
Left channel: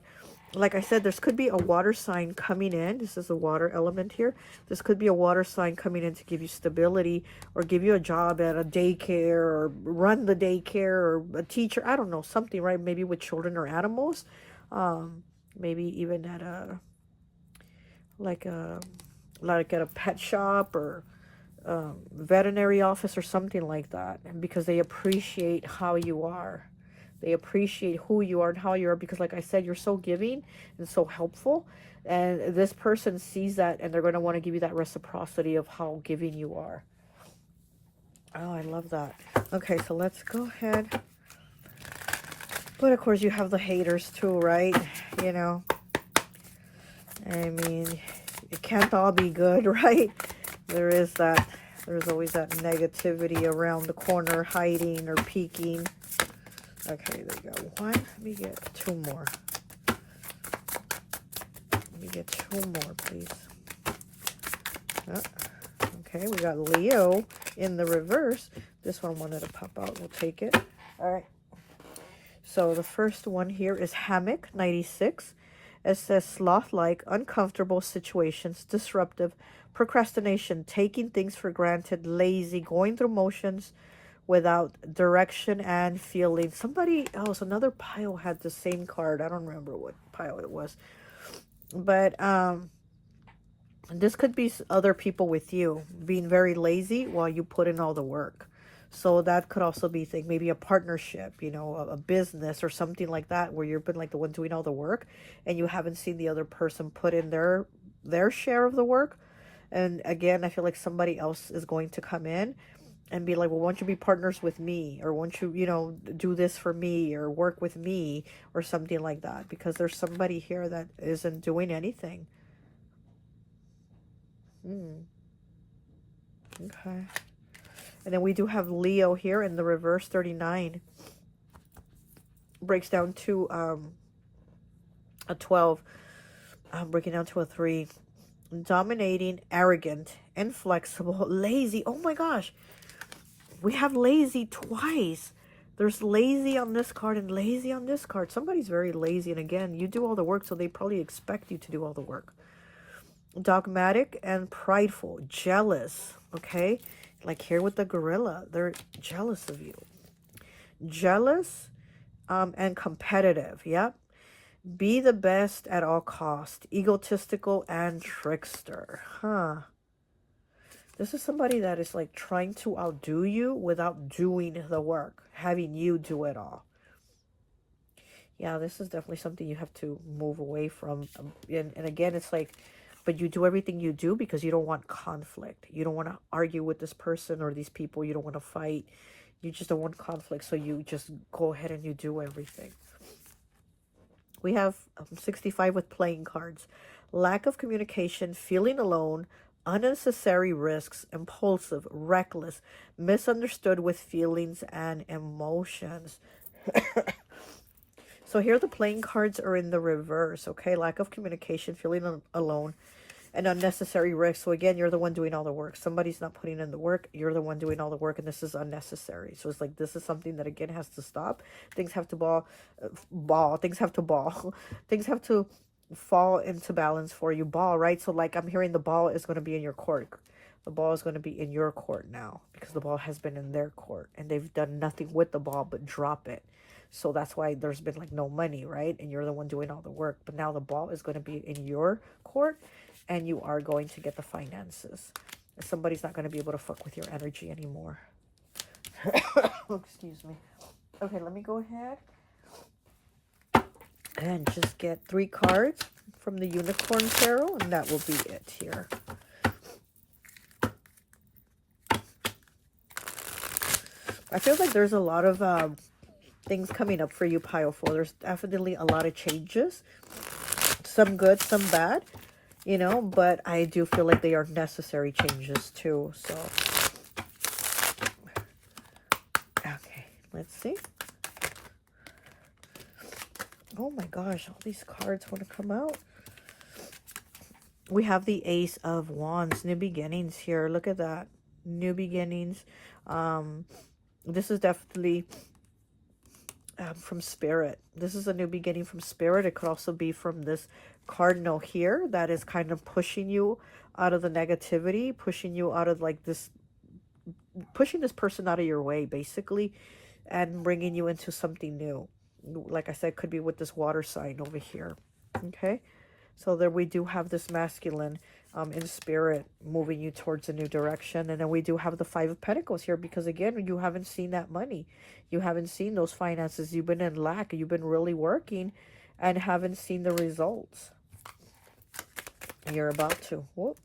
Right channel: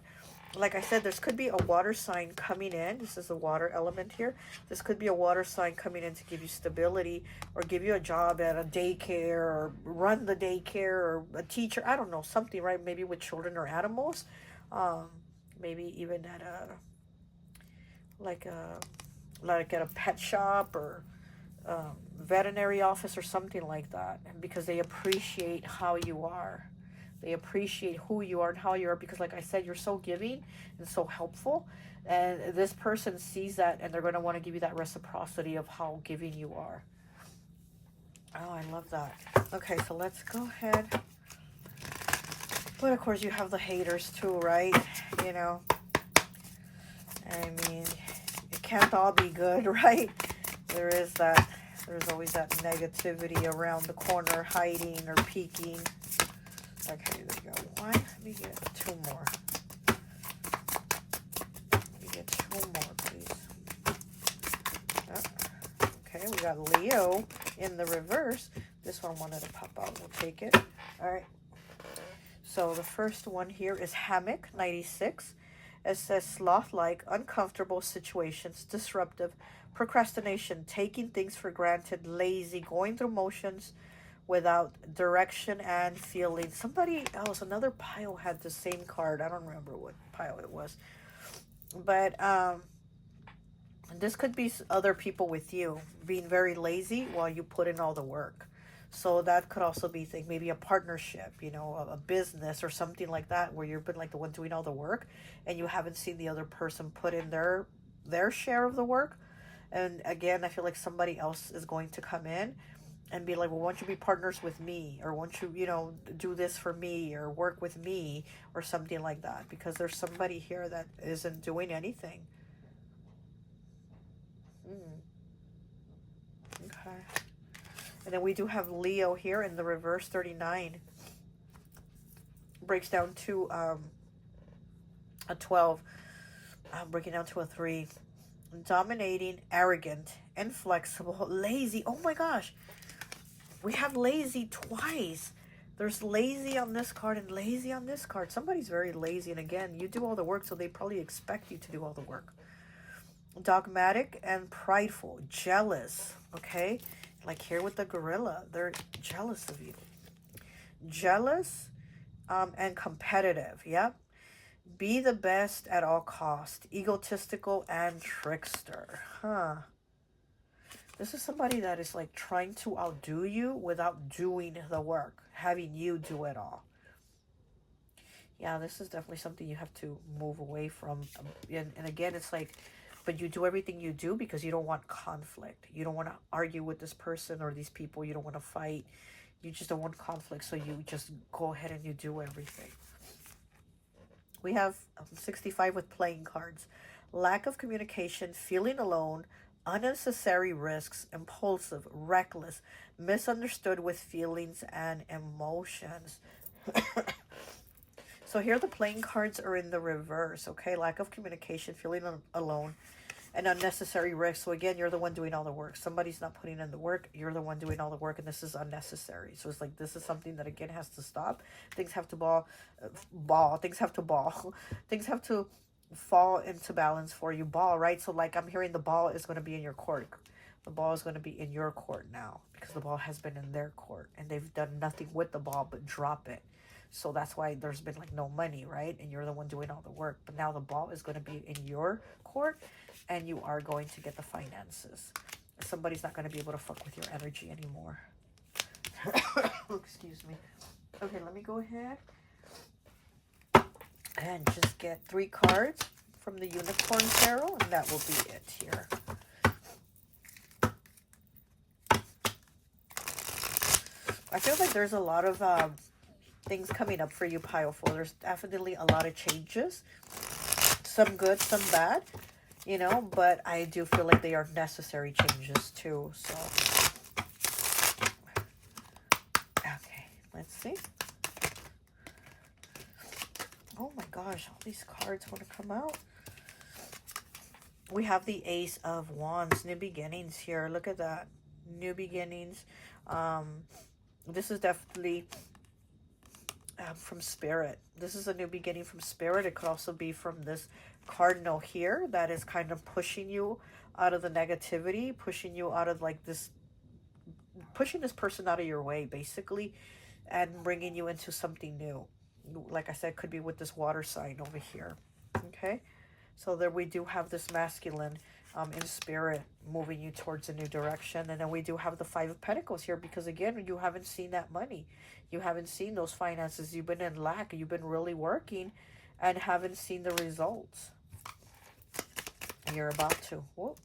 like I said, this could be a water sign coming in. This is a water element here. This could be a water sign coming in to give you stability or give you a job at a daycare or run the daycare or a teacher. I don't know, something, right? Maybe with children or animals. Maybe even at a pet shop or veterinary office or something like that, because they appreciate how you are. They appreciate who you are and how you are, because like I said, you're so giving and so helpful, and this person sees that and they're going to want to give you that reciprocity of how giving you are. Oh, I love that. Okay, so let's go ahead. But of course you have the haters too, right? You know, I mean, it can't all be good, right? There is that. There's always that negativity around the corner, hiding or peeking. Okay, there you go. What? Let me get 2 more. Let me get 2 more, please. Oh, okay, we got Leo in the reverse. This one wanted to pop out. We'll take it. All right. So the first one here is Hammock 96. It says sloth-like, uncomfortable situations, disruptive, procrastination, taking things for granted, lazy, going through motions without direction and feeling. Somebody else, another pile had the same card. I don't remember what pile it was. But this could be other people with you being very lazy while you put in all the work. So that could also be maybe a partnership, you know, a business or something like that, where you've been like the one doing all the work and you haven't seen the other person put in their share of the work. And again, I feel like somebody else is going to come in and be like, well, why don't you be partners with me? Or why don't you, you know, do this for me or work with me or something like that? Because there's somebody here that isn't doing anything. Okay. And then we do have Leo here in the reverse, 39. Breaks down to a 12. Breaking down to a 3. Dominating, arrogant, inflexible, lazy. Oh my gosh. We have lazy twice. There's lazy on this card and lazy on this card. Somebody's very lazy. And again, you do all the work, so they probably expect you to do all the work. Dogmatic and prideful, jealous. Okay. Like here with the gorilla, they're jealous of you. Jealous and competitive. Yep. Be the best at all costs. Egotistical and trickster. Huh. This is somebody that is like trying to outdo you without doing the work. Having you do it all. Yeah, this is definitely something you have to move away from. And again, it's like, but you do everything you do because you don't want conflict. You don't want to argue with this person or these people. You don't want to fight. You just don't want conflict. So you just go ahead and you do everything. We have 65 with playing cards. Lack of communication, feeling alone, unnecessary risks, impulsive, reckless, misunderstood with feelings and emotions. So here the playing cards are in the reverse, okay? Lack of communication, feeling alone, and unnecessary risk. So again, you're the one doing all the work. Somebody's not putting in the work. You're the one doing all the work, and this is unnecessary. So it's like this is something that, again, has to stop. Things have to Things have to Things have to fall into balance for you. Right? So like I'm hearing the ball is going to be in your court. The ball is going to be in your court now, because the ball has been in their court and they've done nothing with the ball but drop it. So that's why there's been like no money, right? And you're the one doing all the work. But now the ball is going to be in your court and you are going to get the finances. And somebody's not going to be able to fuck with your energy anymore. Excuse me. Okay, let me go ahead and just get 3 cards from the Unicorn Tarot, and that will be it here. I feel like there's a lot of things coming up for you, Pile 4. There's definitely a lot of changes. Some good, some bad, you know, but I do feel like they are necessary changes too. So, okay, let's see. Oh my gosh, all these cards want to come out. We have the Ace of Wands, new beginnings here. Look at that, new beginnings. This is definitely from Spirit. This is a new beginning from Spirit. It could also be from this cardinal here that is kind of pushing you out of the negativity, pushing you out of like this, pushing this person out of your way basically, and bringing you into something new. Like I said, could be with this water sign over here. Okay, so there we do have this masculine in Spirit moving you towards a new direction. And then we do have the 5 of Pentacles here, because again, you haven't seen that money, you haven't seen those finances, you've been in lack, you've been really working and haven't seen the results. And you're about to. Whoop.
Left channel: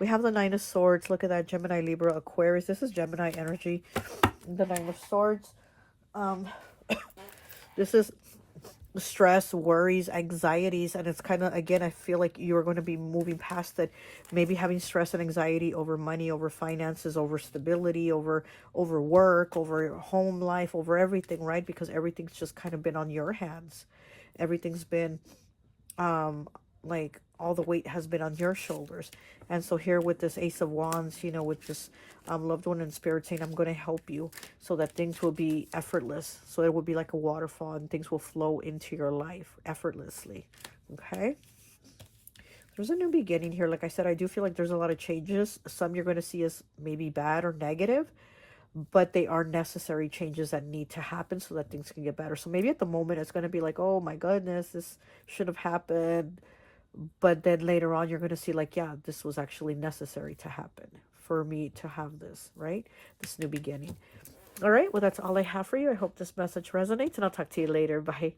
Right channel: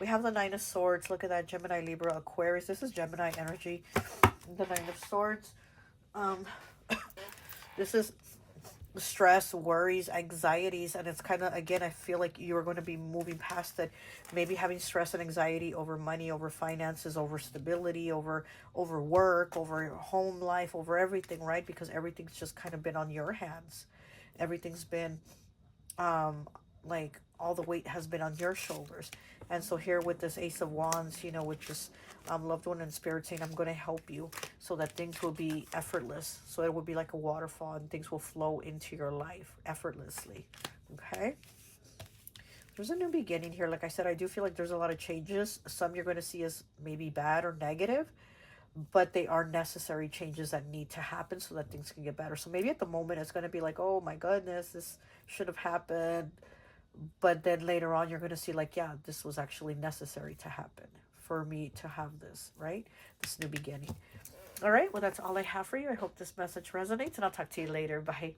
We have the 9 of Swords. Look at that, Gemini, Libra, Aquarius. This is Gemini energy. The 9 of Swords. This is stress, worries, anxieties, and it's kind of, again, I feel like you're going to be moving past it, maybe having stress and anxiety over money, over finances, over stability, over work, over home life, over everything, right? Because everything's just kind of been on your hands. Everything's been like all the weight has been on your shoulders. And so here with this Ace of Wands, you know, with this loved one in Spirit saying, I'm going to help you so that things will be effortless. So it will be like a waterfall and things will flow into your life effortlessly. Okay. There's a new beginning here. Like I said, I do feel like there's a lot of changes. Some you're going to see as maybe bad or negative, but they are necessary changes that need to happen so that things can get better. So maybe at the moment it's going to be like, oh my goodness, this should have happened. But then later on, you're going to see like, yeah, this was actually necessary to happen for me to have this, right? This new beginning. All right. Well, that's all I have for you. I hope this message resonates, and I'll talk to you later. Bye.